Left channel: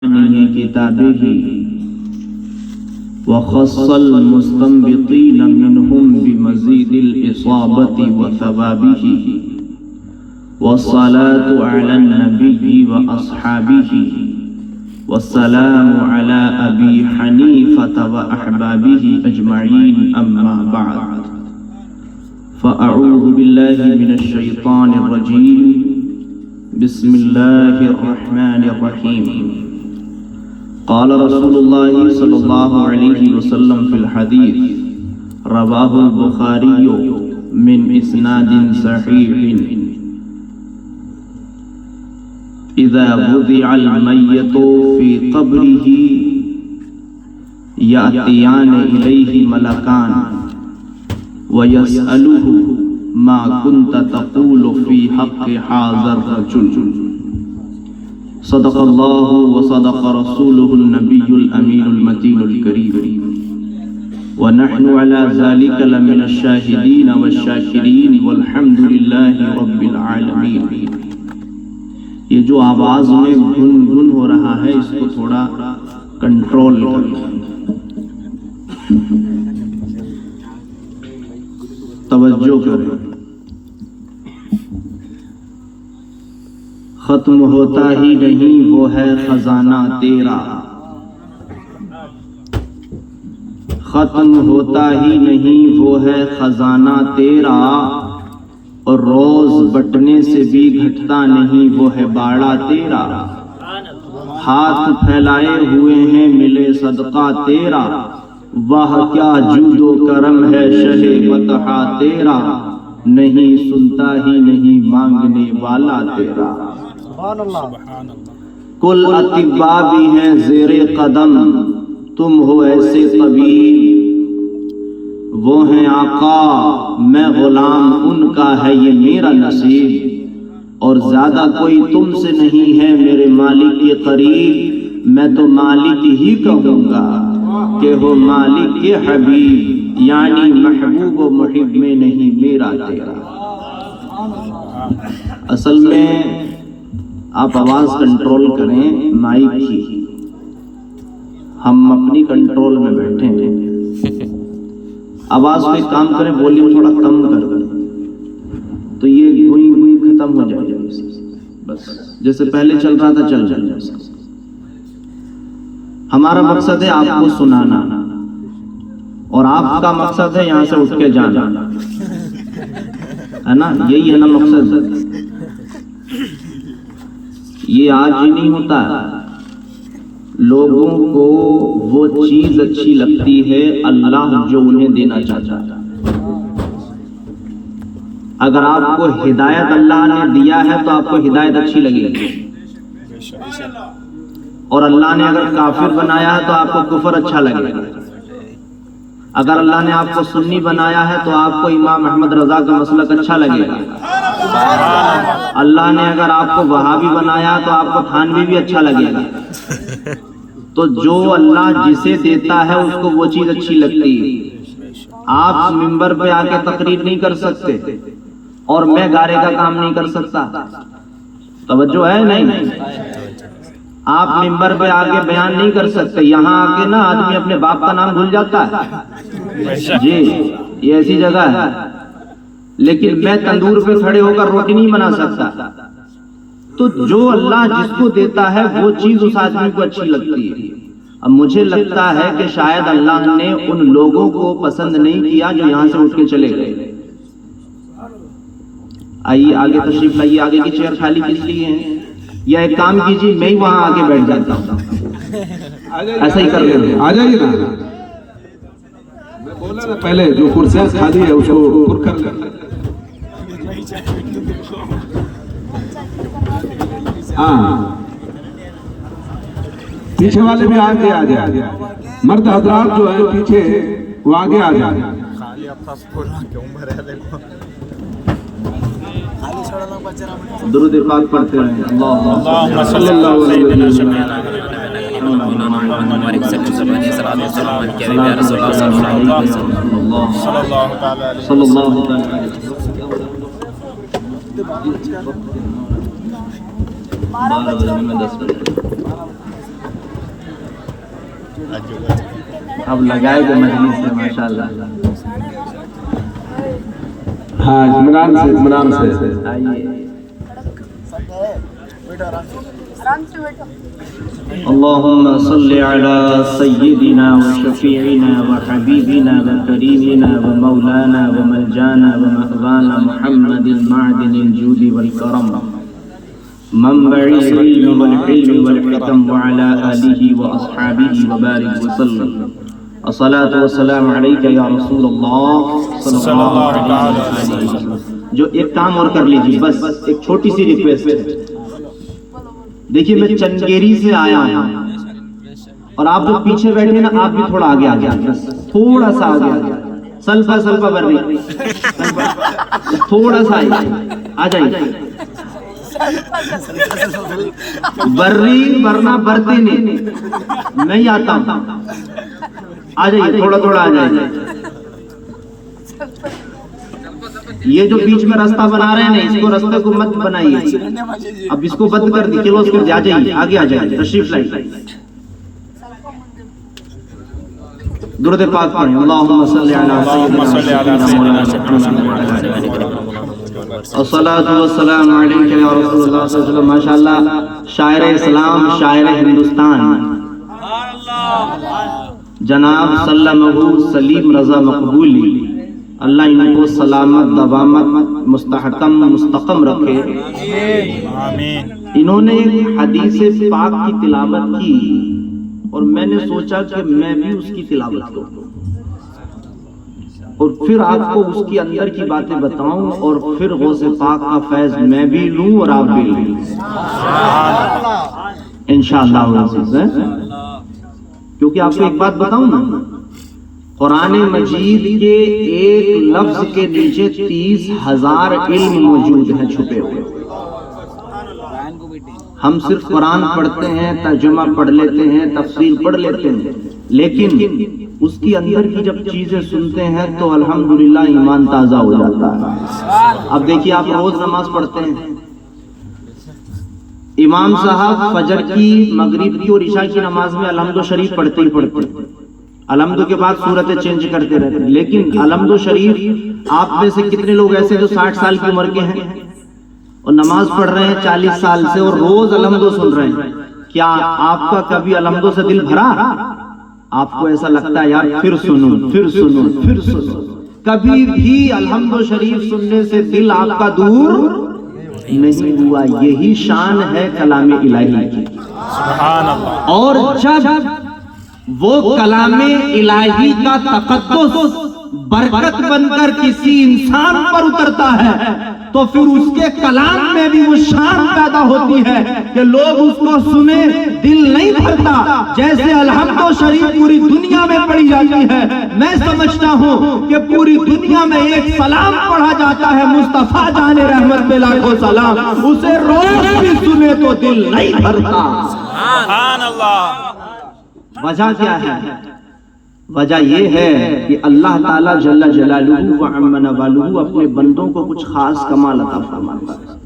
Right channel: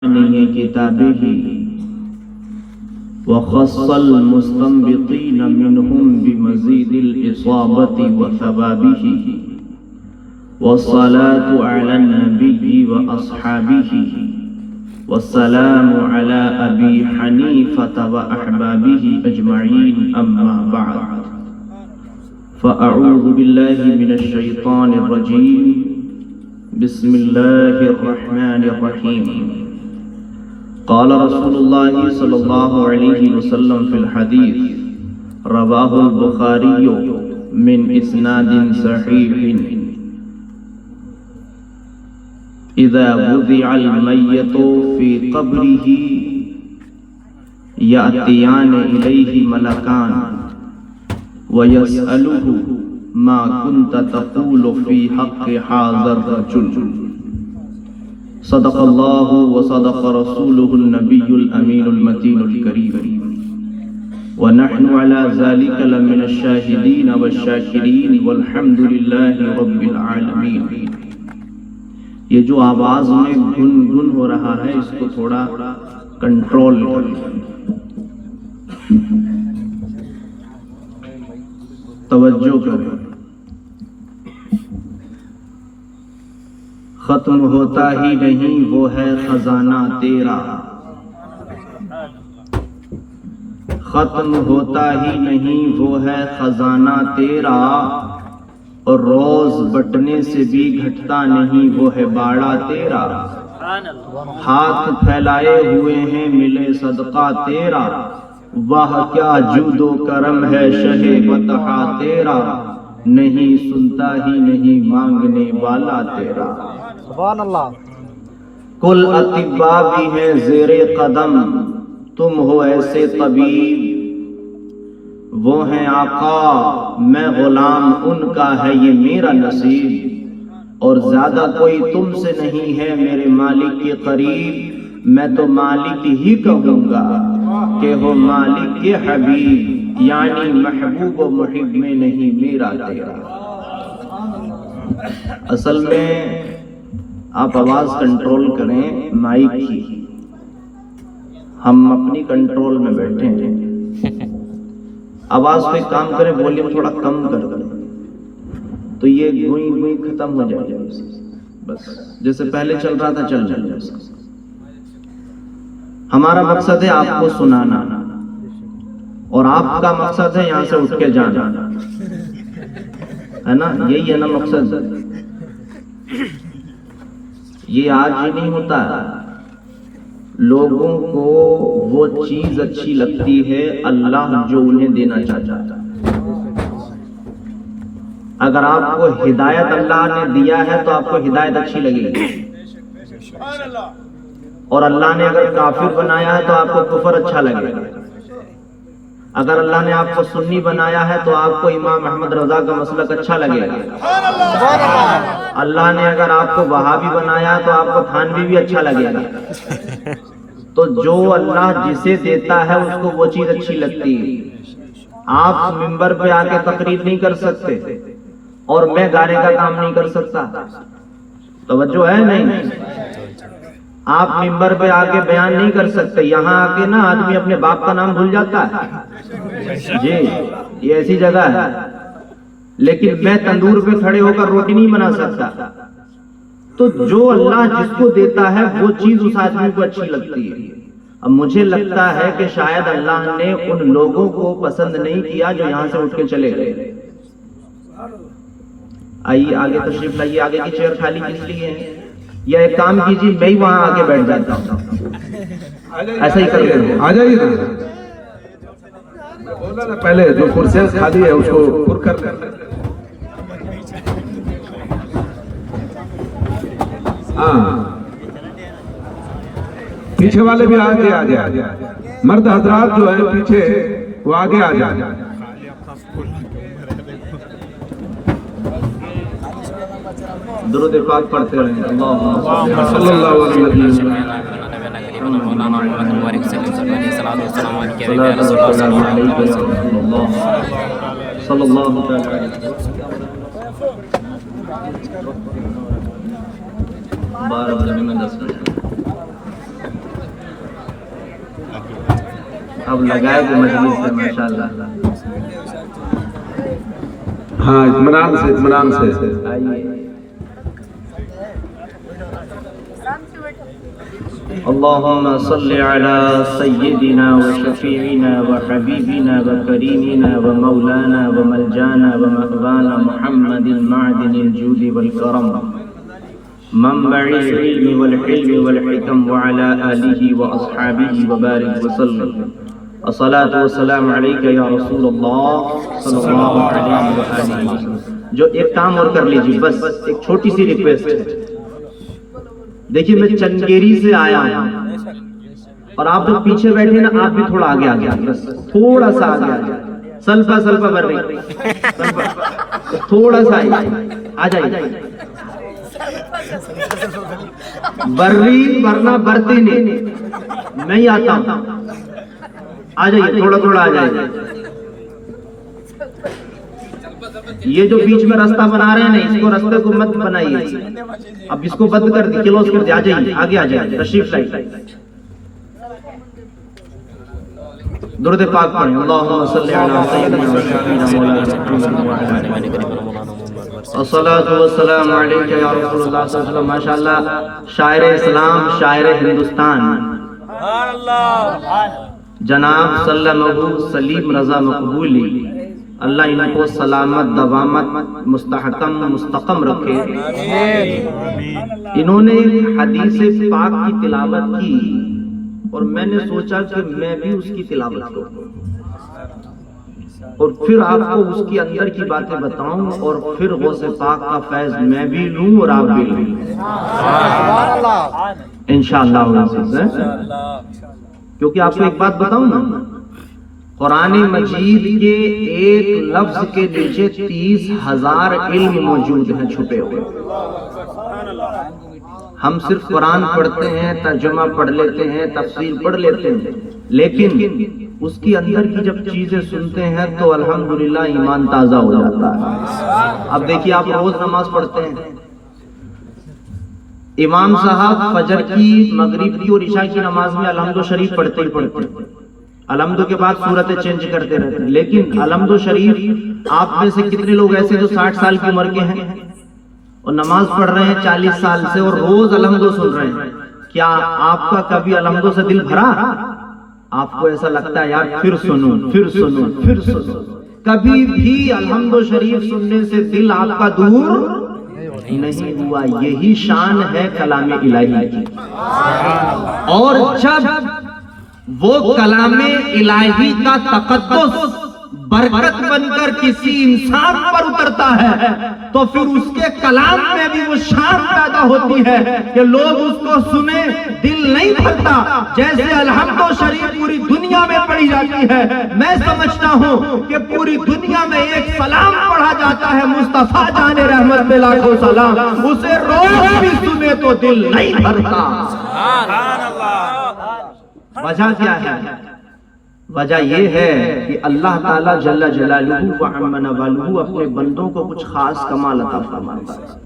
كتابه وخص المستنبطين منهم بمزيد الإصابة وثوابه والصلاة على النبي وأصحابه والسلام على أبي حنيفة وأحبابه أجمعين أما بعد فأعوذ بالله من الشيطان الرجيم بسم الله الرحمن الرحيم قال رسول الله صلى الله عليه وسلم في الحديث رواه البخاري من إسناد صحيح إذا وضع الميت في قبره يأتيان إليه ملكان ويسأله ما كنت تقول في حق هذا الرجل صدق الله وصدق رسوله النبي الأمين المتين الكريم ونحن على ذلك لمن الشاهدين والشاكرين والحمد لله رب العالمين. یہ جو آواز میں گن ہو رہا ہے اس کو تھوڑا کنٹرول کریں، توجہ کریں. ختم ہوتا ہی نہیں وہ ہے خزانہ تیرا، ختم ہوتا ہی نہیں وہ ہے خزانہ تیرا، اور روز بٹنے سے بھی گھٹتا نہیں وہ ہے باڑا تیرا. ہاتھ پھیلائے ہوئے ہیں ملے صدقہ تیرا، واہ کیا جود و کرم ہے شہ بطحا تیرا، نہیں سنتا ہی نہیں مانگنے والا تیرا. سبحان اللہ. کل اطباء بھی ہیں زیر قدم، تم ہو ایسے طبیب. وہ ہیں آقا میں غلام ان کا ہے یہ میرا نصیب، اور زیادہ کوئی تم سے نہیں ہے میرے مالک کے قریب. میں تو مالک ہی کہوں گا کہ ہو مالک کے حبیب، یعنی محبوب و محب میں نہیں میرا تیرا. اصل میں آپ آواز کنٹرول کریں مائک کی، ہم اپنی کنٹرول میں بیٹھے ہیں. آواز پہ کام کریں، والیوم تھوڑا کم کر دیں تو یہ گوئی گوئی ختم ہو جائے گا. بس جیسے پہلے چل رہا تھا چل جائے. ہمارا مقصد ہے آپ کو سنانا، اور آپ کا مقصد ہے یہاں سے اٹھ کے جانا، ہے نا؟ یہی ہے نا مقصد. یہ آج ہی نہیں ہوتا. لوگوں کو وہ چیز اچھی لگتی ہے اللہ جو انہیں دینا چاہتا ہے. اگر آپ کو ہدایت اللہ نے دیا ہے تو آپ کو ہدایت اچھی لگے گی، اور اللہ نے اگر کافر بنایا ہے تو آپ کو کفر اچھا لگے گا. اگر اللہ نے آپ کو سنی بنایا ہے تو آپ کو امام احمد رضا کا مسلک اچھا لگے گا. اللہ نے اگر آپ کو وہابی بنایا ہے تو آپ کو تھانوی بھی اچھا لگے گا. تو جو اللہ جسے دیتا ہے اس کو وہ چیز اچھی لگتی ہے. آپ ممبر پہ آ کے تقریر نہیں کر سکتے، اور میں گارے کا کام نہیں کر سکتا. توجہ ہے نہیں؟ آپ ممبر پہ آ کے بیان نہیں کر سکتے. یہاں آ کے نا آدمی اپنے باپ کا نام بھول جاتا ہے. جی یہ ایسی جگہ ہے. لیکن میں تندور پہ کھڑے ہو کر روٹی نہیں بنا سکتا. تو جو اللہ جس کو دیتا ہے وہ چیز اس آدمی کو اچھی لگتی ہے. اب مجھے لگتا ہے کہ شاید اللہ نے ان لوگوں کو پسند نہیں کیا جو یہاں سے اٹھ کے چلے گئے. آئیے آگے تشریف لائیے. آگے کی چیئر خالی کس لیے ہے؟ یا ایک کام کیجیے میں ہی وہاں آگے بیٹھ جاتا ہوں. ایسا ہی کر لیں. آ جائیے نا. میں بولا نا پہلے جو کرسیاں خالی ہے اس کو پر کر لیں. ہاں پیچھے والے بھی آگے آ جائے. مرد حضرات جو ہیں پیچھے وہ آگے آ جائے. درود پاک پڑھتے رہیں. اللہم صلی اللہ علیہ وسلم مبارک صلی اللہ علیہ وسلم. اب لگائے گے مجلس سے ماشاءاللہ. ہاں اطمینان سے اطمینان سے. اللهم صل على سيدنا وشفيعنا وحبيبنا وكريمنا ومولانا وملجانا ومأوانا محمد المعدن الجود والكرم منبع العلم والحلم والحكم وعلى آله وأصحابه وبارك وسلم. الصلاة والسلام عليك يا رسول الله صلى الله عليه وسلم. جو ایک کام اور کر لیجیے، بس ایک چھوٹی سی ریکویسٹ ہے. دیکھیے میں چنگیری سے آیا ہوں اور آپ جو پیچھے بیٹھے نا آپ بھی تھوڑا آگے آگے، بس تھوڑا سا آگے آگے، سلفا سلفا بر رہی، تھوڑا سا آ جائیے. بر رہی ورنہ برتے نہیں آتا ہوں. آ جائیے تھوڑا تھوڑا آ جائیے. یہ جو بیچ میں راستہ بنا رہے ہیں اس کو راستے کو مت بنائیے. اب اس کو بند کر دی، کلوز کر دی. آ جائیے آگے آ جائیے، تشریف لائیے. درود پاک پڑھیں. اللہم صلی علی سیدنا مولانا محمد الصلاۃ والسلام علیک یا رسول اللہ صلی اللہ علیہ وسلم. ماشاءاللہ شاعر اسلام، شاعر ہندوستان جناب سلمہ سلیم رضا مقبولی، اللہ ان کو سلامت دوامت مستحکم مستقم رکھے. انہوں نے ایک حدیث پاک کی تلاوت کی اور میں نے سوچا کہ میں بھی اس کی تلاوت کروں اور پھر آپ کو اس کی اندر کی باتیں بتاؤں اور پھر غوث پاک کا فیض میں بھی لوں اور آپ بھی لوں انشاءاللہ. کیونکہ آپ کو ایک بات بتاؤں نا، قرآن مجید کے ایک لفظ کے نیچے 30,000 علم موجود ہیں چھپے ہوئے. ہم صرف قرآن پڑھتے ہیں، ترجمہ پڑھ لیتے ہیں، تفسیر پڑھ لیتے ہیں، لیکن اس کی اندر کی جب چیزیں سنتے ہیں تو الحمدللہ ایمان تازہ ہو جاتا ہے. اب دیکھیے آپ روز نماز پڑھتے ہیں، امام صاحب فجر کی، مغرب کی اور عشاء کی نماز میں الحمد شریف پڑھتے ہی پڑھتے ہیں. الحمد کے بعد صورتیں چینج کرتے رہتے ہیں، لیکن الحمد شریف آپ میں سے کتنے لوگ ایسے جو 60 سال کی عمر کے ہیں اور نماز پڑھ رہے ہیں 40 سال سے اور روز الحمد سن رہے ہیں؟ کیا آپ کا کبھی الحمد سے دل بھرا؟ آپ کو ایسا لگتا ہے یار پھر سنوں پھر سنوں پھر سنوں؟ کبھی بھی الحمد شریف سننے سے دل آپ کا دور نہیں ہوا. یہی شان ہے کلام الہی کی. اور جب وہ کلام الہی کا تقدس برکت بن کر کسی انسان پر اترتا ہے تو پھر اس کے کلام میں بھی وہ شان پیدا ہوتی ہے کہ لوگ اس کو سنیں، دل نہیں بھرتا. جیسے الحمد شریف پوری دنیا میں پڑھی جاتی ہے، میں سمجھتا ہوں کہ پوری دنیا میں ایک سلام پڑھا جاتا ہے مصطفیٰ جان رحمت پہ لاکھوں سلام، اسے روز بھی سنے تو دل نہیں بھرتا. سبحان اللہ. وجہ کیا ہے؟ وجہ یہ ہے کہ اللہ تعالیٰ جل جلالہ و عم نوالہ اپنے بندوں کو کچھ خاص کمال عطا فرماتا ہے.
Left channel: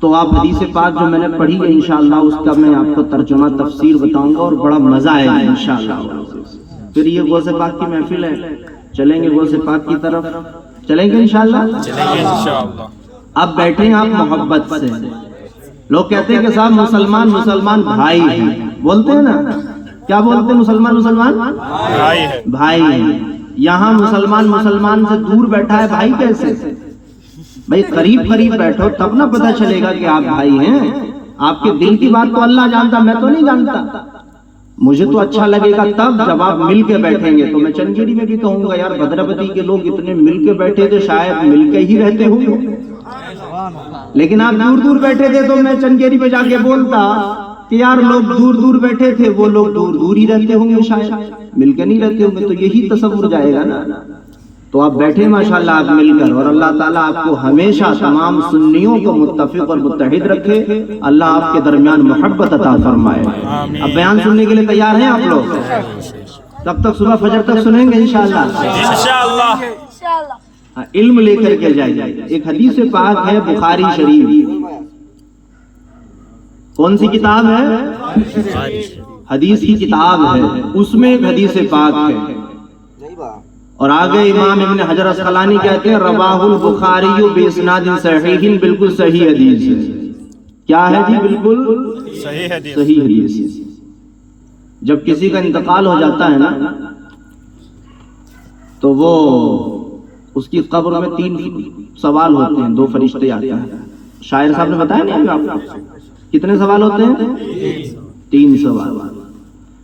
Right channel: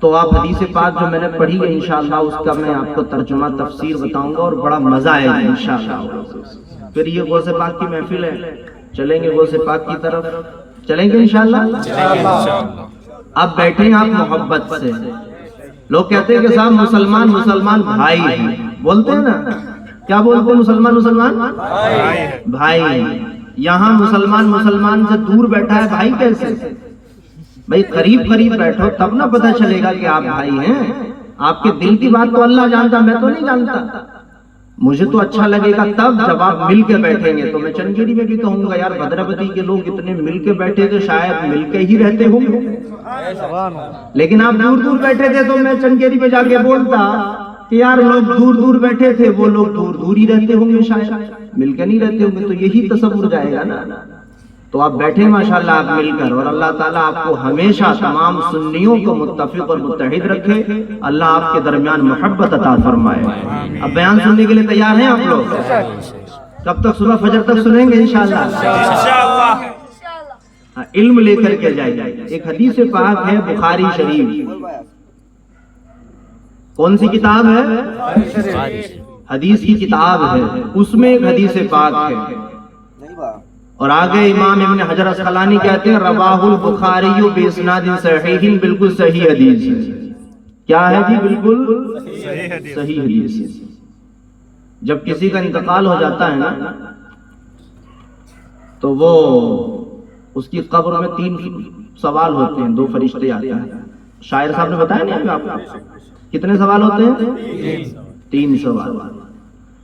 تو آپ حدیث پاک جو میں نے پڑھی ہے انشاءاللہ اس کا میں آپ کو ترجمہ تفسیر بتاؤں گا اور بڑا مزہ آئے گا انشاءاللہ. پھر یہ غوث پاک کی محفل ہے، چلیں گے غوث پاک کی طرف، چلیں گے انشاءاللہ. اب بیٹھیں آپ محبت سے. لوگ کہتے ہیں کہ صاحب مسلمان بھائی ہیں، بولتے ہیں نا، کیا بولتے ہیں؟ مسلمان بھائی ہیں. یہاں مسلمان سے دور بیٹھا ہے بھائی کیسے؟ بھائی قریب بیٹھو تب نہ پتہ چلے گا کہ آپ بھائی ہیں. آپ کے دل کی بات تو اللہ جانتا، میں تو نہیں جانتا. مجھے تو اچھا لگے گا تب جب آپ مل کے بیٹھیں گے. تو میں چنگیری میں بھی کہوں گا یار بدربتی کے لوگ اتنے مل کے بیٹھے تھے، شاید مل کے ہی رہتے ہوں گے. لیکن آپ دور بیٹھے تھے تو میں چنگیری پہ جا کے بولتا کہ یار لوگ دور بیٹھے تھے، وہ لوگ دور ہی رہتے ہوں گے، شاید مل کے نہیں رہتے ہوں گے. تو یہی تصور جائے گا نا. تو آپ بیٹھے ماشاءاللہ آپ مل کر، اور اللہ تعالیٰ آپ کو ہمیشہ تمام سنیوں کو متفق اور متحد رکھے. اللہ آپ کے درمیان محبت عطا فرمائے. اب بیان سننے کے لیے تیار ہیں آپ لوگ؟ کب تک؟ صبح فجر تک سنیں گے انشاءاللہ. علم لے کر کے جائے. ایک حدیث پاک ہے بخاری شریف. کون سی کتاب ہے؟ حدیث کی کتاب ہے، اس میں ایک حدیث پاک ہے، اور آگے امام ابن حجر اسقلانی کہتے ہیں رواہ البخاری باسناد صحیح، بالکل صحیح حدیث ہے۔ کیا ہے جی؟ بالکل صحیح حدیث، صحیح حدیث ہے۔ جب کسی کا انتقال ہو جاتا ہے نا تو وہ اس کی قبر میں 3 سوال ہوتے ہیں، 2 فرشتے آتے ہیں۔ شاعر صاحب نے بتایا نہیں آپ کو کتنے سوال ہوتے ہیں؟ 3 سوال۔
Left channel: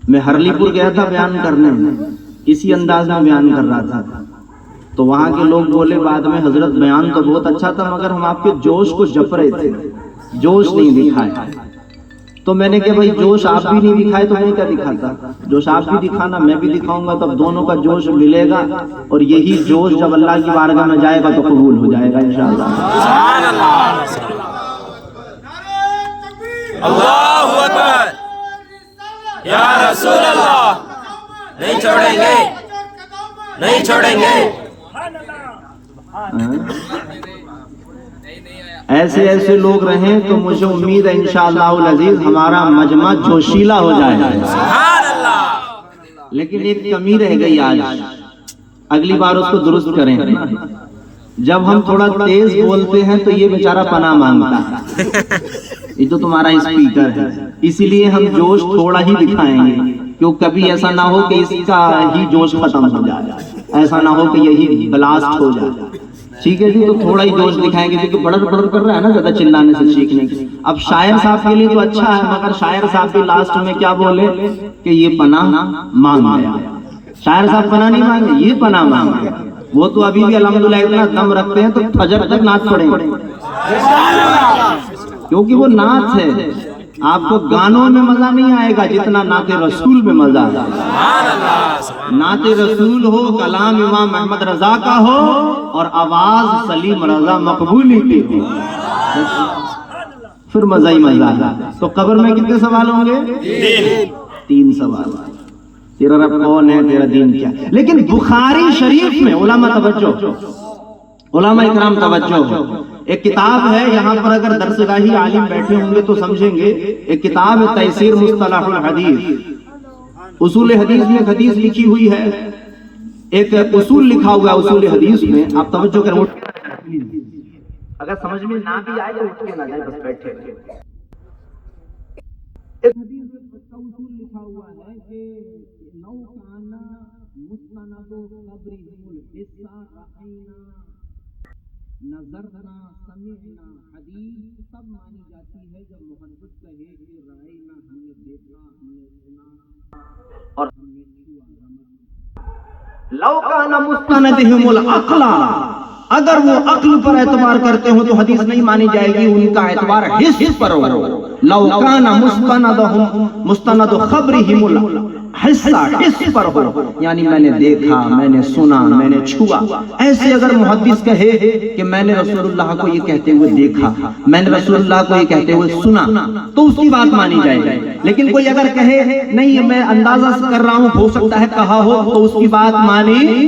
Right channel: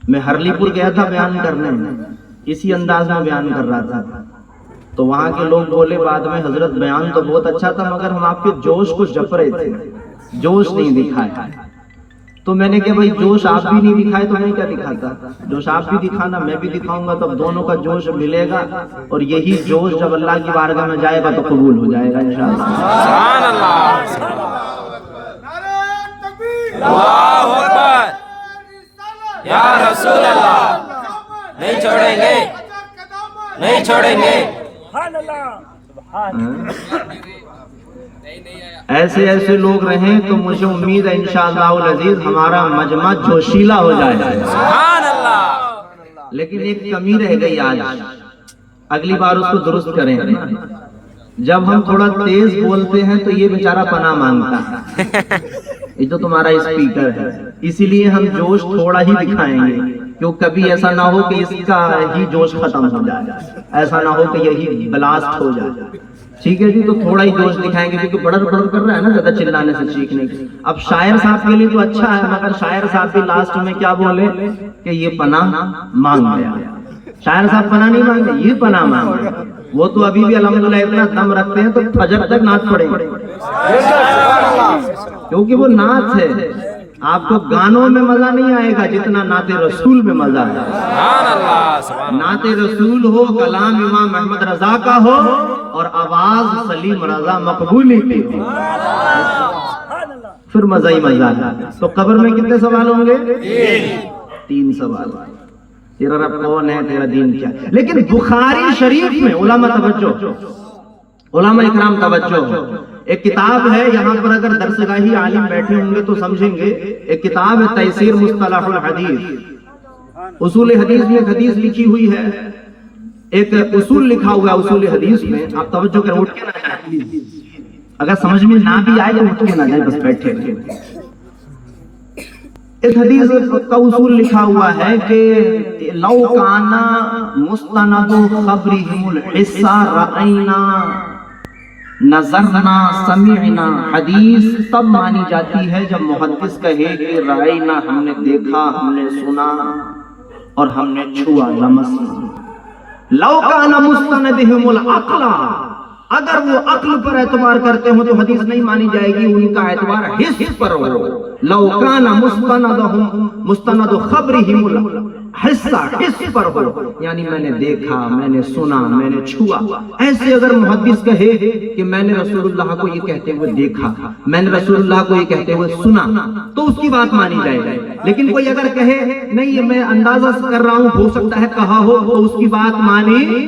میں ہرلی پور گیا تھا بیان کرنے، اسی انداز میں بیان کر رہا تھا، تو وہاں کے لوگ بولے بعد میں حضرت بیان تو بہت اچھا تھا مگر ہم آپ کے جوش کو جپ رہے تھے، جوش نہیں دکھائے۔ تو میں نے کہا بھائی جوش آپ بھی نہیں دکھائے تو میں کیا دکھاتا؟ جوش آپ بھی دکھانا، میں بھی دکھاؤں گا، تب دونوں کا جوش ملے گا، اور یہی جوش جب اللہ کی بارگاہ میں جائے گا تو قبول ہو جائے گا انشاءاللہ۔ سبحان اللہ، اللہ اکبر، یا رسول اللہ، نہیں چھوڑیں گے، نہیں چھوڑیں گے۔ ایسے ایسے لوگ رہیں تو مجھے امید ہے انشاءاللہ العزیز ہمارا مجمع جوشیلا ہو جائے گا۔ سبحان اللہ۔ لیکن ایک کمی رہ گئی آج، اگلی بار اس کو درست کریں۔ جب ہم تھوڑا تیز بولتے ہیں تو یہ بیچارہ پناہ مانگتا ہے، یہ تو تمہارا اسپیکر ہے، اسی لیے ہم جوش تھوڑا ہی دکھائیں گے، کیوں کبھی ایسا نہ ہو کہ اس کا ہی جوش ختم ہو جائے، ایسا نہ ہو کہ یہی بلاسٹ ہو جائے۔ ٹھیک ہے جی، تو تھوڑا ہی جوش دکھائیں گے، کیونکہ بڑر بڑر کر رہا ہے نا زیادہ چلانے سے چیخنے کی۔ اب شاعر صاحب کے لیے تو اچھا ہے، مگر شاعر صاحب بھی لاسٹ میں کیا بولے کہ یہ پناہ مانگ گیا۔ شاعر صاحب پناہ نہیں مانگے، یہ پناہ مانگے۔ وہ تو ابھی بھی الحمدللہ اتنا دم رکھتے ہیں تو فجر تک نعت پڑھیں گے، کیونکہ وہ نعت ہے۔ آپ کو گانوں میں مزہ نہیں آئے گا جتنا نعت رسول میں مزہ ہے۔ سبحان اللہ، نعت رسول ہو، کلام امام احمد رضا کا ہو، اور آواز سلیم رضا مقبولی کی ہو، پھر مزہ ہی مزہ ہے۔ تو قبر میں کتنے سوال ہوں گے؟ 3 سوال۔ تیرا رب کون ہے، تیرا دین کیا ہے؟ لیکن بخاری شریف میں علماء توجہ، علماء اکرام توجہ، ایک کتاب ہے، یہاں پر اگر درسگاہی عالم بیٹھے ہوں گے تو سمجھیں گے، ایک کتاب ہے تیسیر مصطلح الحدیث، اصول حدیث میں ایک حدیث لکھی ہوئی ہے، ایک اصول لکھا ہوا ہے اصول حدیث میں۔ آپ توجہ کریں، اٹھ کے نہ جائیں، اگر سمجھ میں نہ بھی آئے تو اٹھ کے نہ جائیں، بس بیٹھے رہیں۔ ایک حدیث کا اصول لکھا ہوا ہے کہ لو کانا مستند خبرہم الحصہ رأینا نظرنا سمعنا، حدیث تب مانی جاتی ہے جب محدث کہے کہ رأینا، ہم نے دیکھا، ہم نے سنا، اور ہم نے چھوا، لمسنا۔ لو کان مستندہم العقل، اگر وہ عقل پر اعتبار کرتے ہو تو حدیث نہیں مانی جائے گی، ان کا اعتبار حس پر ہو۔ لو کان مستند خبرہم الحصہ، حس پر ہو، یعنی میں نے دیکھا، میں نے سنا، میں نے چھوا۔ ایسے اگر محدث کہے کہ میں نے رسول اللہ کو یہ کہتے ہوئے دیکھا، میں نے رسول اللہ کو یہ کہتے ہوئے سنا، تو اس کی بات مانی جائے گی۔ لیکن کوئی اگر کہے نہیں میں اندازہ کر رہا ہوں، ہو سکتا ہے کہا ہو، تو اس کی بات مانی،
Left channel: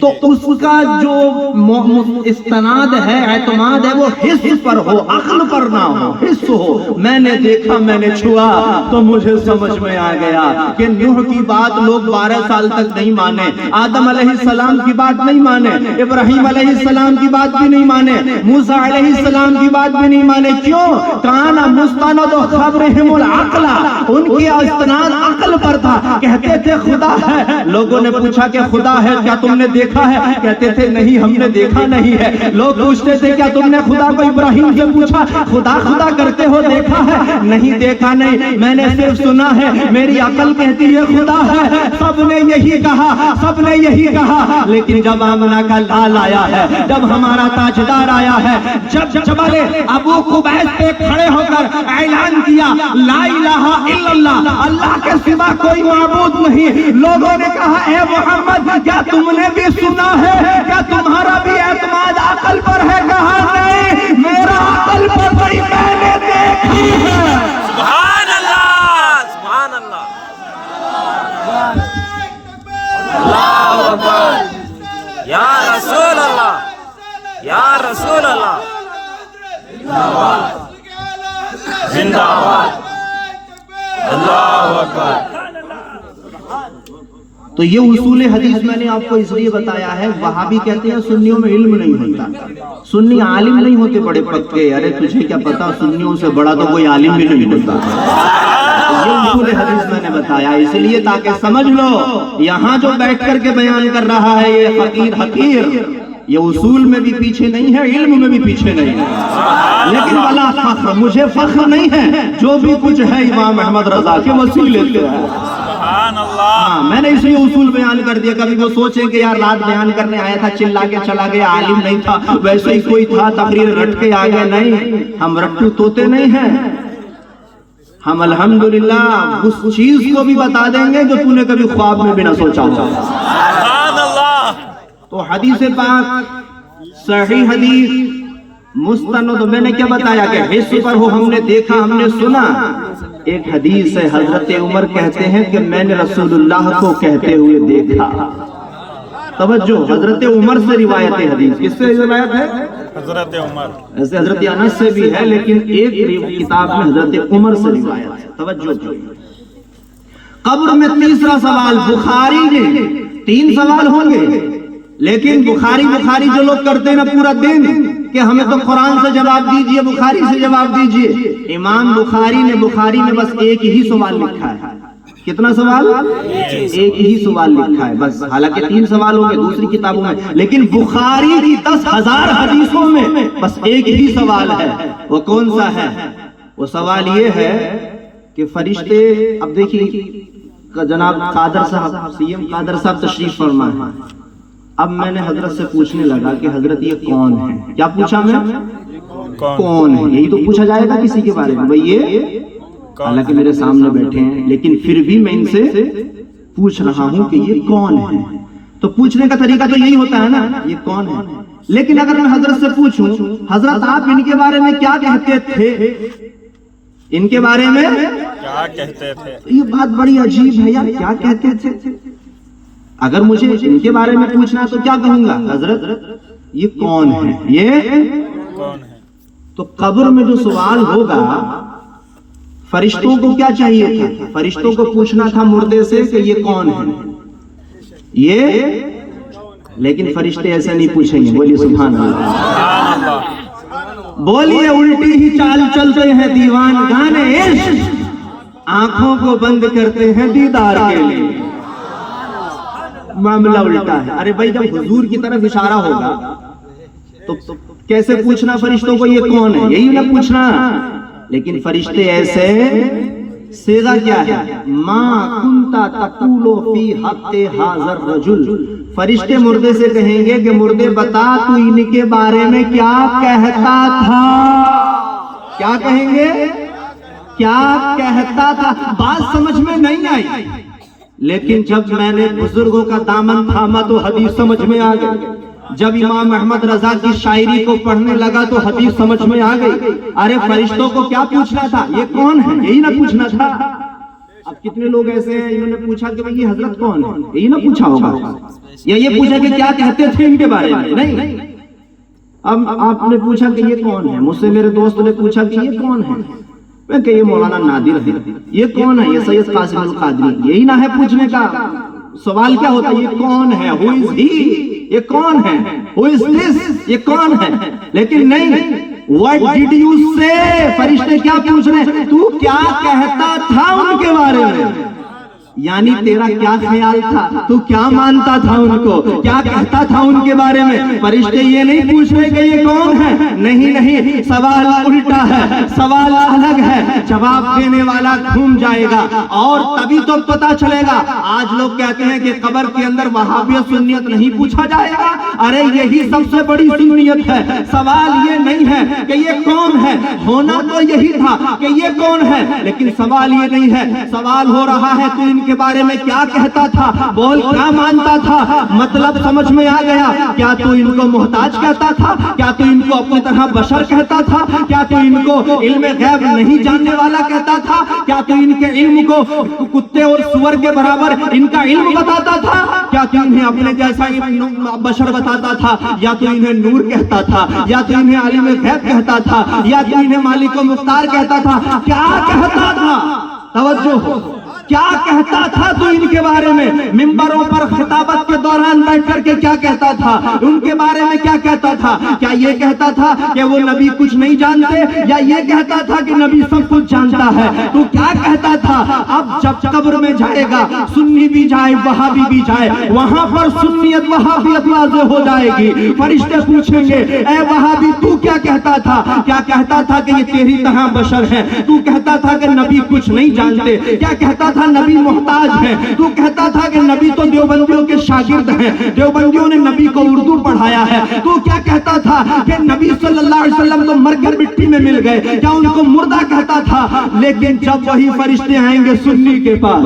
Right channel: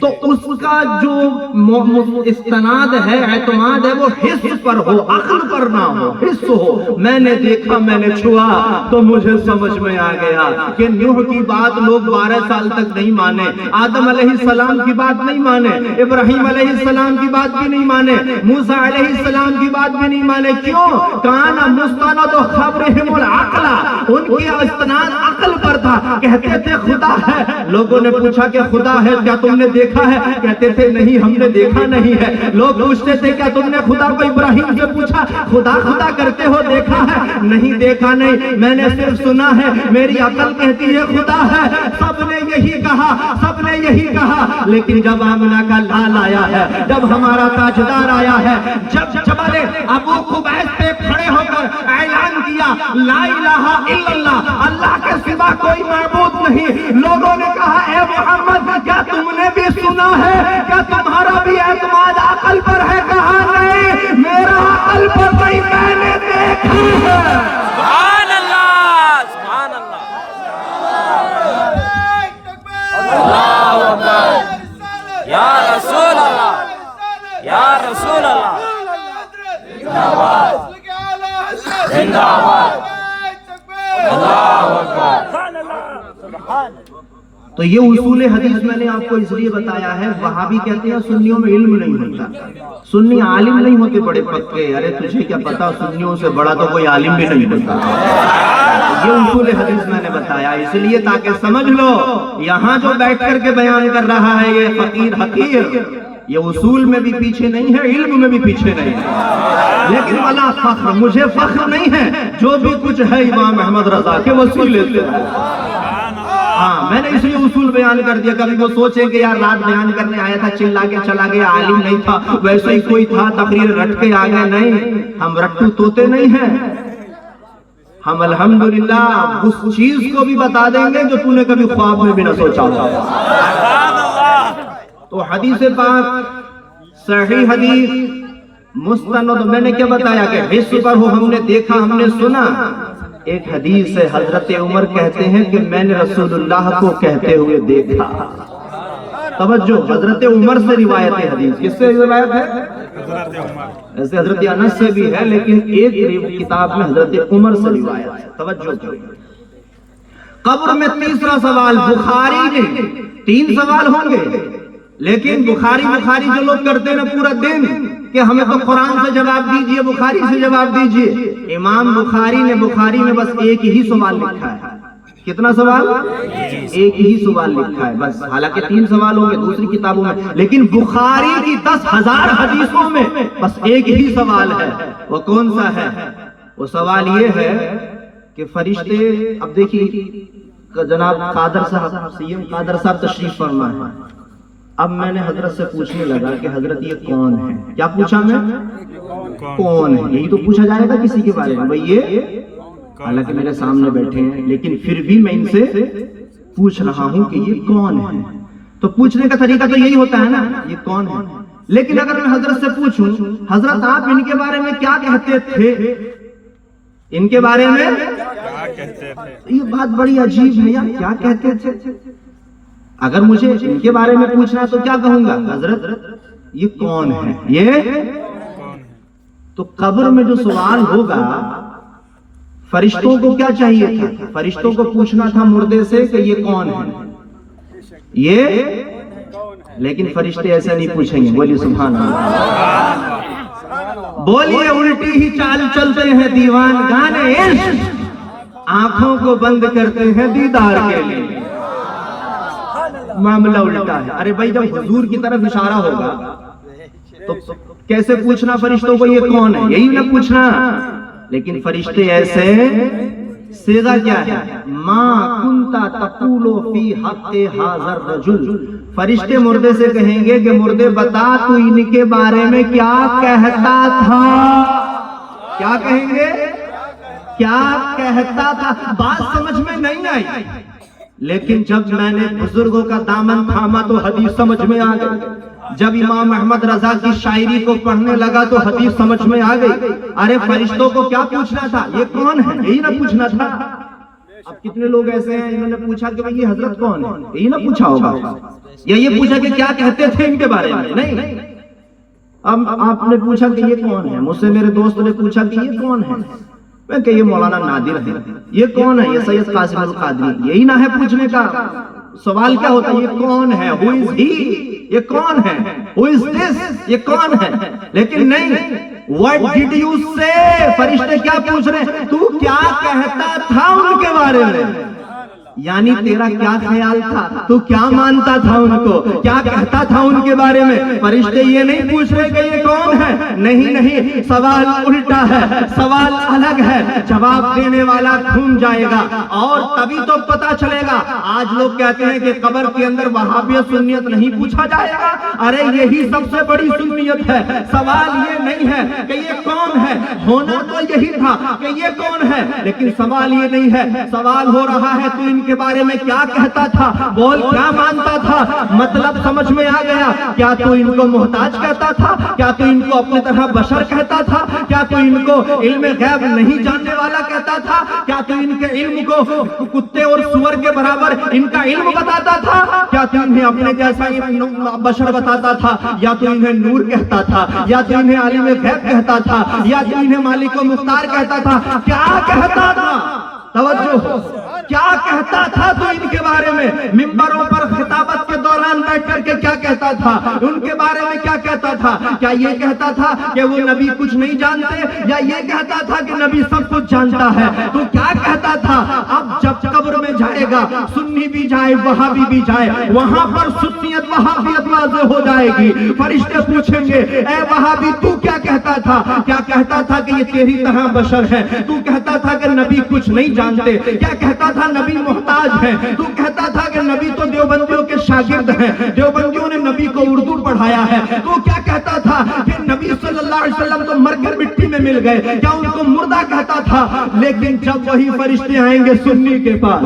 تو اس کا جو استناد ہے، اعتماد ہے، وہ حس پر ہو، عقل پر نہ ہو، حس ہو۔ میں نے دیکھا، میں نے چھوا تو مجھے سمجھ میں آ گیا کہ نوح کی بات لوگ 12 سال تک نہیں مانے، آدم علیہ السلام کی بات نہیں مانے، ابراہیم علیہ السلام کی بات بھی نہیں مانے، موسیٰ علیہ السلام کی بات بھی نہیں مانے۔ کیوں؟ کان مستند خبرہم العقل، ان کی استناد عقل پر تھا، کہتے تھے خدا ہے۔ لوگوں نے پوچھا کہ خدا ہے کیا تم نے دیکھا ہے؟ کہتے تھے نہیں، ہم نے دیکھا نہیں ہے۔ لوگ پوچھتے تھے کیا تم نے خدا کو ابراہیم سے پوچھا، خدا خدا کرتے ہو، دیکھا ہے؟ نہیں دیکھا نہیں، میں نے صرف سنا ہے، میری عقل کہتی ہے خدا ہے۔ سب نے یہی کہا، سب نے یہی کہا، لیکن جب آمنہ کا لال آیا ہے، جب ہمارا تاجدار آیا ہے، جب جبل ابو قبیس پہ کھڑے ہو کر اعلان کیا لا الہ الا اللہ، اللہ کے سوا کوئی معبود نہیں، لوگوں نے کہا اے محمد کیا تم نے بھی سنا ہے؟ کیا تمہارا بھی اعتماد عقل پر ہے؟ کہا نہیں، میرا عقل پر نہیں، میں نے دیکھا ہے۔ سبحان اللہ، سبحان اللہ، اللہ اکبر، یا رسول اللہ، یا رسول اللہ، زندہ باد، اللہ اکبر. تو یہ اصول حدیث میں نے آپ کو اس لیے بتایا ہے. وہابی کہتے ہیں سنیوں میں علم نہیں ہوتا, سنی عالم نہیں ہوتے بڑے پکے. ارے تجھے کیا پتا, سنیوں سے بڑا تو کوئی عالم بھی نہیں ہوتا. یہ اصول حدیث میں نے بتایا اس لیے تاکہ سمجھ لو, یہاں جو بیٹھ کر کے بیان کر رہا ہے یہ فقیر حقیر, یہ اصول میں بھی پیچھے نہیں ہے, علم میں بھی پیچھے نہیں ہے. لیکن ولا فخر, مجھے فخر نہیں ہے, جو بھی کچھ ہے امام احمد رضا کے وسیلے سے ہے. ہاں, میں نے اس لیے اصول بیان کر دیا. کبھی وہ سوچے کہ یار رات بیان کرنے آیا تھا, چلا کے چلا گیا, عالم نہیں تھا, ویسے ہی کوئی تھا, تقریر رٹ کے آ گئے. نہیں, ہم رٹو توتے نہیں ہیں. ہم الحمدللہ اس چیز کو بھی بتا دیں گے جو تو نے کبھی خواب میں بھی نہ سوچا ہوگا. تو حدیث پاک صحیح حدیث مستند, میں نے کیا بتایا کہ حس پر ہو, ہم نے دیکھا, ہم نے سنا. ایک حدیث ہے, حضرت عمر کہتے ہیں کہ میں نے رسول اللہ کو کہتے ہوئے دیکھا. توجہ, حضرت عمر سے روایت ہے حدیث. کس سے روایت ہے؟ حضرت عمر. ایسے حضرت انس سے بھی ہے, لیکن ایک کتاب میں حضرت عمر سے روایت ہے. توجہ, قبر میں تیسرا سوال. بخاری نے 3 سوال ہوں گے, لیکن بخاری جو لوگ کرتے ہیں نا پورا دن کہ ہمیں تو قرآن سے جواب دیجئے, بخاری سے جواب دیجئے. امام بخاری نے بخاری میں بس ایک ہی سوال لکھا ہے. کتنا سوال؟ ایک ہی سوال لکھا ہے بس. حالانکہ 3 سوال ہوں گے دوسری کتابوں میں, لیکن بخاری کی 10,000 حدیثوں میں بس ایک ہی سوال ہے. وہ کون سا ہے؟ وہ سوال یہ ہے کہ فرشتے, اب دیکھیے جناب قادر صاحب, سیم قادر صاحب تشریف فرما ہے. اب میں نے حضرت سے پوچھنے لگا کہ حضرت یہ کون ہے؟ کیا پوچھا میں؟ کون ہے, یہی تو پوچھا جائے گا کسی کے بارے میں. بھئی یہ, حالانکہ میرے سامنے بیٹھے ہیں, لیکن پھر بھی میں ان سے پوچھ رہا ہوں کہ یہ کون ہے. تو پوچھنے کا طریقہ تو یہی ہوتا ہے نا, یہ کون ہے. لیکن اگر میں حضرت سے پوچھوں, حضرت آپ ان کے بارے میں کیا کہتے تھے, ان کے بارے میں کیا کہتے تھے, یہ بات بڑی عجیب ہے یار, کیا کہتے تھے. اگر مجھے ان کے بارے میں پوچھنا ہے تو کیا کہوں گا؟ حضرت یہ کون ہے, یہ کون ہے. تو قبر میں جو سوال ہوگا, فرشتوں کو کیا چاہیے تھا؟ فرشتوں کو پوچھنا تھا مردے سے کہ یہ کون ہے, یہ, لیکن فرشتے ایسا نہیں پوچھیں گے. بولیے سبحان اللہ. بولیے الٹی ہی چال چلتے ہیں دیوان گانے عشق, آنکھوں کو بند کرتے ہیں دیدار کے لیے. معاملہ الٹا ہے. ارے بھائی جب حضور کی طرف اشارہ ہوگا تو کیسے پوچھنا فرشتوں کو یہ کون ہے, یہی نہ پوچھنا. لیکن فرشتے ایسے, صیغہ کیا ہے؟ ما کنتا تقولو فی حق حاضر رجل. فرشتے مردے سے کہیں گے کہ مردے بتا تو ان کے بارے میں کیا کہتا تھا. کیا کہیں گے؟ کیا کہتا تھا. بات سمجھ میں نہیں آئی, لیکن جب میں نے بزرگوں کا دامن تھاما تو حدیث سمجھ میں آ گئی. جب امام احمد رضا کی شاعری کو پڑھنے لگا تو حدیث سمجھ میں آ گئی. ارے فرشتوں کو کیا پوچھنا تھا, یہ کون ہے, یہی نہ پوچھنا تھا. اب کتنے لوگ ایسے ہیں انہوں نے پوچھا کہ یہ حضرت کون ہے, یہی نہ پوچھا ہوگا, یا یہ پوچھا کہ کیا کہتے تھے ان کے بارے میں. نہیں, اب آپ نے پوچھا کہ یہ کون ہے. مجھ سے میرے دوست نے پوچھا کہ یہ کون ہے, میں کہ یہ مولانا نادر ہے. یہ کون ہے؟ یہ سید قاسم القادری. یہی نہ ہے پوچھنے کا. سوال کیا ہوتا ہے, یہ کون ہے, who is he, یہ کون ہے, who is this, یہ کون ہے. لیکن نہیں, what did you say. فرشتے کیا پوچھ رہے ہیں, تو کیا کہتا تھا ان کے بارے میں. یعنی تیرا کیا خیال تھا, تو کیا مانتا تھا ان کو, کیا کہتا تھا ان کے بارے میں. فرشتے یہ نہیں پوچھ رہے کہ یہ کون ہے. نہیں, سوال الٹا ہے, سوال الگ ہے. جواب دینے والا گھوم جائے گا اور تبھی تو پتا چلے گا. آج لوگ کہتے ہیں کہ قبر کے اندر وہابیت سنیت نہیں پوچھا جائے گا. ارے یہی سب سے بڑی سنیت ہے. سوال یہ نہیں ہے کہ یہ کون ہے, ہونا تو یہی تھا کہ یہ کون ہے, لیکن سوال یہ نہیں ہے. سوال ہو رہا ہے تو ان کے بارے میں کیا کہتا تھا, بول کیا مانتا تھا. مطلب سمجھ میں آ گیا. کیا تو ان کو محتاج کہتا تھا, کیا تو ان کو اپنی طرح بشر کہتا تھا, کیا تو ان کو علم غیب نہیں جاننے والا کہتا تھا, کیا تو ان کے علم کو کتے اور سور کے برابر ان کا علم بتاتا تھا, کیا تو انہیں اپنے جیسا بشر بتاتا تھا, یا تو انہیں نور کہتا تھا, یا تو انہیں عالم غیب کہتا تھا, یا تو انہیں مالک و مختار کہتا تھا. کیا کہتا تھا. توجہ کیا کہتا تھا تو ان کے بارے میں ممبروں پر خطابت کے دوران بیٹھ کر کے کیا کہتا تھا، ان کے بارے میں کیا کہتا تھا؟ کیا یہ کہتا تھا کہ وہ نبی کچھ نہیں جانتے، یا یہ کہتا تھا کہ نبی سب کچھ جانتا ہے؟ تو کیا کہتا تھا؟ اب جب قبر میں جائے گا، سنی بھی جائے وہابی بھی جائے، وہاں پر سنیت وہابیت واضح ہو جائے گی۔ فرشتے پوچھیں گے اے وہابی تو کیا کہتا تھا؟ کیا کہتا تھا کہ یہ تیری طرح بشر ہے؟ تو کہتا تھا کہ نبی کچھ نہیں جانتے؟ کیا کہتا تھا نبی محتاج ہے؟ تو کہتا تھا کہ نبی تو دیوبندیوں کے شاگرد ہیں، دیوبندیوں نے نبی کو اردو پڑھایا ہے؟ تو کیا کہتا تھا کہ نبی صلی اللہ علیہ وسلم تو مر کر مٹی میں مل گئے؟ کیا ان کو مردہ کہتا تھا؟ لیکن جب وہی فرشتے آئیں گے سنی کے پاس،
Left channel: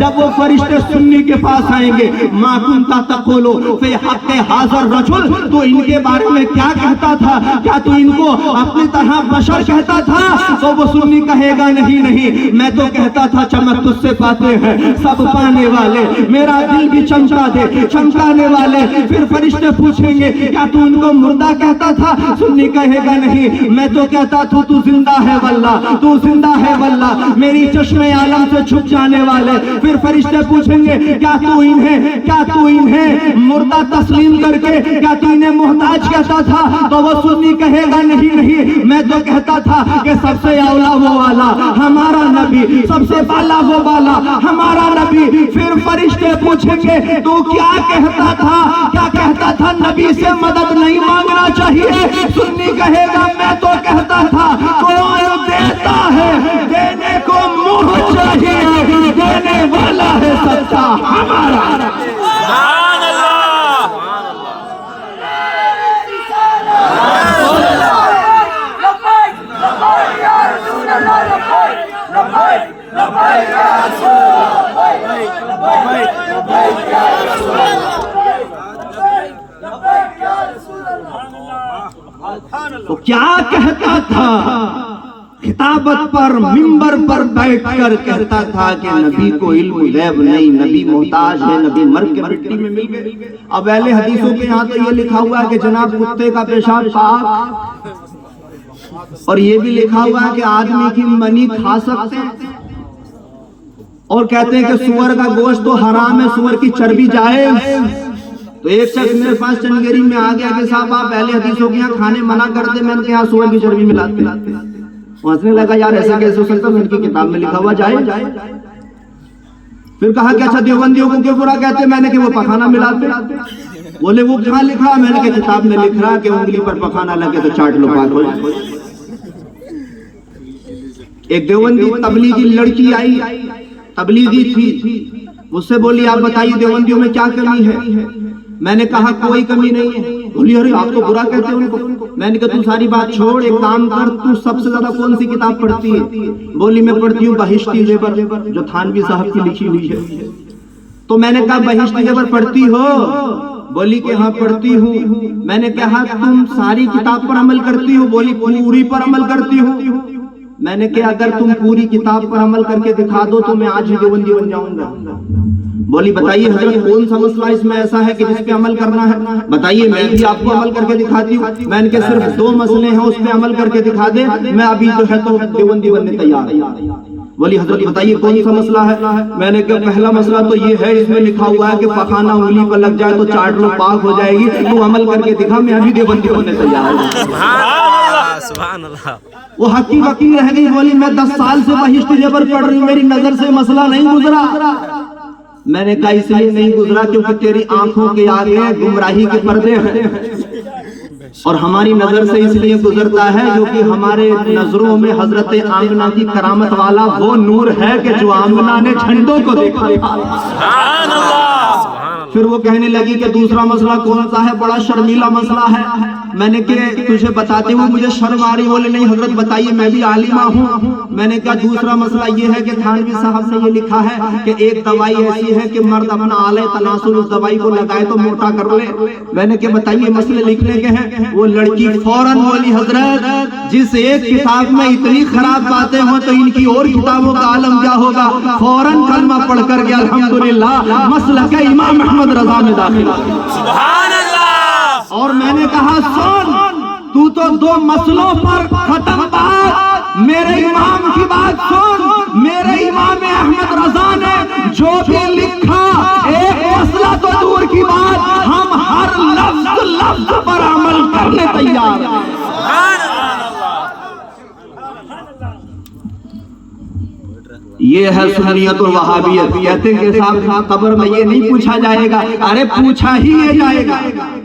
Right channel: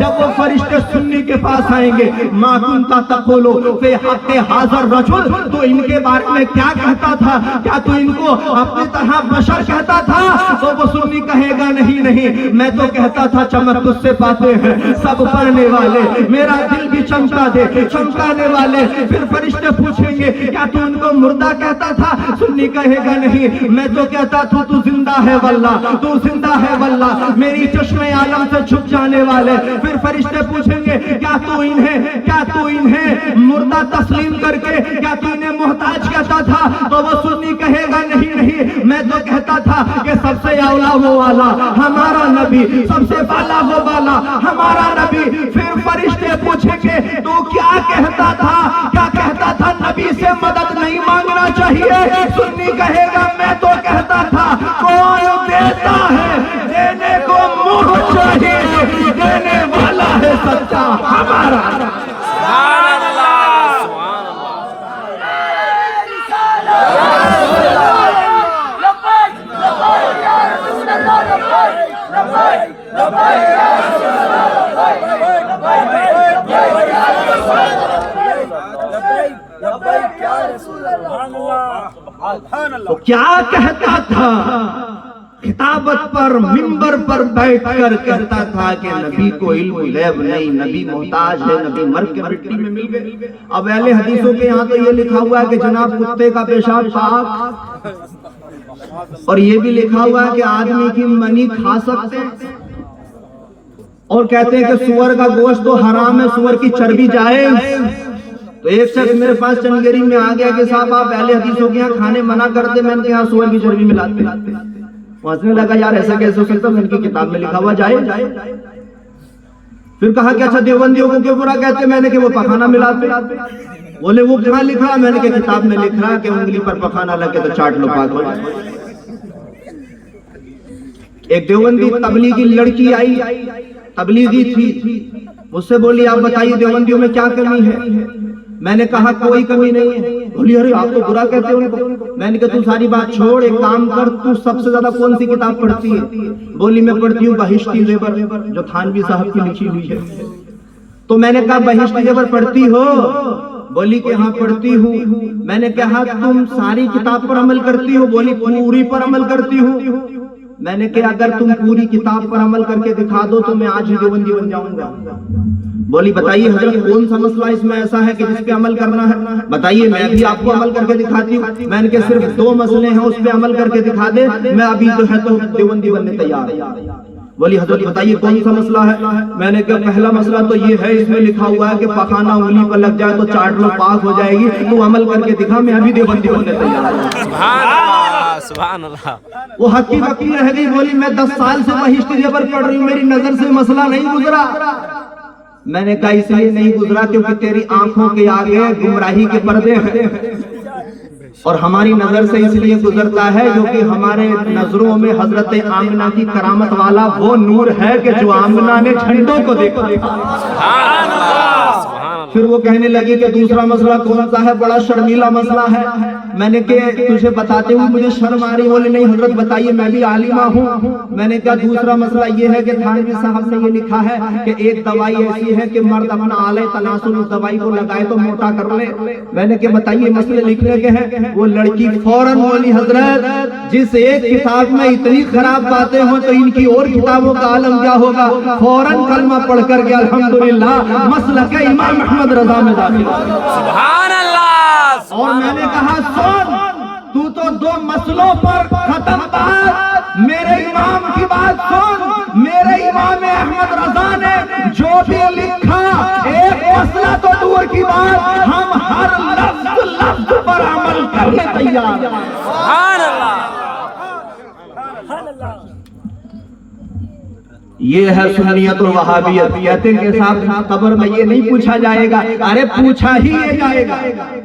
جب وہ فرشتے سنی کے پاس آئیں گے، ما کنتا تقولو فی حق حاضر رجل، تو ان کے بارے میں کیا کہتا تھا؟ کیا تو ان کو اپنی طرح بشر کہتا تھا؟ تو وہ سنی کہے گا نہیں نہیں، میں تو کہتا تھا چمک تجھ سے پاتے ہیں سب پانے والے، میرا دل بھی چمکا دے چمکانے والے۔ پھر فرشتے پوچھیں گے کیا تو ان کو مردہ کہتا تھا؟ سنی کہے گا نہیں، میں تو کہتا تھا تو زندہ ہے واللہ، تو زندہ ہے واللہ، میری چشم عالم سے چھپ جانے والے۔ پھر فرشتے پوچھیں گے کیا تو انہیں مردہ تسلیم کر کے کیا تو انہیں محتاج کہتا تھا؟ تو وہ سنی کہے گا نہیں نہیں، میں تو کہتا تھا کہ سب سے اولا وہ والا ہمارا نبی، سب سے بالا وہ بالا ہمارا نبی۔ پھر فرشتے پوچھیں گے تو کیا کہتا تھا؟ کیا کہتا تھا نبی سے مدد نہیں مانگنا چاہیے؟ سنی کہے گا میں تو کہتا تھا کون دیتا ہے دینے کو منہ چاہیے، دینے والا ہے سچا ہمارا۔ سبحان اللہ، سبحان تو کیا کہتا تھا؟ خطابت پر ممبر پر بیٹھ کر کہتا تھا کہ نبی کو علم غیب نہیں، نبی محتاج ہے، نبی مر کے مٹی میں مل گئے۔ اب اہل حدیثوں کے یہاں تو یہ لکھا ہوا ہے کہ جناب کتے کا پیشاب پاک، اور یہ بھی لکھا ہوا ہے کہ آدمی کی منی کھا سکتے ہیں، اور کہتے ہیں کہ سور کا گوشت تو حرام ہے، سور کی چربی جائز۔ تو ایک شخص میرے پاس چنگیری میں آ گیا کہ صاحب آپ اہل حدیثوں کے یہاں کھانے منع کرتے، میں نے کہا سور کی چربی ملاتے۔ ہنسنے لگا یار ایسا کیسے ہو سکتا؟ میں ان کی کتاب میں لکھا ہوا جائے۔ پھر کہا کہ اچھا دیوبندیوں کو کیوں برا کہتے؟ میں نے کہ وہ پخانہ ملاتے۔ بولے وہ کہاں لکھا؟ میں نے کہ کتاب میں لکھ رہا کہ انگلی پر پخانہ لگے تو چاٹ لو پاک ہو جائے۔ ایک دیوبندی تبلیغی لڑکی آئی، تبلیغی تھی، مجھ سے بولی آپ بتائیے دیوبندیوں میں کیا کمی ہے؟ میں نے کہا کوئی کمی نہیں ہے۔ بولی ارے آپ تو برا کہتے ہو ان کو۔ میں نے کہا تو ساری بات چھوڑ، ایک کام کر، تو سب سے زیادہ کون سی کتاب پڑھتی ہے؟ بولی میں پڑھتی ہوں بہشتی زیور، جو تھانوی صاحب کی لکھی ہوئی ہے۔ تو میں نے کہا بہشتی زیور پڑھتی ہو؟ بولی کہ ہاں پڑھتی ہوں۔ میں نے کہا تم ساری کتاب پر عمل کرتی ہو؟ بولی پوری پر عمل کرتی ہوں۔ میں نے کہا اگر تم پوری کتاب پر عمل کر کے دکھا دو تو میں آج ہی دیوبندی بن جاؤں گا۔ بولی بتائیے حضرت کون سا مسئلہ اس میں ایسا ہے کہ جس پہ عمل کرنا ہے؟ بتائیے میں بھی آپ کو عمل کر کے دکھاتی ہوں۔ میں نے کہا صرف 2 مسئلے ہیں، اس پہ عمل کر کے دکھا دے، میں ابھی جو ہے تو دیوبندی بننے تیار ہوں۔ بولی حضرت بتائیے کون سا مسئلہ ہے؟ میں نے کہا پہلا مسئلہ تو یہ ہے، اس میں لکھا ہوا ہے کہ پخانہ انگلی پر لگ جائے تو چاٹ لو پاک ہو جائے گی، تو عمل کر کے دکھا، میں ابھی دیوبندی بننے تیار ہوں۔ سبحان اللہ، سبحان اللہ۔ وہ حقی وقی رہ گئی، بولی میں 10 سال سے بہشتی زیور پڑھ رہی ہوں، میری نظر سے مسئلہ نہیں گزرا۔ میں نے کہا اس لیے نہیں گزرا کیونکہ تیری آنکھوں کے آگے گمراہی کے پردے ہیں، اور ہماری نظر سے اس لیے گزرتا ہے کیونکہ ہمارے نظروں میں حضرت آمنہ کی کرامت والا وہ نور ہے کہ جو آمنہ نے جھنڈوں کو دیکھا۔ سبحان اللہ، سبحان اللہ۔ پھر وہ کہنے لگی کہ دوسرا مسئلہ کون سا ہے؟ بڑا شرمیلا مسئلہ ہے۔ میں نے کہ تجھے بتاتے ہوئے مجھے شرم آ رہی۔ بولے نہیں حضرت بتائیے، میں بھی عالمہ ہوں۔ میں نے کہا دوسرا مسئلہ یہ ہے کہ تھانوی صاحب نے یہ لکھا ہے کہ ایک دوائی ایسی ہے کہ مرد اپنا آلے تناسل اس دوائی کو لگائے تو موٹا کر لے۔ میں نے کہ بتائیے مسئلے لکھنے کے ہیں۔ وہ لڑکی فوراً بولی حضرت جس ایک کتاب میں اتنی خراب باتیں ہوں تو ان کی اور کتابوں کا عالم کیا ہوگا؟ فوراً کلمہ پڑھ کر گیا الحمدللہ مسلک امام احمد رضا میں داخل۔ سبحان اللہ۔ اور میں نے کہا سن، تو 2 مسئلوں پر ختم بات، میرے امام کی بات سن، میرے امام احمد رضا نے جو بھی لکھا، ایک مسئلہ تو دور کی بات، ہم ہر لفظ پر عمل کرنے تیار ہیں۔ یہ ہے سنیت الوہابیت۔ کہتے ہیں کہ صاحب قبر میں یہ نہیں پوچھا جائے گا، ارے پوچھا ہی یہ جائے گا،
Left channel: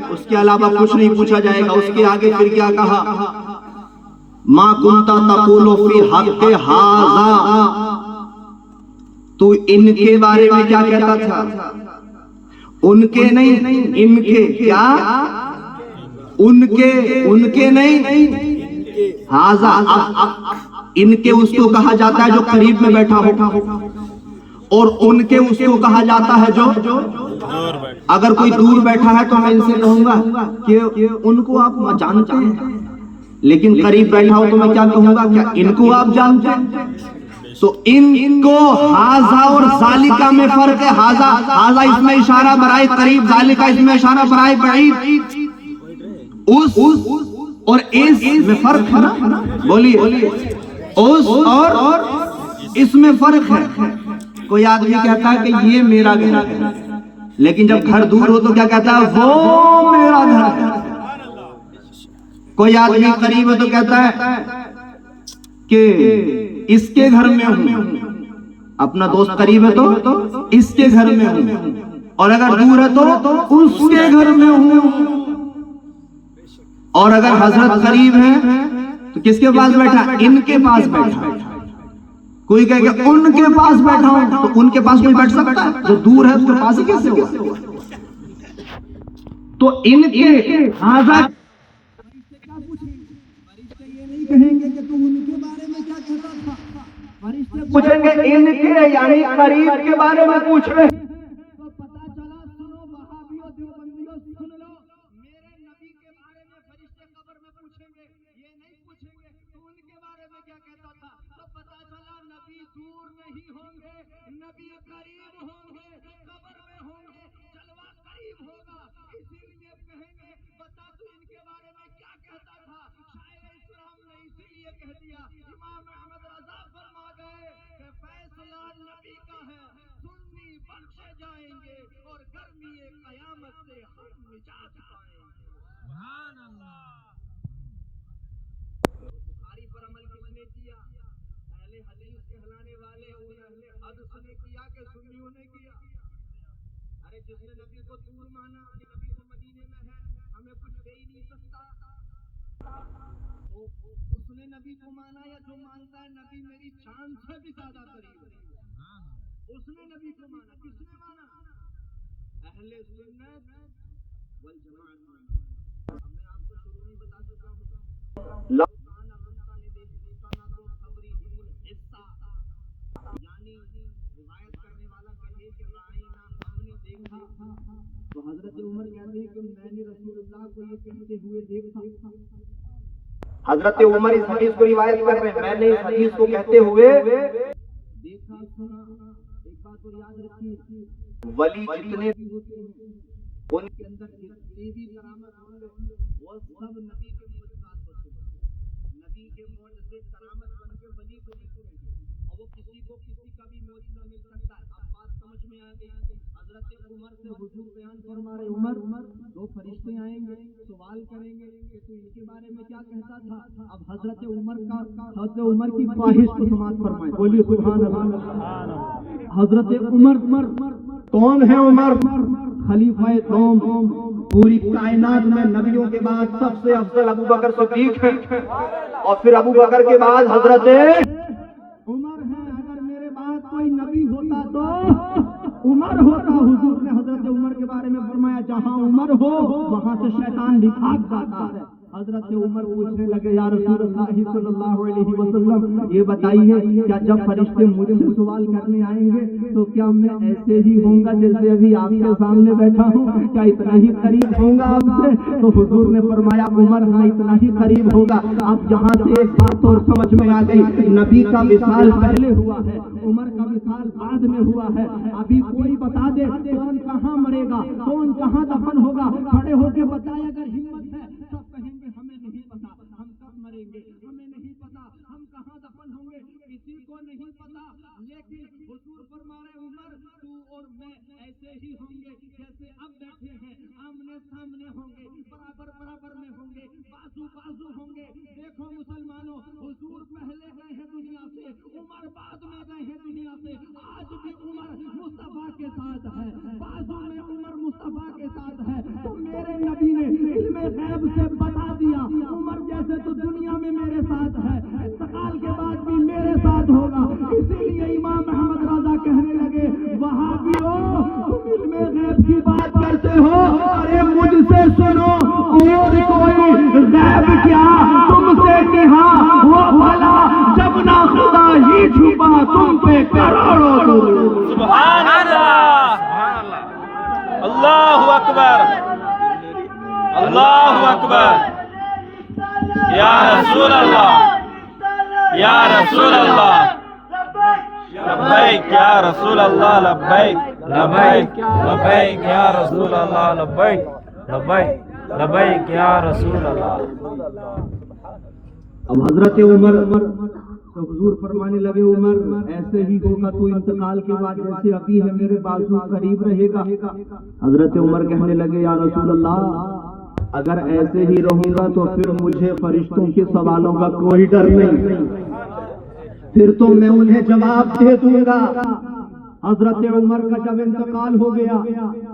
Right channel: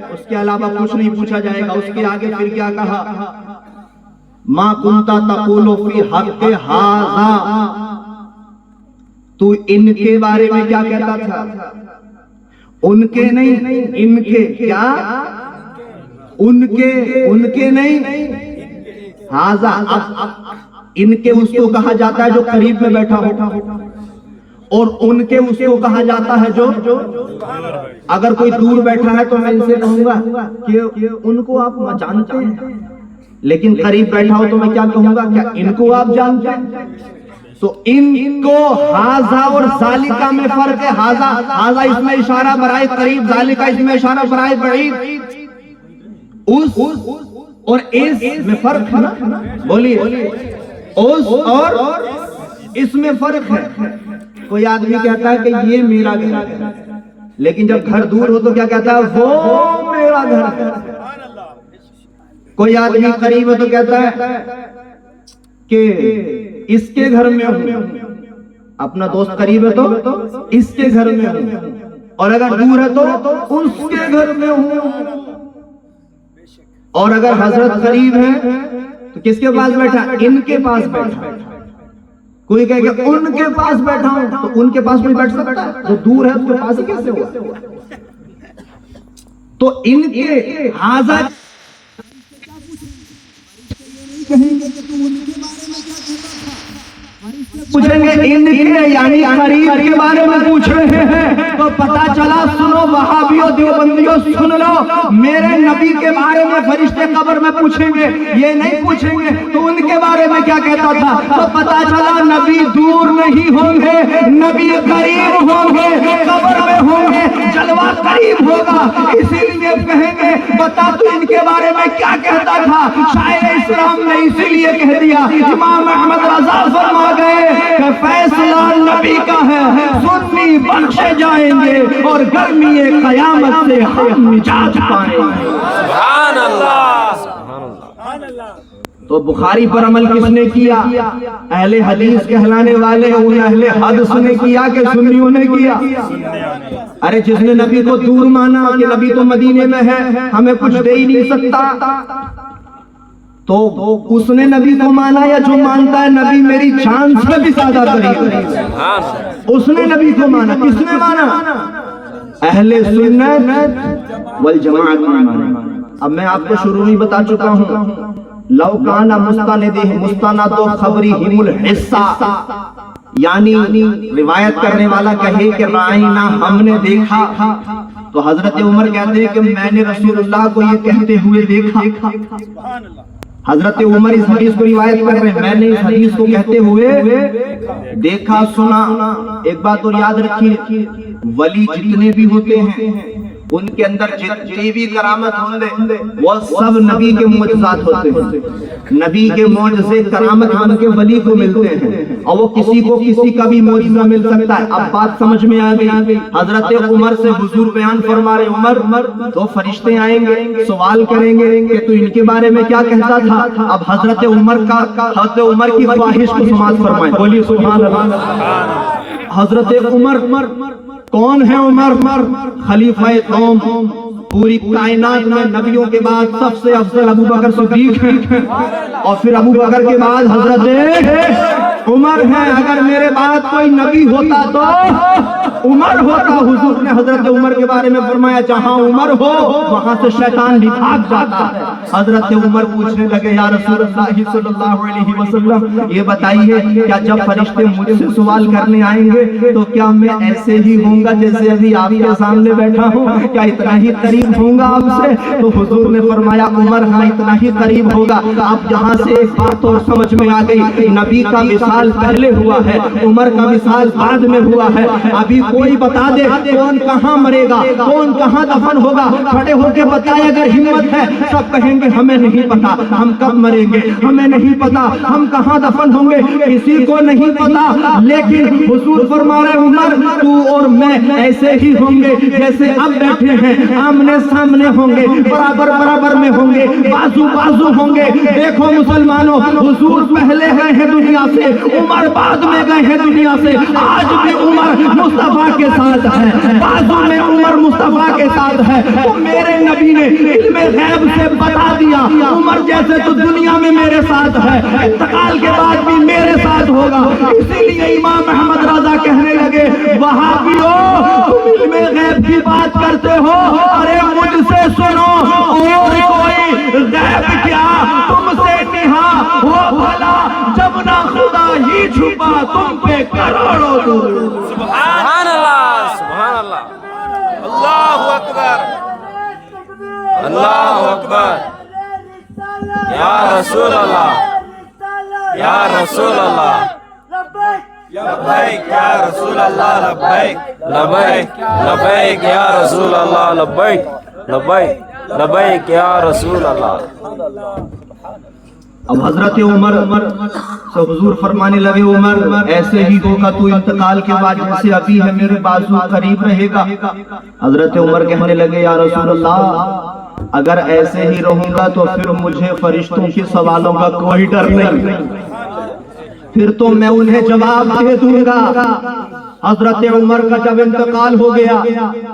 اس کے علاوہ کچھ نہیں پوچھا جائے گا۔ اس کے آگے پھر کیا کہا؟ ما کنتا تقول فی حق ھذا، تو ان کے بارے میں کیا کہتا تھا؟ ان کے نہیں، ان کے کیا؟ ان کے نہیں، ھذا ان کے اس کو کہا جاتا ہے جو قریب میں بیٹھا ہو، اور ان کے اس کو کہا جاتا ہے جو اگر کوئی دور بیٹھا ہے تو میں ان سے کہوں گا کہ ان کو آپ جانتے ہیں، لیکن قریب بیٹھا ہو تو میں کیا کہوں گا؟ کیا ان کو آپ جانتے ہیں؟ تو ان کو ھذا اور ذالکہ میں فرق ہے۔ ھذا اس میں اشارہ برائے قریب، ذالکہ اس میں اشارہ برائے بعید، اس اور اس میں فرق ہے نا، بولیے اس اور اس میں فرق ہے۔ کوئی آدمی کہتا ہے کہ یہ میرا گھر ہے، لیکن جب گھر دور ہو تو کیا کہتا ہے؟ وہ میرا گھر ہے۔ کوئی آدمی قریب ہے تو کہتا ہے کہ اس کے گھر میں ہوں، اپنا دوست قریب ہے تو اس کے گھر میں ہوں، اور اگر دور ہے تو اس کے گھر میں ہوں۔ اور اگر حضرت قریب ہے تو کس کے پاس بیٹھا؟ ان کے پاس بیٹھا۔ کوئی کہے کہ ان کے پاس بیٹھا ہوں، تو ان کے پاس کوئی بیٹھ سکتا ہے؟ جو دور ہے اس کے پاس ہی کیسے ہوا؟ تو ان کے ھذا کہیں گے کہ تو ان کے بارے میں کیا کہتا تھا؟ پوچھیں گے ان کے یعنی قریب کے بارے میں پوچھ رہے ہیں، تو پتا چلا، سنو وہابیوں دیوبندیوں سن لو، میرے نبی کے بارے میں فرشتے قبر میں پوچھیں گے، یہ نہیں پوچھیں گے تو ان کے بارے میں کیا کہتا تھا؟ تو پتا چلا نبی دور نہیں ہوں گے، نبی قریب ہوں گے، قبر میں ہوں گے، جلوہ قریب ہوگا، اسی لیے کہیں گے بتا تو ان کے بارے میں کیا کہتا تھا؟ شاعر اسلام نے اسی لیے کہہ دیا، امام احمد رضا فرما گئے کہ فیصلہ نبی کا ہے، سنی بخشے جائیں گے اور گرمی قیامت سے ہم نجات پائیں گے۔ سبحان اللہ۔ تو بخاری پر عمل کس نے کیا؟ اہل حدیث کہلانے والے ان اہل حدیث نے کیا کہ سنیوں نے کیا؟ ارے جس نے نبی کو دور مانا کہ نبی تو مدینے میں ہے، ہمیں کچھ دے ہی نہیں سکتا، تو اس نے نبی کو مانا، یا جو مانتا ہے نبی میری جان سے بھی زیادہ قریب ہے، اس نے نبی کو مانا۔ کس نے مانا؟ اہل سنت والجماعت نے مانا۔ اب میں آپ کو شروع میں بتا چکا ہوں، لو کان مستند خبرہم الحصہ، یعنی روایت کرنے والا کہے کہ رائنا ہم نے دیکھا، تو حضرت عمر کہتے ہیں کہ میں نے رسول اللہ کو یہ کہتے ہوئے دیکھا۔ حضرت عمر اس حدیث کو روایت کر رہے ہیں، میں نے اس حدیث کو کہتے ہوئے دیکھا سنا۔ ایک بات اور یاد رکھیے، ولی جتنے بھی ہوتے ہیں ان کے اندر جتنی بھی کرامت ہوں گے وہ سب نبی کے معجزات ہوتے ہیں، نبی کے معجزے کرامت بن کے ولی کو ملتے ہیں، اور وہ کسی کو کسی کا بھی معجزہ مل سکتا ہے۔ اب بات سمجھ میں آ گئی۔ حضرت عمر سے حضور بیان فرما رہے، عمر دو فرشتے آئیں گے، سوال کریں گے کہ تو ان کے بارے میں کیا کہتا تھا؟ اب حضرت عمر کی خواہش کو سماعت فرمائیں، بولیے سبحان اللہ۔ حضرت عمر کون ہے؟ عمر خلیفہ قوم، پوری کائنات میں نبیوں کے بعد سب سے افضل ابو بکر صدیق ہیں، اور پھر ابو بکر کے بعد حضرت عمر ہیں۔ اگر میرے بعد کوئی نبی ہوتا تو عمر ہوتا۔ حضور نے حضرت عمر کے بارے میں فرمایا جہاں عمر ہو وہاں سے شیطان بھی بھاگ جاتا ہے۔ حضرت عمر پوچھنے لگے یا رسول اللہ صلی اللہ علیہ وسلم یہ بتائیے کیا جب فرشتے مجھ سے سوال کرنے آئیں گے تو کیا میں ایسے ہی ہوں گا جیسے ابھی آپ کے سامنے بیٹھا ہوں؟ کیا اتنا ہی قریب ہوں گا آپ سے؟ تو حضور نے فرمایا عمر ہاں اتنا ہی قریب ہوگا۔ اب جہاں سے ایک بات اور سمجھ میں آ گئی، نبی کا وصال پہلے ہوا ہے، عمر کا وصال بعد میں ہوا ہے۔ ابھی کوئی بتا دے کون کہاں مرے گا، کون کہاں دفن ہوگا، کھڑے ہو کے بتائے اگر ہمت ہے۔ سب کہیں کہیں گے ہمیں نہیں پتا ہم کب مریں گے, ہمیں نہیں پتا ہم کہاں دفن ہوں گے, کسی کو نہیں پتا. لیکن حضور فرما رہے عمر تو اور میں ایسے ہی ہوں گے جیسے اب بیٹھے ہیں, آمنے سامنے ہوں گے, برابر برابر میں ہوں گے, بازو بازو ہوں گے. دیکھو مسلمانوں, حضور پہلے گئے ہیں دنیا سے, عمر بعد میں گئے ہیں دنیا سے. آج بھی عمر مصطفیٰ کے ساتھ ہے, بازو میں عمر مصطفیٰ کے ساتھ ہے. تو میرے نبی نے علم غیب سے بتا دیا عمر جیسے تو دنیا میں میرے ساتھ ہے, انتقال کے بعد بھی میرے ساتھ ہوگا. اسی لیے امام احمد رضا کہنے لگے وہابیو تم علم غیب کی بات کرتے ہو, ارے مجھ سے سنو اور کوئی غیب کیا تم سے نہا ہو بھلا, جب نہ خدا ہی چھپا تم پہ کروڑوں درود. سبحان اللہ, سبحان اللہ, اللہ اکبر, اللہ اکبر. یا رسول اللہ, یا رسول اللہ, لبیک یا رسول اللہ, لبیک لبیک لبیک یا رسول اللہ, لبیک لبیک لبیک یا رسول اللہ. اب حضرت عمر سے حضور فرمانے لگے عمر ایسے ہی ہوگا تو انتقال کے بعد جیسے ابھی ہے میرے بازو قریب رہے گا. حضرت عمر کہنے لگے یا رسول اللہ اگر ایسے ہی رہوں گا تو پھر مجھے فرشتوں کے سوالوں کا کوئی ڈر نہیں, پھر تو میں انہیں جواب دے دوں گا. حضرت عمر کا جب انتقال ہو گیا,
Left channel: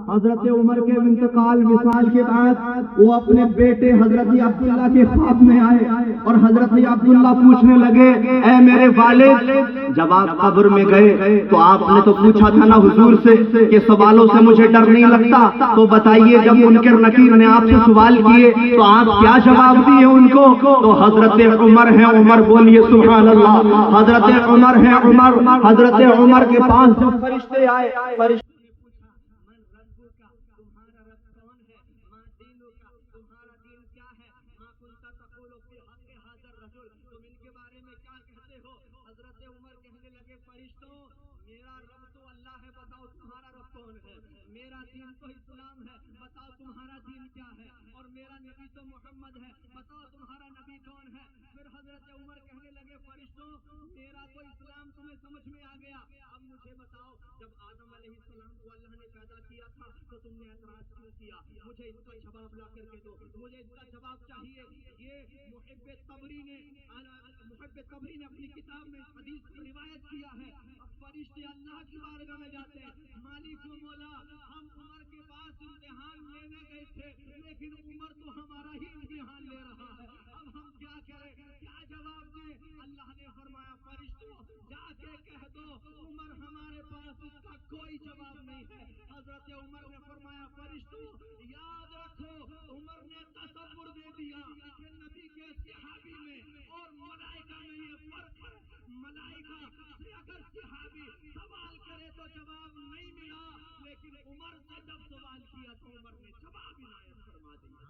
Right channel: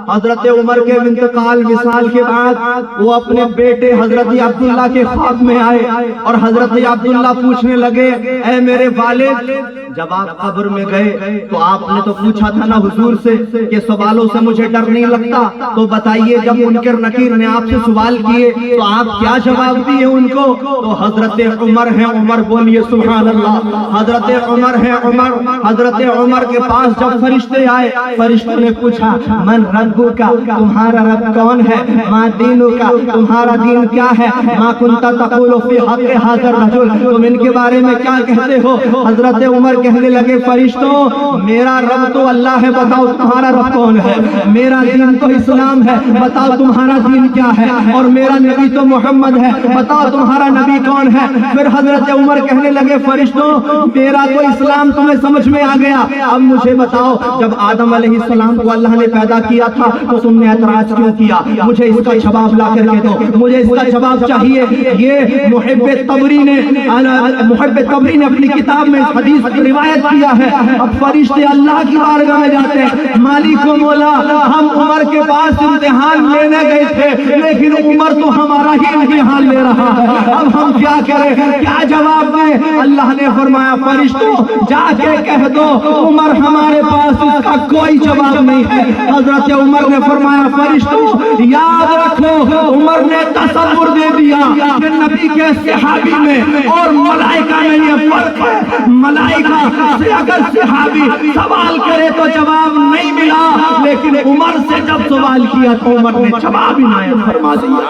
حضرت عمر کے انتقال وصال کے بعد وہ اپنے بیٹے حضرت عبداللہ کے خواب میں آئے اور حضرت عبداللہ پوچھنے لگے اے میرے والد, جب آپ قبر میں گئے تو آپ نے تو پوچھا تھا نا حضور سے کہ سوالوں سے مجھے ڈر نہیں لگتا, تو بتائیے جب منکر نکیر نے آپ سے سوال کیے تو آپ کیا جواب دیے ان کو؟ تو حضرت عمر ہیں, عمر بولیے سبحان اللہ, حضرت عمر ہیں عمر. حضرت عمر کے پاس جب فرشتے آئے, فرشتوں نے پوچھا من ربک کا, تمہارا رب کون ہے؟ ما دینک کا, تمہارا دین کیا ہے؟ ما کنت تقول فی حق حاضر رجل, تم ان کے بارے میں کیا کہتے ہو؟ حضرت عمر کہنے لگے فرشتوں میرا رب تو اللہ ہے, بتاؤ تمہارا رب کون ہے؟ میرا دین تو اسلام ہے, بتاؤ تمہارا دین کیا ہے؟ اور میرا نبی تو محمد ہے, بتاؤ تمہارا نبی کون ہے؟ پھر حضرت عمر کہنے لگے فرشتوں میرا تو اسلام تمہیں سمجھ میں آ گیا, اب مجھے بتاؤ جب آدم علیہ السلام کو اللہ نے پیدا کیا تھا تو تم نے اعتراض کیوں کیا؟ مجھے اس کا جواب لا کر کے دو, مجھے اس کا جواب چاہیے. یہ محب تبری نے اپنی کتاب میں حدیث روایت کیا ہے. اب فرشتے اللہ کی بارگاہ میں جاتے ہیں, مالک و مولا ہم عمر کے پاس امتحان لینے گئے تھے لیکن عمر تو ہمارا ہی امتحان لے رہا ہے, اب ہم کیا کریں, کیا جواب دیں؟ اللہ نے فرمایا فرشتوں جا کے کہہ دو عمر ہمارے پاس اس کا کوئی جواب نہیں ہے. حضرت عمر نے فرمایا فرشتوں یاد رکھو عمر نے تصور دے دیا کہ نبی کے صحابی میں اور ملائکہ میں یہ فرق ہے, ملائکہ سے اگر صحابی سوال کرے تو جواب نہیں ملا, لیکن عمر سے جب سوال کیا تو عمر نے جواب عنایت فرما دیا.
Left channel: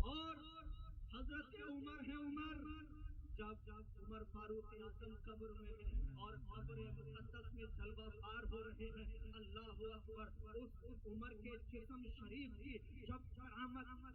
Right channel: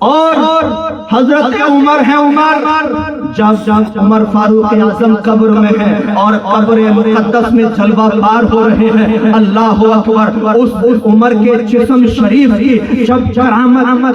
اور حضرت عمر ہیں عمر, جب عمر فاروق اعظم قبر میں ہے اور قبر مقدس میں جلوہ بار ہو رہے ہیں, اللہ اکبر, اس عمر کے جسم شریف کی جب کرامت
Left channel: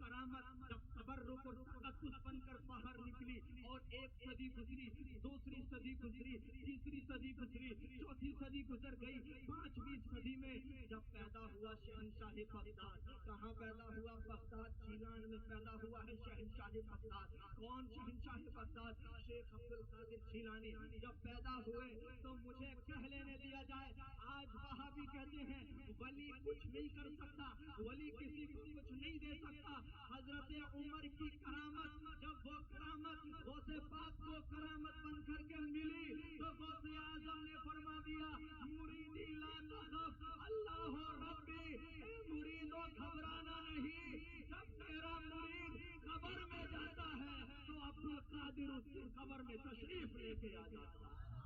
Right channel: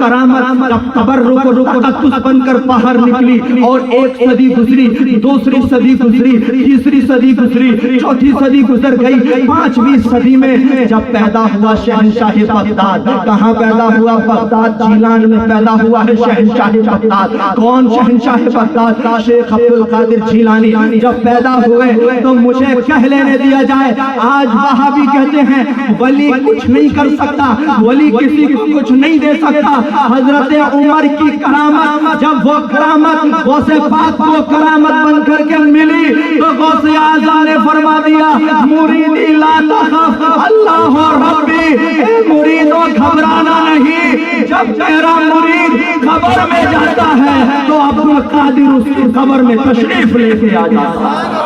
جب تبرک و تقدس بن کر باہر نکلی اور ایک صدی گزری, دوسری صدی گزری, تیسری صدی گزری, چوتھی صدی گزر گئی, پانچویں صدی میں جب پیدا ہوا شہنشاہ بغداد. کہاں پیدا ہوا؟ بغداد جیلان میں پیدا ہوا ہے شہنشاہ بغداد. کون شہنشاہ بغداد؟ شیخ عبد القادر جیلانی. جب پیدا ہوئے تو مجھے کہہ لینے دیا جائے, آج وہابی کہتے ہیں ولی کچھ نہیں کر سکتا, ولی کسی کو کچھ نہیں دے سکتا. حضرت عمر کی کرامت جب وہ کرامت غوث پاک کو کرامت بن کر کے ملی تو غوث اعظم نے فرما دیا مریدی لا تخف اللہ ربی, مریدوں گھبرانا نہیں, جب تیرا مرید قبر میں جاتا ہے تو عبد القادر اس کی قبر میں تشریف لے کے آ جاتا ہے.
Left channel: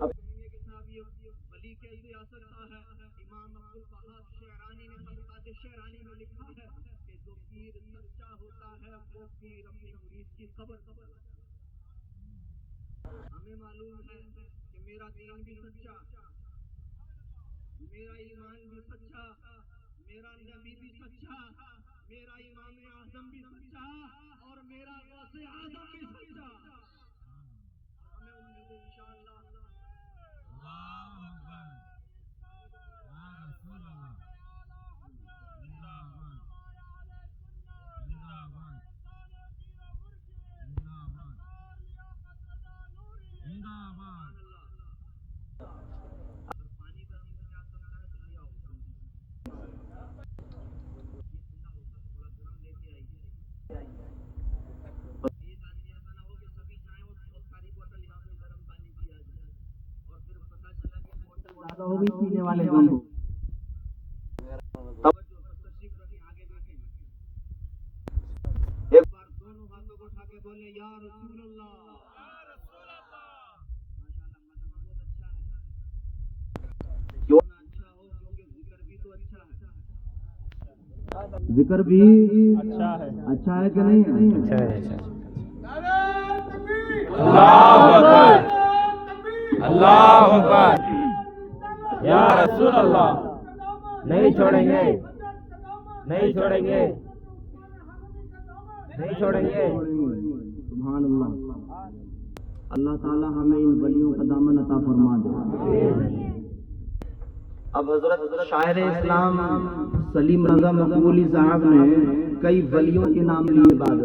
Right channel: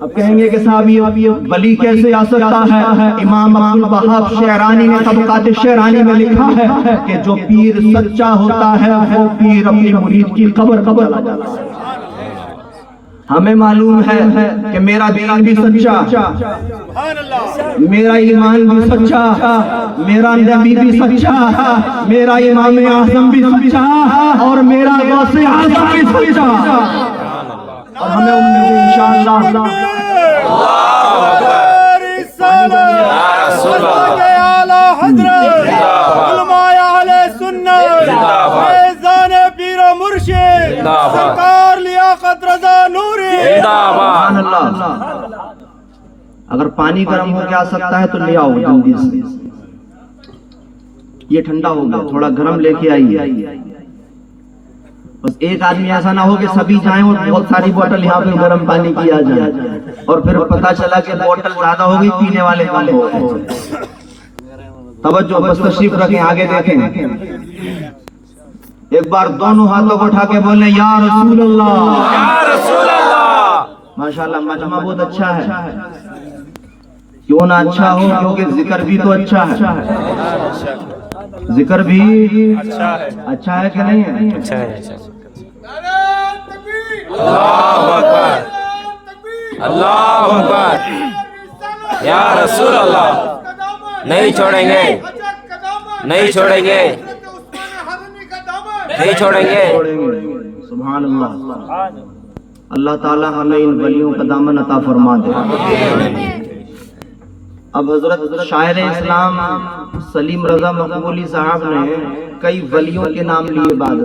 اب کہیں گے کہ صاحب یہ ولی کیسے آ سکتا ہے؟ امام عبد الوہاب شعرانی نے طبقات شعرانی میں لکھا ہے کہ جو پیر سچا ہوتا ہے وہ پیر اپنی مرید کی قبر چلا جاتا ہے. ہمیں معلوم ہے کہ میرا دین بھی سچا، میرا ایمان بھی سچا، میرا نبی بھی سچا، میرا امام اعظم بھی سچا، اور میرا غوث اعظم بھی سچا، اور ہمیں امید ہے انشاءاللہ سرکار لیاقت رضا نوری سبحان اللہ۔ اگر پانی گرم ہو کے آ سکتا ہے تو لے آؤ جلدی سے، یہ ٹھنڈا ہو گیا، تھوڑا گرم لے کے آئیے۔ بس ایک آدمی ایسا نہ ہو کہ سبھی جائیں اور بہت ساری بوٹل یہاں پہ گرم پانی کی آ جائے، اور پھر پتہ چلا کہ بوٹل زیادہ ہو گئی، پینے والے کم ہو گئے۔ توجہ، بس تشریف رکھیں، آگے دیکھیں۔ ایک بار دونوں ہاتھوں کو اٹھا کے بولیں یا رسول اللہ، یا رسول اللہ۔ ماشاءاللہ مجمع بہت اچھا ہے، کیوں نہ اچھا ہو، کیونکہ ذکر بھی تو اچھا ہے، ذکر بھی اچھا ہے کہ نہیں ہے؟ اچھا ہے۔ اللہ اکبر، اللہ اکبر، یا رسول اللہ، نہیں چھوڑیں گے، نہیں چھوڑیں گے، نہیں چھوڑیں گے۔ سبحان اللہ۔ اللہ تعالی ہمیں ان ولیوں کا دامن عطا فرما دے۔ اب حضرت شاعر اسلام سلیم رضا مقبولی صاحب نے کئی ولیوں کے نام لیے، بعد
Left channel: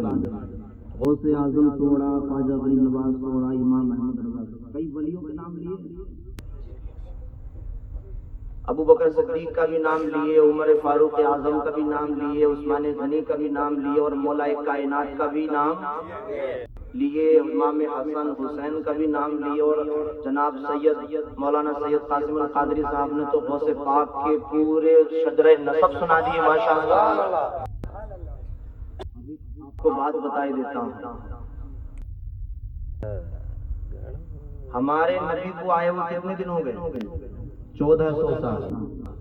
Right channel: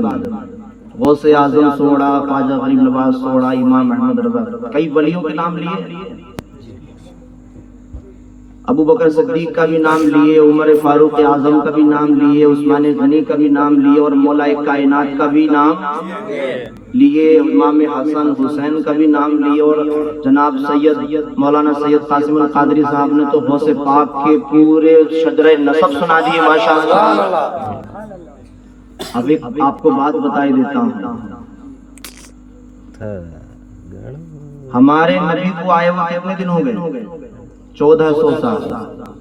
غوث اعظم سوڑا، خواجہ غریب نواز سوڑا، امام احمد رضا، کئی ولیوں کے نام لیے۔ ابو بکر صدیق کا بھی نام لیے، عمر فاروق اعظم کا بھی نام لیے، عثمان غنی کا بھی نام لیے، اور مولا کائنات کا بھی نام لیے، امام حسن حسین کا بھی نام لیے، اور جناب سید مولانا سید قاسم القادری صاحب نے تو غوث پاک کے پورے شجرہ نسب سنا دیے، ماشاءاللہ۔ اب ایک آپ کو بات بتائی دیتا ہوں، ہمارے نبی کو آئے ہوئے کتنے دن ہو گئے؟ 1400 سال،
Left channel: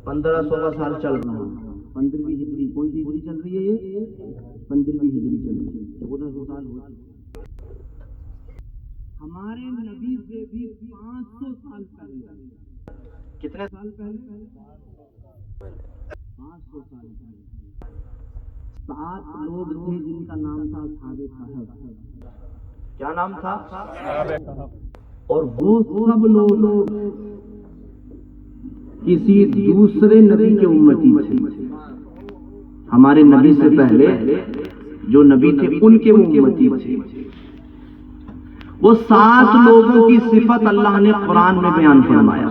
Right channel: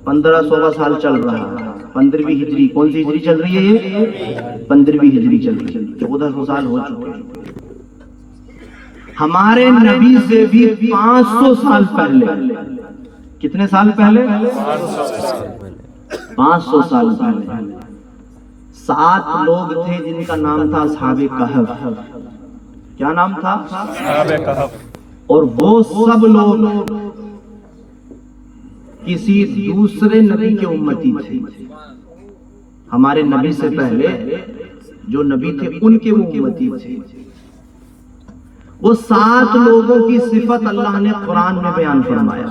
1500 سال چل رہا ہے، 15ویں ہجری۔ کون سی ہجری چل رہی ہے؟ یہ 15ویں ہجری چل رہی ہے، 1400 سال ہو چکے ہیں۔ ہمارے نبی سے بھی 500 سال پہلے، کتنے سال پہلے؟ 500 سال پہلے 7 لوگ تھے جن کا نام تھا اصحاب کہف۔ کیا نام تھا؟ اصحاب کہف۔ اور وہ سب لوگ کسی دوسرے نبی کے امتی تھے، ہمارے نبی سے پہلے جو نبی تھے ان کے وہ امتی تھے۔ وہ 7 لوگوں کی صفت اللہ نے قرآن میں بیان فرمایا،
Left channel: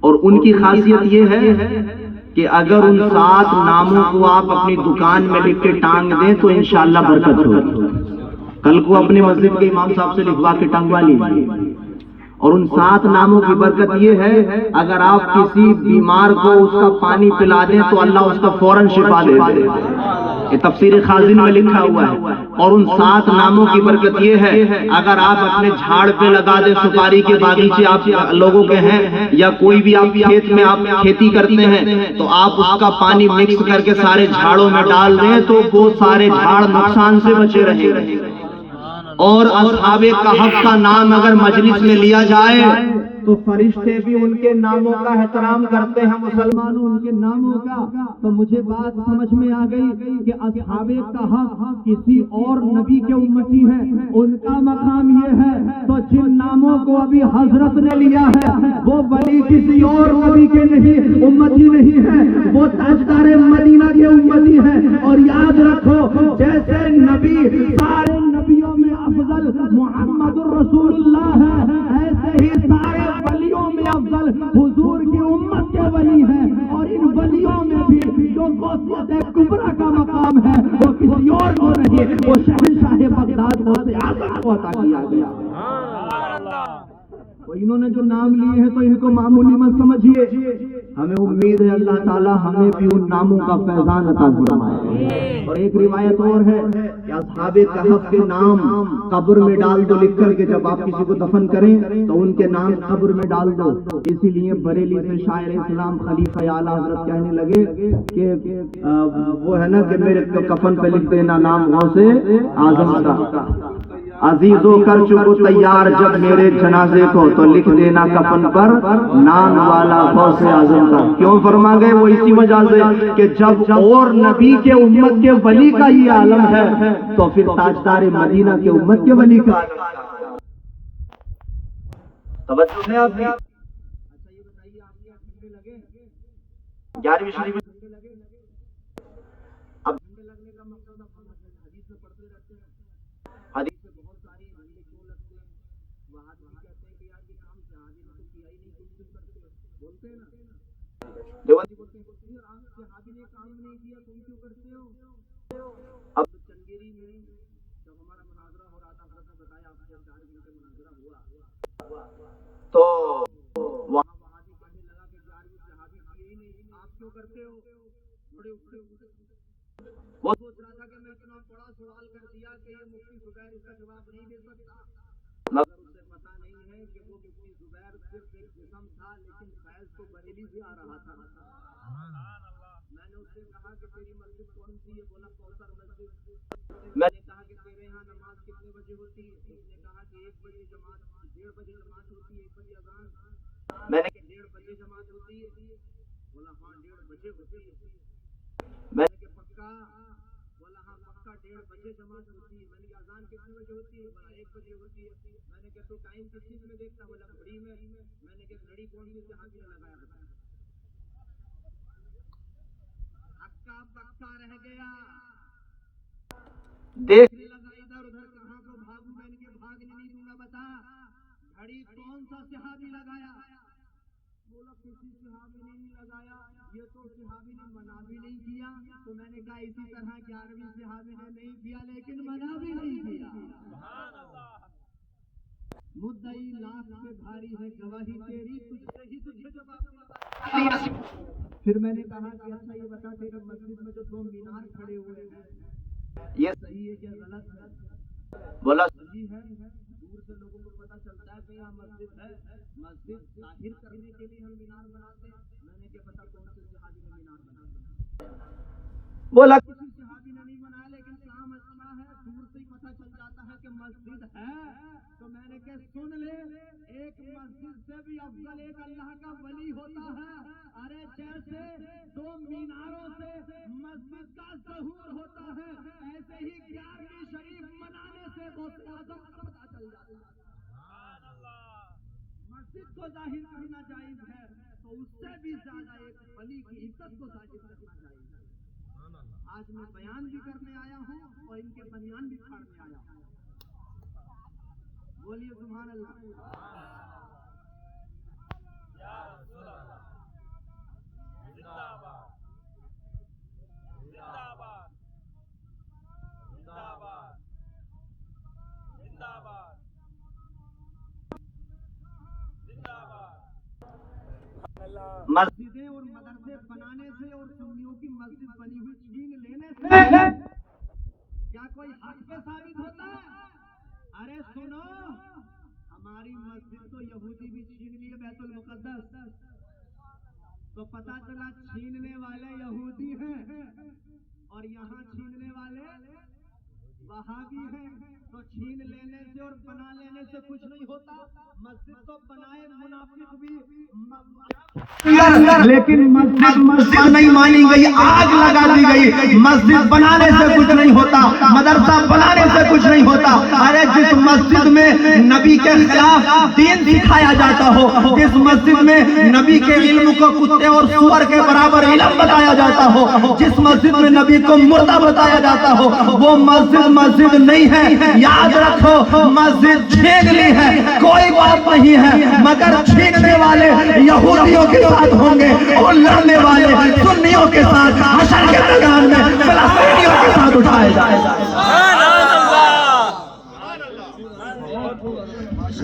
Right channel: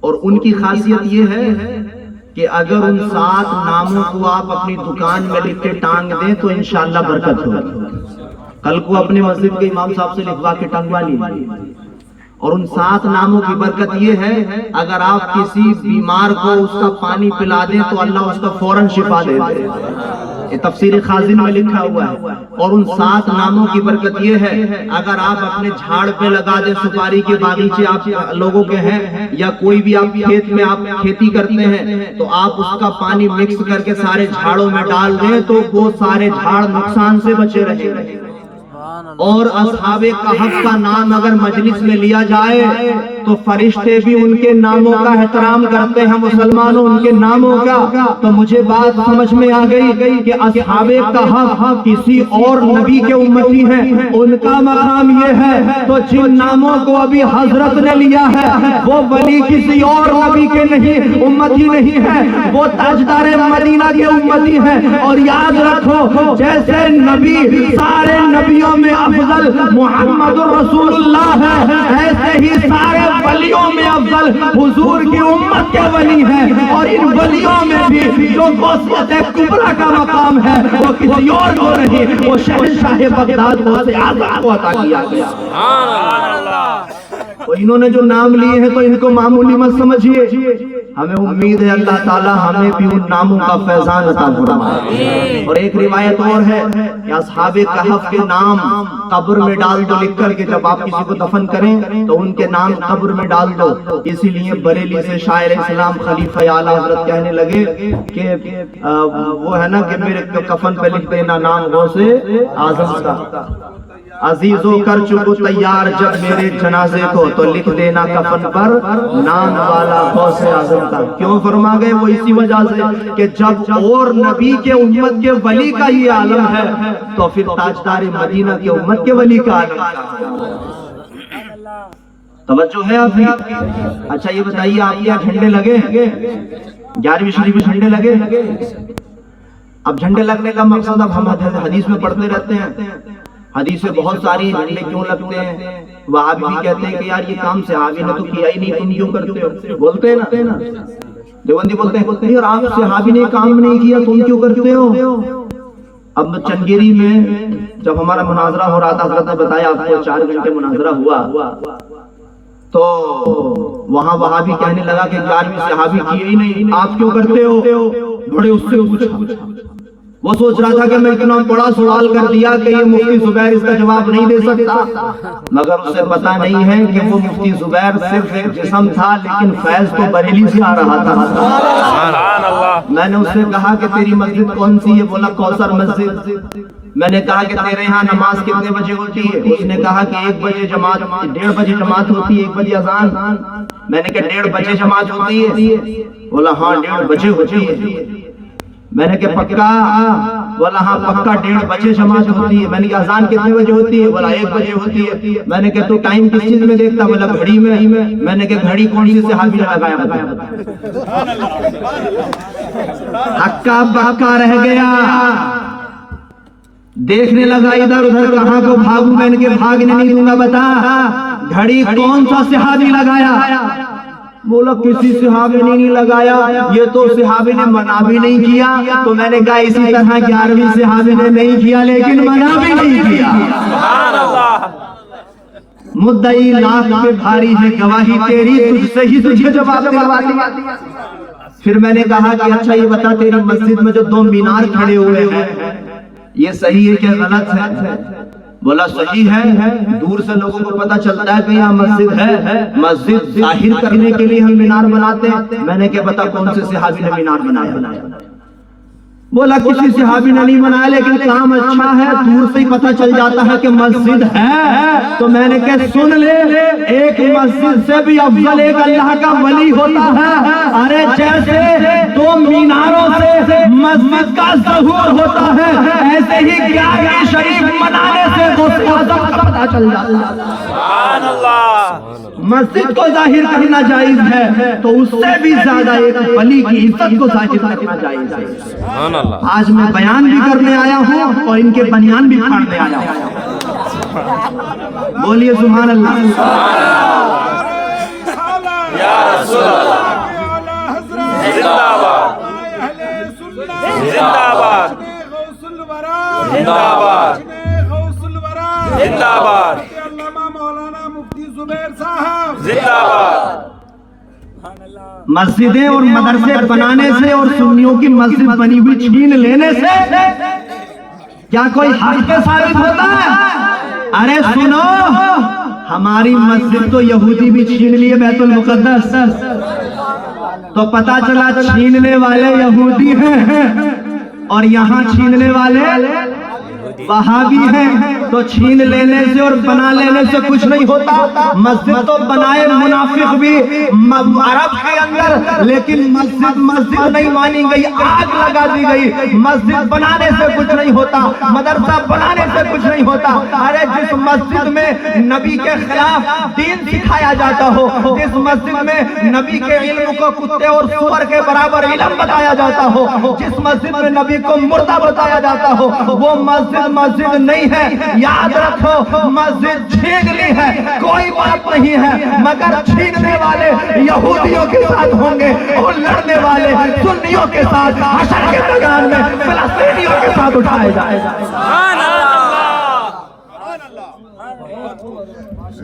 اور ان کی خاصیت یہ ہے کہ اگر ان 7 ناموں کو آپ اپنی دکان میں لکھ کے ٹانگ دیں تو انشاءاللہ برکت ہوگی۔ کل کو اپنی مسجد کے امام صاحب سے لکھوا کے ٹنگوا لیجیے۔ اور ان 7 ناموں کی برکت یہ ہے، اگر آپ کسی بیمار کو اس کا پانی پلا دیں تو اللہ اس کا فوراً شفا دے دے، یہ تفسیر خازن میں لکھا ہوا ہے۔ اور ان 7 ناموں کی برکت یہ ہے، اگر آپ اپنے جھاڑ پہ لگا دیں، سپاری کے باغیچے آپ لوگوں کے ہیں یا کوئی بھی آپ کھیت میں آپ کھیتی کرتے ہیں، تو آپ اس کا پانی مکس کر کے سارے جھاڑوں میں ڈال دیں تو وہ سارے جھاڑ نقصان سے بچے رہیں گے۔ اور اصحاب کہف کا نام اگر مجلس میں لیا جائے تو فرشتے بھی ان کے ناموں کا احترام کرتے ہیں، مسلمانوں ان کے ناموں کا۔ تو مجھے بات سمجھ میں آ گئی کہ اصحاب کہف کسی اور نبی کے امتی ہیں، ان کا مقام یہ ہے۔ تو جن ناموں کو ابھی حضرت نے لیا ہے وہ ولی کسی اور نبی کے نہیں امتی نہیں ہے، وہ تاجدار مدینہ کے امتی ہیں۔ اور یاد رکھو، جیسے نبی سارے نبیوں میں افضل محمد رسول اللہ ہے، ایسے ہی سارے ولیوں میں افضل حضور کی امت کے ولی ہیں۔ اور ان ولیوں میں بھی جو غوثیت کبریٰ کا مقام ہے وہ کسی اور کو نہیں، وہ شہنشاہ بغداد غوث اعظم کو عطا کیا گیا۔ تو انہوں نے جو نام لیے ہیں تو ان کو معمولی مت سمجھیے، ہمیں امید ہے اللہ تعالی ہمیں بھی ان ناموں کا فیضان عطا فرمائے۔ اور ایک روایت اور ہے کہ اصحاب کہف کے نام قبر میں ڈال دو لکھ کر کے، جب آپ کسی کو دفن کریں تو ان کے نام قبر میں ڈال دو۔ اسی لیے بریلی سے شاعر اسلام خلیفہ اعلیٰ حضرت کہنے لگے کہ وہ ہے نا کہ میرے کفن پہ لکھ دینا نام غوث اعظم کا۔ عزیزو کر چکو تیار جب میرے جنازے کو تو لکھ دینا کفن پر نام والا غوث اعظم کا. کیوں فرما گئے؟ وہ اسی وجہ سے کہ جب اور نبی کے امت کے ولی کا یہ عالم ہے تو پھر تاجدار مدینہ کے امت کے ولی کا عالم ہے. توجہ ہے آپ کی؟ اچھا یہ بتائیے آپ کے یہاں جھنڈے لگے 11ویں شریف میں جھنڈے لگے؟ اب جھنڈے لگنے کا مقصد اب ہم حدیث میں پڑھتے رہتے ہیں، حدیث میں بہت ساری جھنڈے کیوں لگتے ہیں. وہابی بھی کہتے ہیں کہ یار یہ کام صحابی نے تو کیا ہی نہیں، تم کیوں کرتے ہو؟ بولتے ہیں نا دیوبندی بولتے ہیں یار آپ صحابی نے کام نہیں کیا تم کیوں کرتے ہو. اب چنگیری میں جب ہمارا مناظرہ ہو رہا تھا، حضرت نے بتایا آپ کو 4 گھنٹے مناظرہ ہوا، تو وہاں وہابی کہنے لگا کہ 11ویں صحابی کیے ہی نہیں، آپ کیوں کرتے ہو؟ بڑے اس سے پوچھا. وہ سوچ رہا تھا کہ میں اتنا بڑا سوال کر دیا کہ یہ مفتی زبیر اس کا جواب نہیں دے سکتا، مگر اسے پتا نہیں ہے کہ وہ مفتی زبیر صرف ایک جسم تھا لیکن فیض تو بریلی سے آ رہا تھا. میں نے اس سے کہا کہ تیری مسجد کون سی ہے؟ بولا کوثر مسجد. میں نے کہا کہ تیرے ہاں نماز کتنے بجے ہوتی ہے؟ اس نے کہا کہ 1 بجے جماعت، 1:30 بجے جماعت ہوتی ہے، 1 بجے اذان. میں نے کہا 1:30 بجے جماعت ہوتی ہے؟ بولا ہاں 1:30 بجے ہوتی ہے. میں نے کہا پکا؟ بولا ہاں پکا 1:30 بجے جماعت ہوتی ہے. میں نے کہا اذان کتنے بجے ہوتی ہے؟ بولا 1 بجے ہوتی ہے. میں نے کہا تو ٹائم کس چیز میں دیکھتا؟ بولا گھڑی میں. میں نے کہا گھڑی کون سی صحابی نے لگایا؟ ہکا بکا رہ گیا، دیکھنے لگا ادھر ادھر کہاں کو بھاگوں. میں نے کہا بھاگنے نہیں دوں گا، بتا گھڑی کون سا صحابی لگایا؟ بولا کسی صحابی نے نہیں لگایا، یہ تو صحابی نے منع بھی نہیں کیا. تو میں نے کہا اسی طرح 11ویں صحابی نے نہیں کیا لیکن منع بھی نہیں کیا. مدعی لاکھ پہ بھاری ہے گواہی تیری، تجھ سے ہی تجھے جواب دیا. پھر میں نے کہا کہ اچھا یہ بتا تیری مسجد میں جو 2 مینار کھڑے ہوئے ہیں یہ صحیح ہے کہ غلط ہے؟ بولا صحیح ہے، دور سے لوگوں کو پتا چلتا ہے کہ یہاں مسجد ہے، مسجد ظاہر کرنے کے لیے ہم مینار بناتے ہیں. میں نے کہا بتا کون سے صحابی نے مینار بنایا؟ بولا کسی صحابی نے نہیں بنایا لیکن کام اچھا ہے، دور سے ہی پتا چل جاتا ہے کہ مسجد ہے. تو میں نے کہا سن لے، ایک مسجد سے بھی افضل ایک اللہ کا ولی ہوتا ہے. ارے جیسے 2 میناروں سے مسجد کا ظہور ہوتا ہے، ایسے ہی 11ویں شریف منانے سے غوث اعظم کا پتا چل جاتا ہے. سبحان اللہ. مسجد کو ظاہر کرنا جائز ہے تو اس سے بھی زیادہ ایک ولی کی عزت کو ظاہر کرنا جائز ہے. آج میں بیان بھی کرنے آیا ہوں اور ان کے بنیان بھی پھاڑنے آیا ہوں. بولیے سبحان اللہ. یا رسول اللہ زندہ باد، زندہ باد، زندہ باد، زندہ باد، مولانا مفتی زبیر صاحب زندہ باد. مسجدیں اور مدرسے بنانے سے اور سنیوں کی مسجد بنی ہوئی چھین لینے سے کیا کوئی حق ثابت ہوتا ہے؟ ارے سنو، ہماری مسجد تو یہودی بھی چھین لیے بیت المقدس، تو پتا چلا چھیننے والے یہودی ہیں اور یہاں چھیننے والے وہابی ہیں. تو چھین لینے سے اور بنا لینے سے کچھ نہیں ہوتا. مسجد تو بنائے منافق بھی عرب کے اندر، لیکن مسجد نہیں مانی گئی، آگ لگا دی گئی. مسجد بنانے سے کچھ نہیں ہوتا، مدرسہ بنانے سے کچھ نہیں ہوتا. ارے جس مسجد میں نبی کے خلاف دین سکھایا جاتا ہو، جس مسجد میں نبی کے علم کو کتے اور سور کے برابر علم بتایا جاتا ہو، جس مسجد میں نبی کو مردہ بتایا جاتا ہو، وہ مسجد نہیں ہے. یاد رکھو مسجد چھین لی ہے کوئی بات نہیں ہے، مگر چھیننے والے یہودیوں کے ساتھ ہوں گے اور لڑنے والے سنیوں کے ساتھ حشر کے میدان میں فلسطینیوں کے ساتھ اٹھائے جائیں.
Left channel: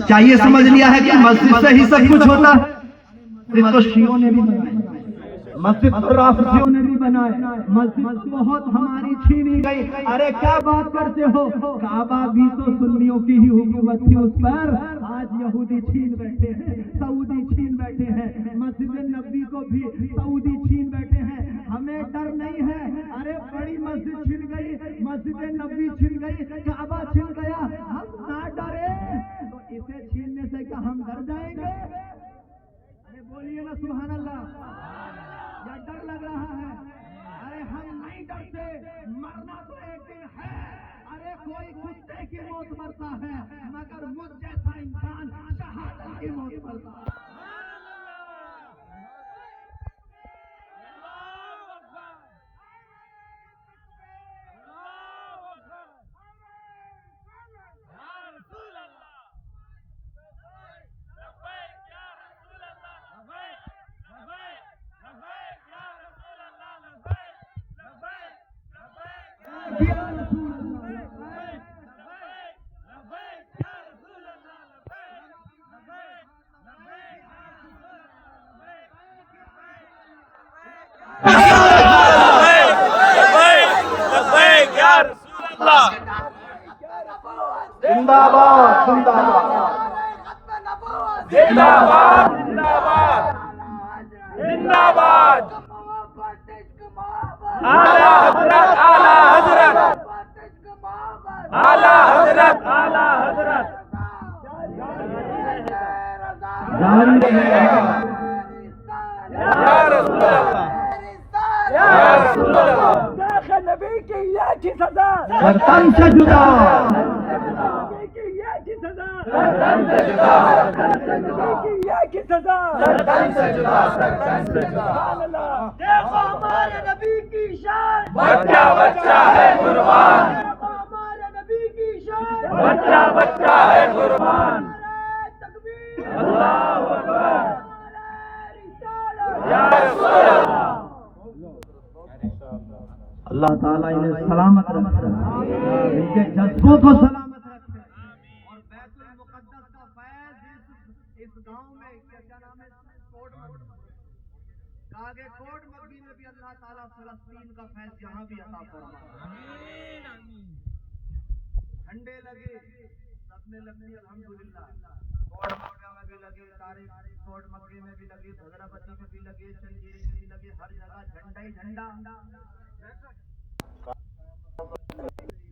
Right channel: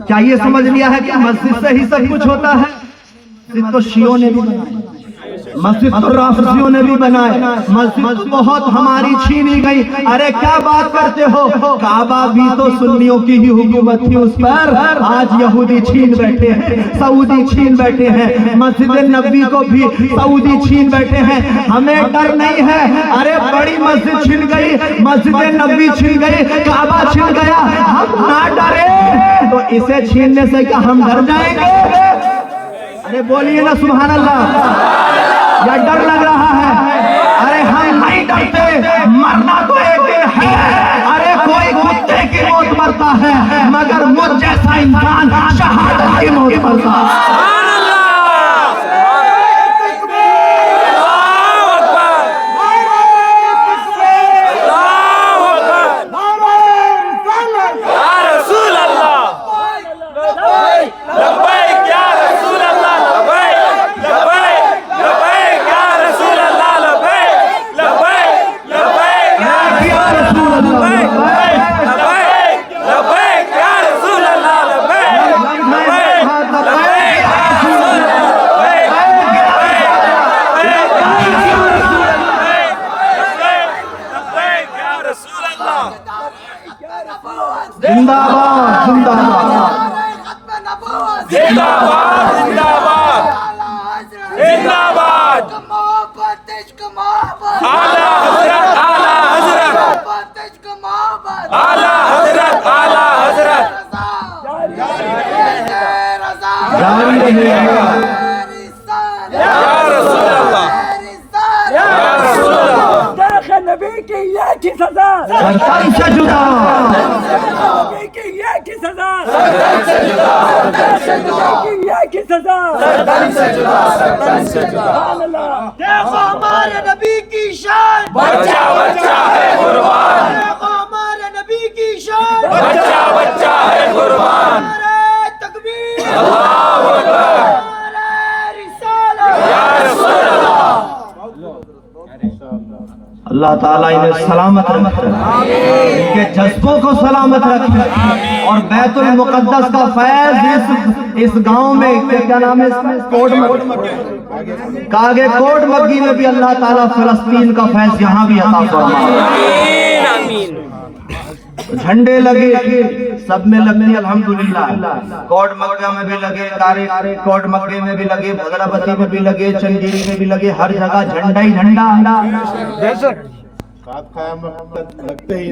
کیا یہ سمجھ لیا ہے کہ مسجد سے ہی سب کچھ ہوتا ہے؟ تو شیعوں نے بھی بنایا. مسجد تو رافضیوں نے بھی بنائے، مسجد تو بہت ہماری چھینی گئی. ارے کیا بات کرتے ہو، کعبہ بھی تو سنیوں کی ہی حکومت تھی اس پر، آج یہودی چھین بیٹھے ہیں، سعودی چھین بیٹھے ہیں، مسجد نبوی کو بھی سعودی چھین بیٹھے ہیں. ہمیں ڈر نہیں ہے. ارے بڑی مسجد چھن گئی، مسجد نبوی چھن گئی، کعبہ چھن گیا، ہم نہ ڈرے تو اسے چھیننے سے کیا ہم ڈر جائیں گے؟ ارے بولیے نا سبحان اللہ. یا ڈر لگ رہا ہے؟ ارے ہم نہیں ڈرتے، مرنا تو ایک دن ہے. ارے کوئی کتے کی موت مرتا ہے مگر مجھ جیسا انسان شہادت کی موت مرتا ہے. نبی کی یہ کی سزا، شیطان سے جدا، نبی کی یہ کی سزا، نبی کی یہ کی سزا. دیکھو ہمارے نبی کی شان، بچہ بچہ ہے قربان، دیکھو ہمارے نبی کی شان، بچہ بچہ ہے قربان. نعرہ تکبیر، اللہ اکبر. نعرہ رسالت. یا رسول اللہ. اللہ تعالیٰ انہیں سلامت رکھے، ان کے جذبوں کو سلامت رکھے، اور بیت المقدس کا فیض اس گاؤں میں کیا نام ہے اس میں، کاگے کوٹ مکی میں بھی اللہ تعالیٰ فلسطین کا فیض یہاں بھی عطا فرمائے. جھنڈے لگے سب میں لگے الحمدللہ، کوٹ مکہ میں بھی لگے، کوٹ مکہ میں بھی لگے، بھدرابتی میں بھی لگے، چنگیری میں بھی لگے، ہر جگہ جھنڈا ہی جھنڈا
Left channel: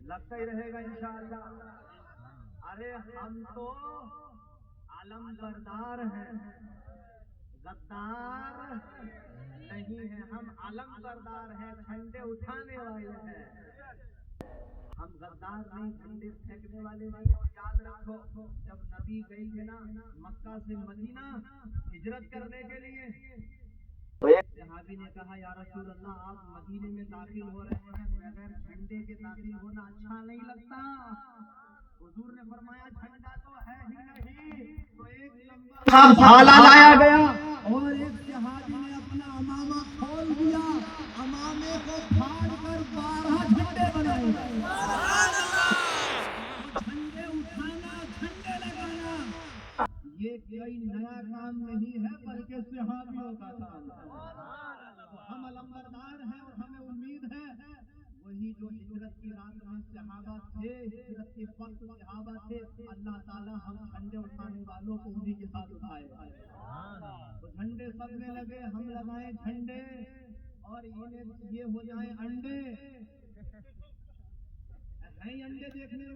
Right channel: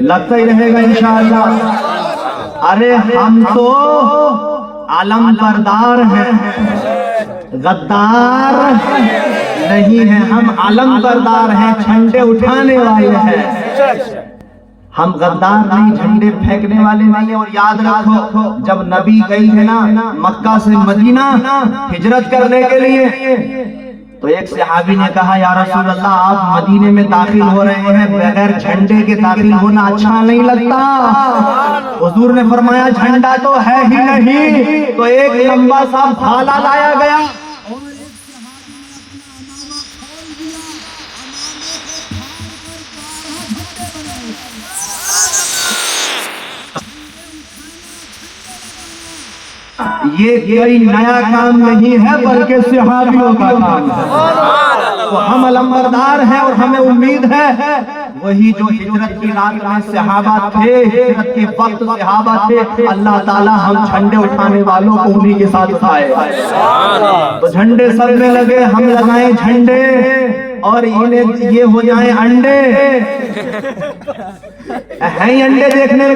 لگتا ہی رہے گا انشاءاللہ. ارے ہم تو علم بردار ہیں، غدار نہیں ہیں. ہم علم بردار ہیں، جھنڈے اٹھانے والے ہیں. ہم غدار نہیں، جھنڈے پھینکنے والے نہیں ہیں. اور یاد رکھو جب نبی گئی ہے نا مکہ سے مدینہ ہجرت کرنے کے لیے، تو ایک صحابی نے کہا یا رسول اللہ آپ مدینے میں داخل ہو رہے ہیں، بغیر جھنڈے کے داخل ہونا اچھا نہیں لگتا. حضور نے فرمایا جھنڈا تو ہے ہی نہیں، تو ایک لمبا سا بھالا لایا گیا. یہ کوئی نیا کام نہیں ہے بلکہ صحابیوں کا کام ہے. تو ہم علمبردار ہیں اور ہمیں امید ہے وہی جو ہجرت کی رات میں صحابہ تھے، ہجرت کے وقت صحابہ تھے، اللہ تعالیٰ ہم جھنڈے اٹھانے والوں کو انہی کے ساتھ اٹھائے. تو جھنڈے سر میں لگے، ہم لگائیں جھنڈے اور انہیں یہ ہو جائیں انڈے. ہیں انڈے دیکھنے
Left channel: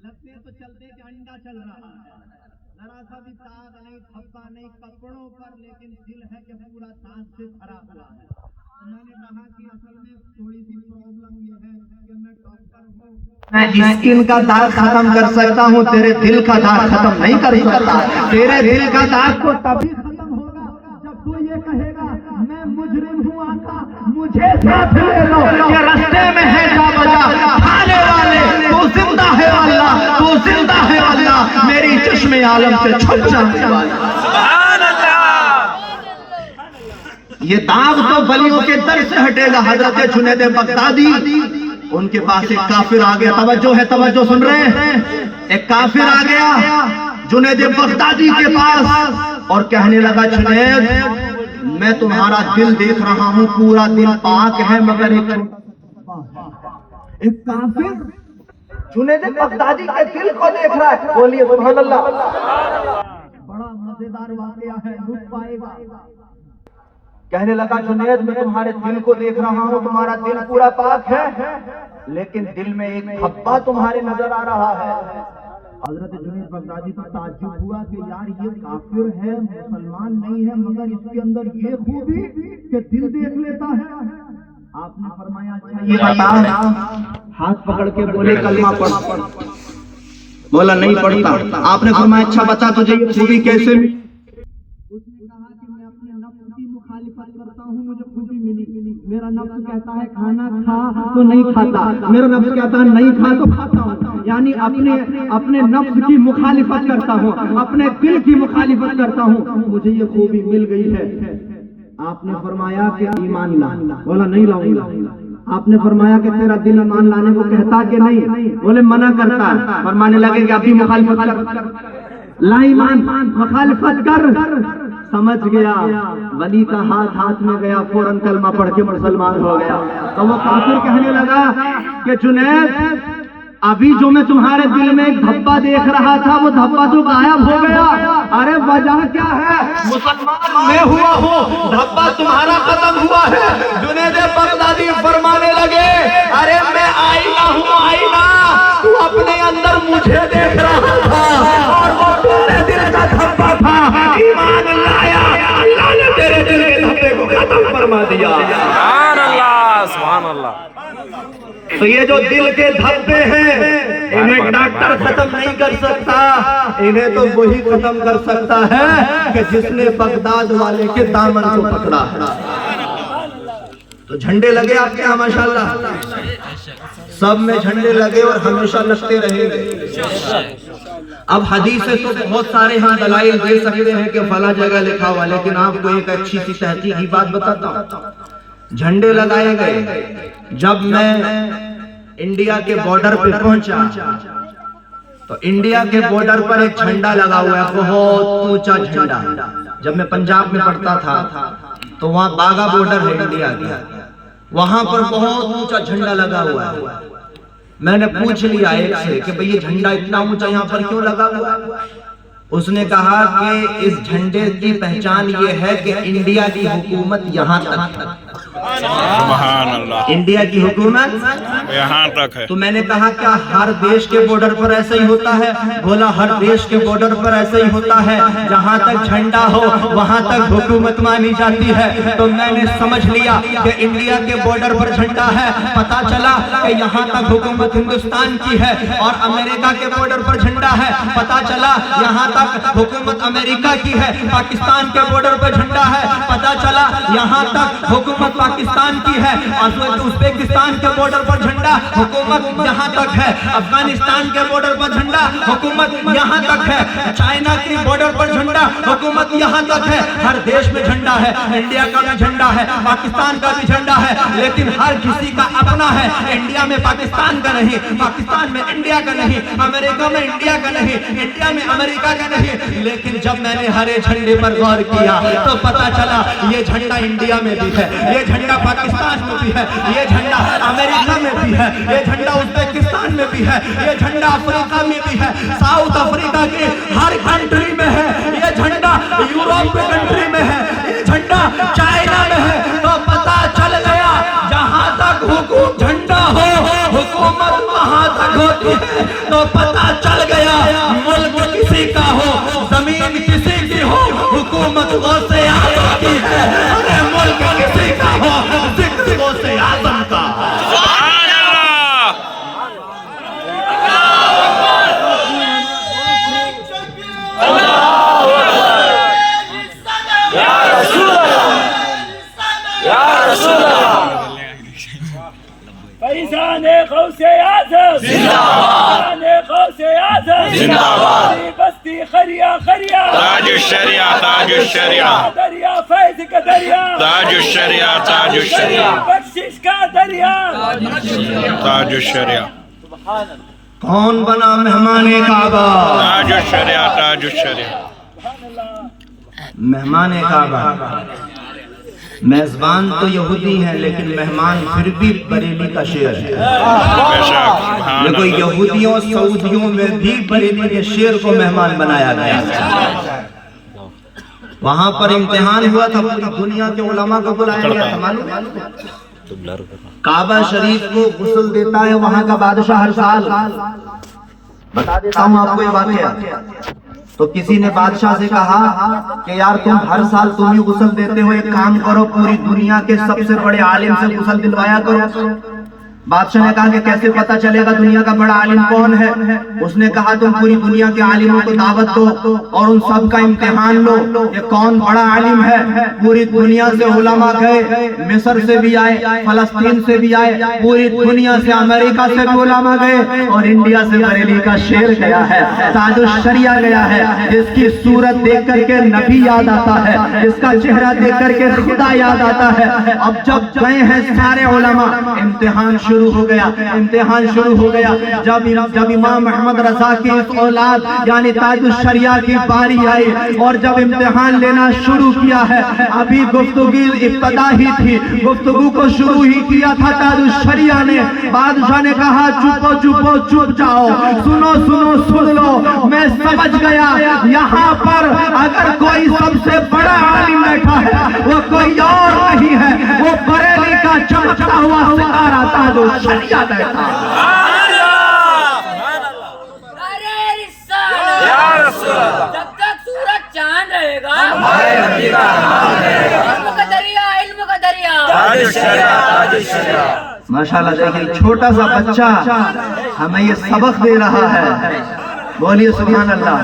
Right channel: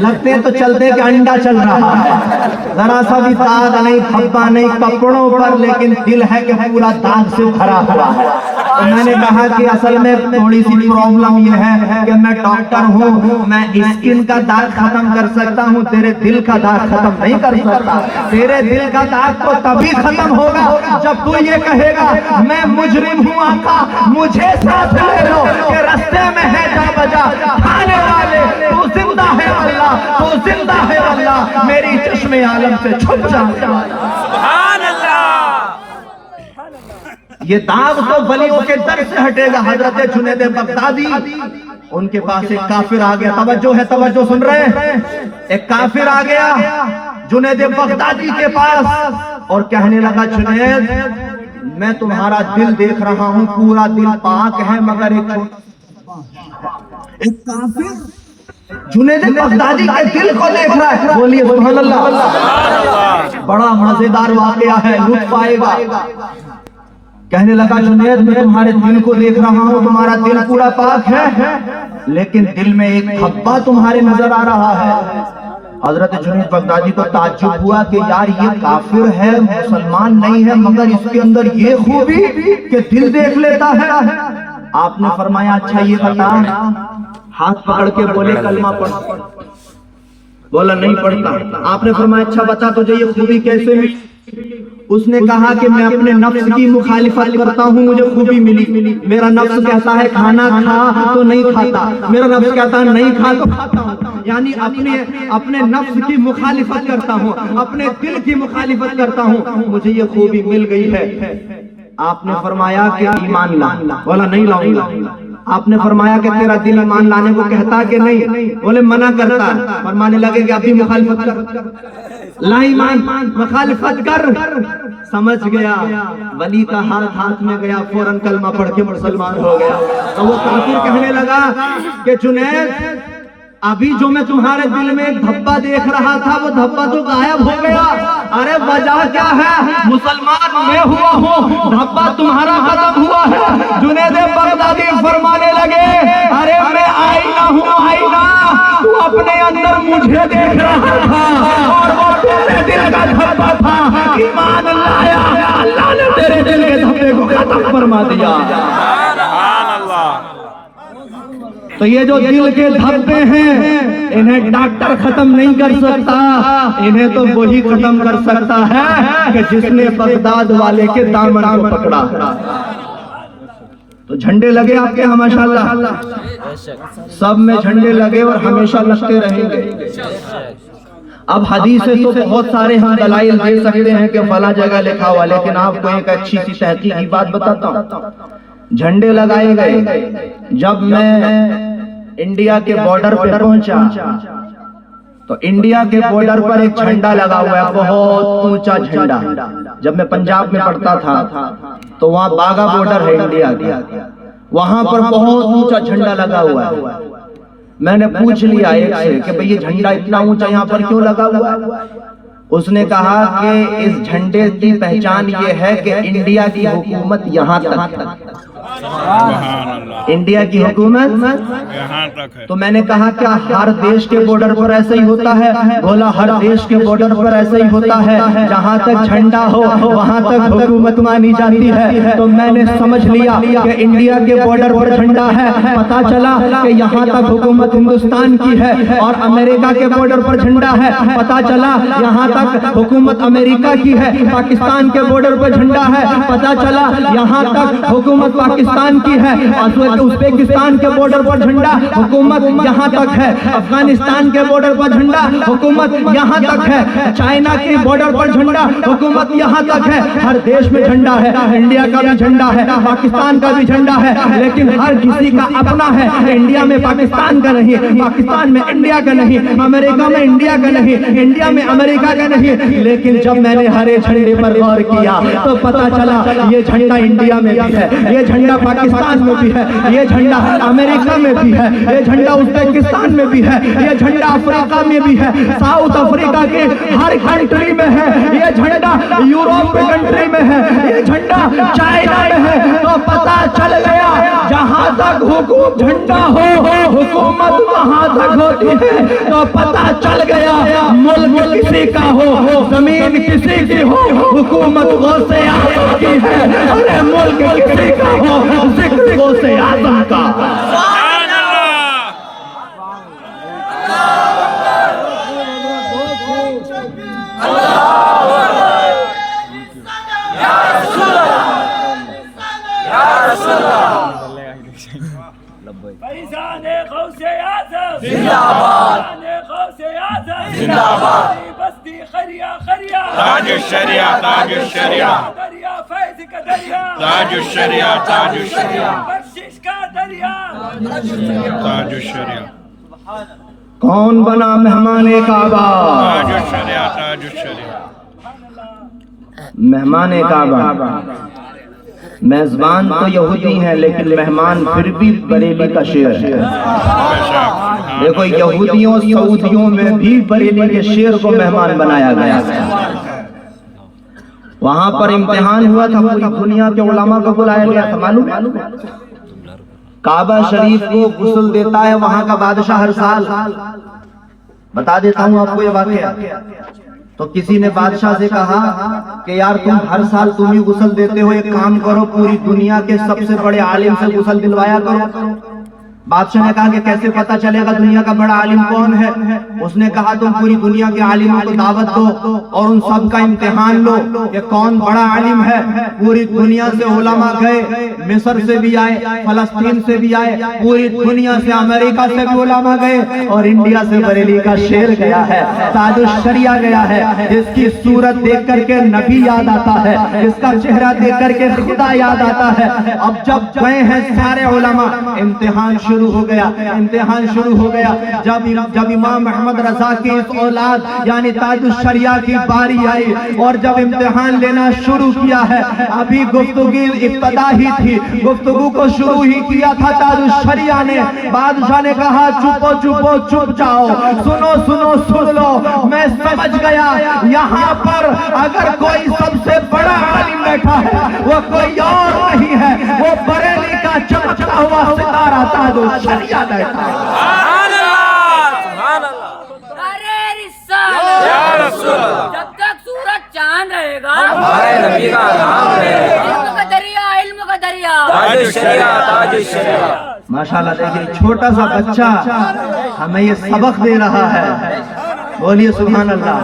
لگتے ہیں تو چلتے کہ انڈا چل رہا ہے، ذرا سا بھی داغ نہیں، دھبا نہیں کپڑوں پر، لیکن دل ہے کہ پورا داغ سے بھرا ہوا ہے. تو میں نے کہا کہ اصل میں تھوڑی سی پرابلم یہ ہے کہ میں ڈاکٹر ہوں، میں اسکن کا داغ ختم کر سکتا ہوں، تیرے دل کا داغ ختم نہیں کر سکتا. تیرے دل کا داغ تو تبھی ختم ہوگا جب تو یہ کہے گا میں مجرم ہوں آقا مجھے ساتھ لے لو، یہ رستے میں ہے جا بجا کھانے والے، تو زندہ ہے اللہ، تو زندہ ہے اللہ، میری چشم عالم سے چھپ جانے والا. سبحان اللہ. یہ داغ تو ولیوں کے در سے ہٹے گا. حضرت جنید بغدادی، ان کے پاس ایک کافر آ گیا، توجہ ہے، توجہ سن رہے ہیں. ایک کافر آ گیا جنید بغدادی کے پاس اور کہنے لگا جنید میں تمہارا دل دیکھ رہا ہوں، پورا دل پاک ہے، مگر ایک کافر جنید بغدادی کے دل کو دیکھ رہا ہے. بولیے سبحان اللہ. بڑا مزیدار واقعہ ہے، لطف آئے گا. کہنے لگا جنید میں تمہارے دل کو دیکھ رہا ہوں، تمہارا دل پورا پاک ہے، لیکن دل میں ایک دھبا تمہارے نظر آ رہا ہے. حضرت جنید بغدادی کو تعجب ہوا کہ یار یہ کافر ہے، مسلمان نہیں ہے، مگر اس کے اندر یہ خوبی کہ دل دیکھ لیتا ہے. آپ نے فرمایا اچھا یہ بتا، ہاتھ پکڑ کے بولے کلمہ پڑھ. بولا نہیں پڑھتا. آپ نے فرمایا اچھا بتا تجھے یہ خوبی کیسے ملی؟ اس نے کہا کہ میں اپنے نفس کی مخالفت کرتا ہوں، مجھے خوبی ملی. میرا نفس کہتا ہے کھانا کھا تو نہیں کھاتا، میرا نفس کہتا ہے نہیں کھا تو کھاتا ہوں. یعنی اپنے نفس کی مخالفت کرتا ہوں، اپنے دل کی مخالفت کرتا ہوں، مجھے یہ خوبی مل گئی ہے. آپ نے فرمایا کہ ایمان لا. بولا نہیں لاؤں گا. آپ نے فرمایا کہ تیرا دل ایمان لانے کو کہتا کہ نہیں؟ بولے منع کرتا. فرمانے لگے کہ ابھی مخالفت کر. لا ایمان مخالفت کر. سمجھ گیا، ولی کا ہاتھ میں گیا، فوراً کلمہ پڑھ کے مسلمان ہو گیا. تو وہ کافر کہنے لگا کہ جنید ابھی جو میں تمہارے دل میں ایک دھبا دیکھ رہا تھا وہ دھبا تو غائب ہو گیا. ارے وجہ کیا ہے؟ مسلمان میں ہوا ہوں، دھبا تمہارا ختم ہوا ہے. جنید بغدادی فرمانے لگے ارے میں آئینہ ہوں، آئینہ. تو اپنے اندر مجھے دیکھ رہا تھا، تیرے دل کا دھبا تھا، ایمان لایا، اللہ نے تیرے دل کے دھبے کو ختم فرما دیا. تو یہ جو دل کے دھبے ہیں انہیں ڈاکٹر ختم نہیں کر سکتا، انہیں تو وہی ختم کر سکتا ہے کہ جس نے بغداد والے کے دامن کو پکڑا. تو جھنڈے لگے آپ کے ماشاءاللہ، سب میں جھنڈے لگے اور ہمیشہ لگتے رہیں گے. اب حدیث تو بہت سارے ہاں دلائل دے سکتے ہیں کہ فلاں جگہ لکھا ہوا، لیکن آپ کو ایک اچھی سی تحقیقی بات بتاتا ہوں. جھنڈے لگائے گئے. جب میں انڈیا کے بارڈر پہ پہنچا تو انڈیا کے بارڈر پر ایک جھنڈا لگا ہوا ہے، بہت اونچا جھنڈا. جب میں پنجاب میں پڑھتا تھا تو وہاں باغا بارڈر ہے انڈیا کا، وہاں پر بہت اونچا جھنڈا لگا ہوا ہے. میں نے پوچھ لیا ایک سے کہ بھئی یہ جھنڈا اتنا اونچا یہاں پر کیوں لگا ہوا ہے؟ اس نے کہا کہ اس جھنڈے کی پہچان یہ ہے کہ انڈیا کی حکومت یہاں تک، سبحان اللہ، انڈیا کی حکومت یہاں تک ہے. تو میں نے کہا کیا ہر دیش کے بارڈر پر ایسا ہی ہوتا ہے؟ بولا ہر دیش کے بارڈر پر ایسا ہی ہوتا ہے، جہاں تک جھنڈا ہو وہاں تک حکومت مانی جاتی ہے. تو میں نے سمجھ لیا کہ انڈیا کے بارڈر پر جھنڈا ہے، پتا چلا کہ یہاں تک حکومت ہندوستان کی ہے. اور امریکہ کے بارڈر پر جھنڈا ہے، پتا چلا یہاں تک حکومت امریکہ کی ہے. پاکستان کے بارڈر پر جھنڈا ہے، پتا چلا یہاں تک حکومت پاکستان کی ہے. ازبکستان کے بارڈر پر جھنڈا حکومت یہاں تک ہے. افغانستان کے بارڈر پر جھنڈا حکومت یہاں تک ہے. چائنا کے بارڈر پر جھنڈا حکومت یہاں تک ہے. ہر دیش میں جھنڈا ہے، انڈیا کا بھی جھنڈا ہے، پاکستان کا بھی جھنڈا ہے، لیکن ہر کسی کا اپنا ہے. انڈیا میں پاکستان کا نہیں، پاکستان میں انڈیا کا نہیں، امریکہ میں انڈیا کا نہیں، انڈیا میں امریکہ کا نہیں. لیکن جب میں نے ہرے جھنڈے پر غور کیا تو پتا چلا یہ جھنڈا انڈیا میں بھی ہے، یہ جھنڈا پاکستان میں بھی ہے، یہ جھنڈا امریکہ میں بھی ہے، یہ جھنڈا ازبکستان میں بھی ہے، یہ جھنڈا افریقہ میں بھی ہے، ساؤتھ افریقہ کے ہر کنٹری میں ہے، یہ جھنڈا یورپ کے کنٹری میں ہے، یہ جھنڈا چائنا میں ہے. تو پتا چل گیا جہاں تک جھنڈا ہو حکومت وہاں تک ہوتی ہے. تو پتا چل گیا ملک کسی کا ہو، زمین کسی کی ہو، حکومت غوث اعظم کی ہے. ارے ملک کسی کا ہو، ذکر غوث اعظم کا. سبحان اللہ. فیضان غوث اعظم زندہ باد، غوث اعظم زندہ باد. بستی خریا خریا، تاج الشریعہ، تاج الشریعہ، دریا فیض کا دریا، تاج الشریعہ، تاج الشریعہ، بخشش کا دریا. تاج الشریعہ. کون بنا مہمان کعبہ؟ تاج الشریعہ، تاج الشریعہ. مہمان کعبہ میزبان تو یہودی ہیں لیکن مہمان پھر بھی بریلی کا شیر ہے. بے شک سبحان دیکھو اللہ. یہودیوں سعودیوں میں بھی بریلی کے شیر کو مہمان بنایا گیا ہے. وہاں پر امتحان ہوا تھا, پوری دنیا کے علماء کو بلایا گیا تھا. معلوم کعبہ شریف کو غسل دیتا ہے وہاں کا بادشاہ ہر سال. بتا دیتا ہوں آپ کو یہ واقعہ. تو کسی نے بادشاہ سے کہا کہ یار تم ہر سال تم ہی غسل دیتے ہو, ایک کام کرو پوری دنیا کے سب سے بڑے عالم سے غسل دلوایا کرو. بادشاہ نے کہا کہ کیسے پتا چلے گا دنیا کا بڑا عالم کون ہے؟ اس نے کہا تم پوری دنیا کے عالموں کو دعوت دو اور ان سب کا امتحان لو کہ کون بڑا عالم ہے. پوری دنیا سے علماء گئے, مصر سے بھی آئے, فلسطین سے بھی آئے, پوری دنیا سے امریکہ سے بھی علماء گئے, اور انڈیا سے بریلی کا شیر گیا ہے, تاج الشریعہ گیا ہے, جس کی صورت دیکھ کر کے نبی یاد آتا ہے, جس کا چہرہ دیکھ کر کے خدا یاد آتا ہے. اب جب گئے ہیں سارے علماء, امتحان شروع ہو گیا, امتحان شروع ہو گیا. جب امام محمد رضا کی اس اولاد یعنی تاج الشریعہ کی باری آئی اور جب امتحان لینا شروع کیا ہے, ابھی گفتگو ابتدا ہی تھی, گفتگو کو شروع ہی کیا تھا تاج الشریعہ نے. بادشاہ نے کہا چپو چپو چپ جاؤ, سنو سنو سن لو, میں سمجھ گیا یہاں پر اگر کوئی سب سے بڑا عالم بیٹھا ہے وہ کوئی اور نہیں ہے, وہ بریلی کا چمکتا ہوا ستارہ تاج الشریعہ بیٹھا ہے. ارے رسالہ یا رسول اللہ, جب تک سورج چاند رہے گا ہمارے نبی کا نام رہے گا. علم کا دریا, علم کا دریا. تاج الشریعہ, تاج الشریعہ. ماشاءاللہ دیکھیں چھوٹا سا بچہ ہمیں یہ سبق دے رہا ہے. بولیے سبحان اللہ.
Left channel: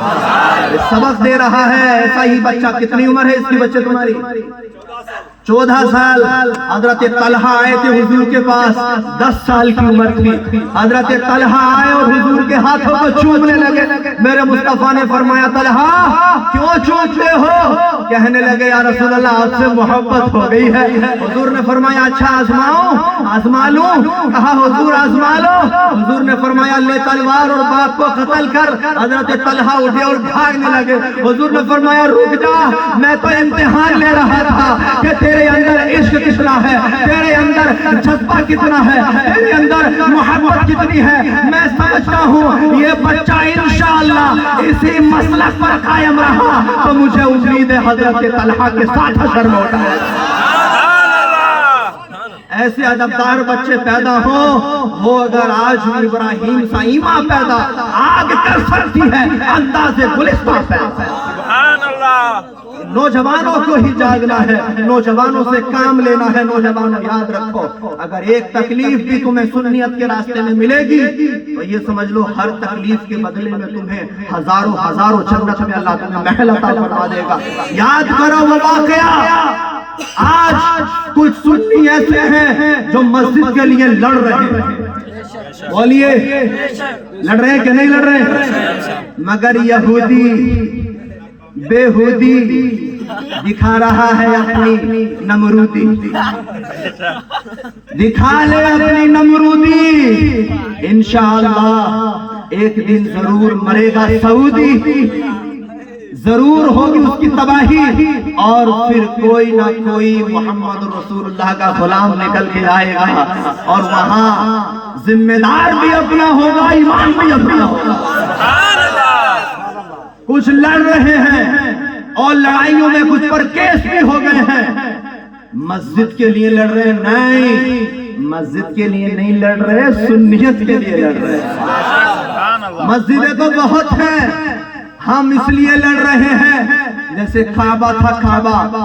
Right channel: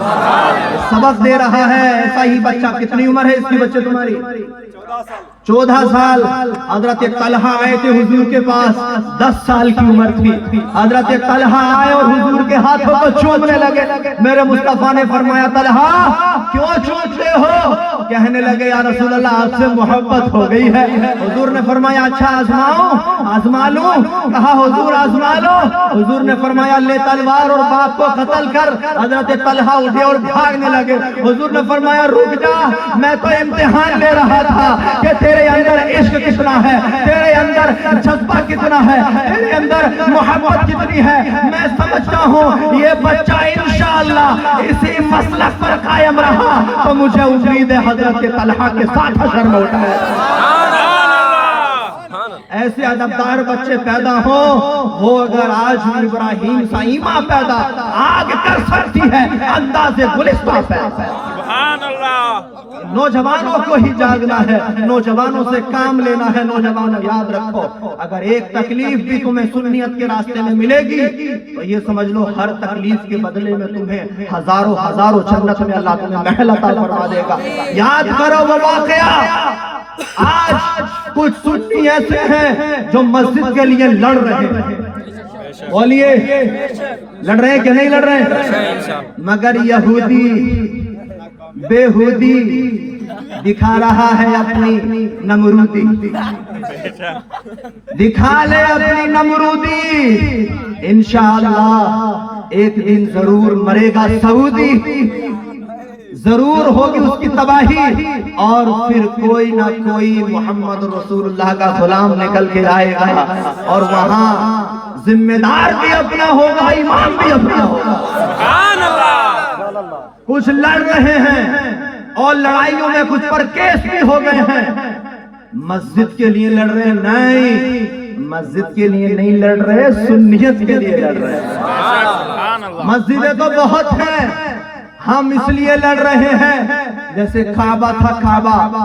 یہ سبق دے رہا ہے. ایسا ہی بچہ, کتنی عمر ہے اس کی بچے تمہاری؟ 14 سال. حضرت طلحہ آئے تھے حضور کے پاس, 10 سال کی عمر تھی. حضرت طلحہ آئے اور حضور کے ہاتھوں کو چومنے لگے. میرے مصطفیٰ نے فرمایا طلحہ کیوں چومتے ہو؟ کہنے لگے یا رسول اللہ آپ سے محبت ہو گئی ہے. حضور نے فرمایا اچھا آزماؤ, آزما لوں. کہا حضور آزما لو. حضور نے فرمایا لے تلوار اور باپ کو قتل کر. حضرت طلحہ اٹھے اور بھاگنے لگے. حضور نے فرمایا رک جا, میں تو امتحان لے رہا تھا کہ تیرے اندر عشق کتنا ہے, تیرے اندر جذبہ کتنا ہے, تیرے اندر محبت کتنی ہے. میں سمجھتا ہوں یہ بچہ انشاءاللہ اسی مسلک پر قائم رہا تو مجھے امید ہے حضرت طلحہ کے ساتھ حشر میں اٹھائے. ایسے ادبدار بچے پیدا ہوں, وہ اگر آج ابراہیم سا ایمان پیدا آگ کر سکتی ہے انداز گلستہ پیدا. سبحان اللہ. نوجوانوں کو ہی جاگنا ہے, نوجوانوں سے کام لینا ہے. نوجوانوں یاد رکھو, اگر ایک تکلیف بھی تمہیں سنیت کے راستے میں ملے گی تو یہ سمجھ لو ہر تکلیف کے بدلے میں تمہیں ہزاروں ہزاروں جنت میں اللہ تمہیں محل عطا فرما دے گا. یاد کرو وہ واقعہ. آج کچھ سنی ایسے ہیں جو مسجد کے لیے لڑ رہے ہیں. بولیے لڑ رہے ہیں کہ نہیں لڑ رہے ہیں؟ مگر یہودی بےہودی دکھا رہا ہے اپنی نمرودی. دکھا لے اپنی نمرودی, انشاءاللہ ایک دن ضرور مرے گا سعودی, ضرور ہوگی اس کی تباہی, اور پھر کوئی نہ کوئی محمد رسول اللہ کا غلام نکل کے آئے گا, اور وہاں ذمہ دار بھی اپنا ہوگا, امام بھی اپنا ہوگا. کچھ لڑ رہے ہیں اور لڑائیوں میں کچھ پر کیس بھی ہو گئے ہیں. مسجد کے لیے لڑ رہے نہیں, مسجد کے لیے نہیں لڑ رہے, سنیت کے لیے لڑ رہے ہیں. مسجدیں تو بہت ہیں, ہم اس لیے لڑ رہے ہیں جیسے کعبہ تھا,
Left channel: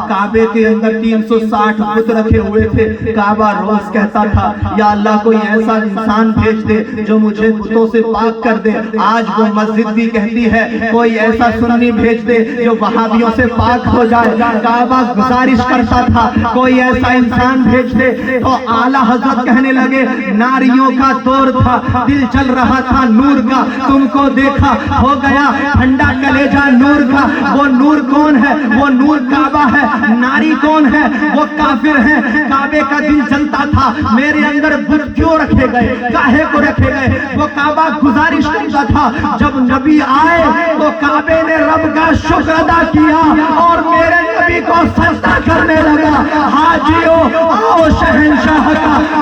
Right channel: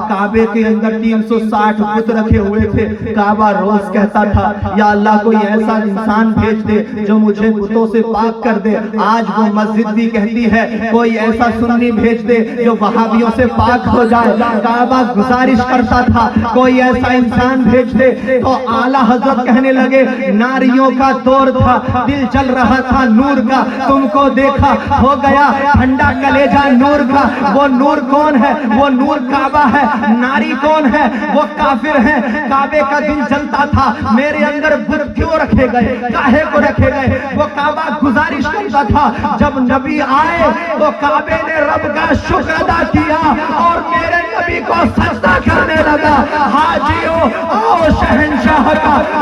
کعبے کے اندر 360 بت رکھے ہوئے تھے. کعبہ روز کہتا تھا یا اللہ کوئی ایسا انسان بھیج دے جو مجھے بتوں سے پاک کر دے. آج وہ مسجد بھی کہتی ہے کوئی ایسا سنی بھیج دے جو وہابیوں سے پاک ہو جائے. کعبہ گزارش کرتا تھا کوئی ایسا انسان بھیج دے, تو اعلیٰ حضرت کہنے لگے ناریوں کا دور تھا, دل چل رہا تھا نور کا, تم کو دیکھا ہو گیا ٹھنڈا کلیجہ نور کا. وہ نور کون ہے؟ وہ نور کعبہ ہے. ناری کون ہے؟ وہ کافر ہے. کعبے کا دل جلتا تھا میرے اندر بت کیوں رکھے گئے, کاہے کو رکھے گئے. وہ کعبہ گزارش کرتا تھا جب نبی آئے تو کعبے نے رب کا شکر ادا کیا اور میرے نبی کو سجدہ کرنے لگا. ہاتھ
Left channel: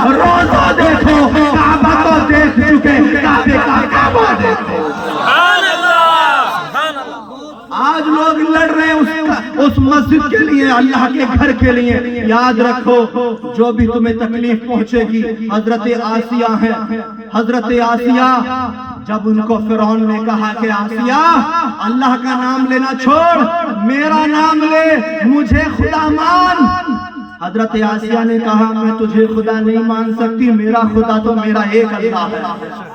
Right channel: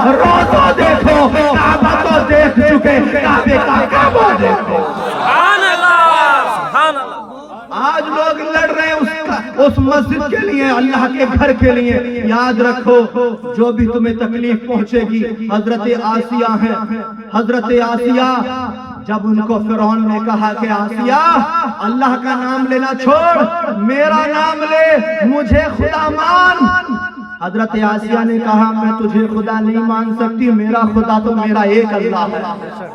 روزہ دیکھو کعبہ تو دیکھ چکے کعبے کا کعبہ دیکھو سبحان اللہ سبحان اللہ آج لوگ لڑ رہے ہیں اس مسجد کے لیے اللہ کے گھر کے لیے یاد رکھو جو بھی تمہیں تکلیف پہنچے گی حضرت آسیہ ہیں حضرت آسیہ جب ان کو فرعون نے کہا کہ آسیہ اللہ کا نام لینا چھوڑ میرا نام لے مجھے خدا مان حضرت آسیہ نے کہا میں تجھے خدا نہیں مان سکتی میرا خدا تو میرا ایک اللہ ہے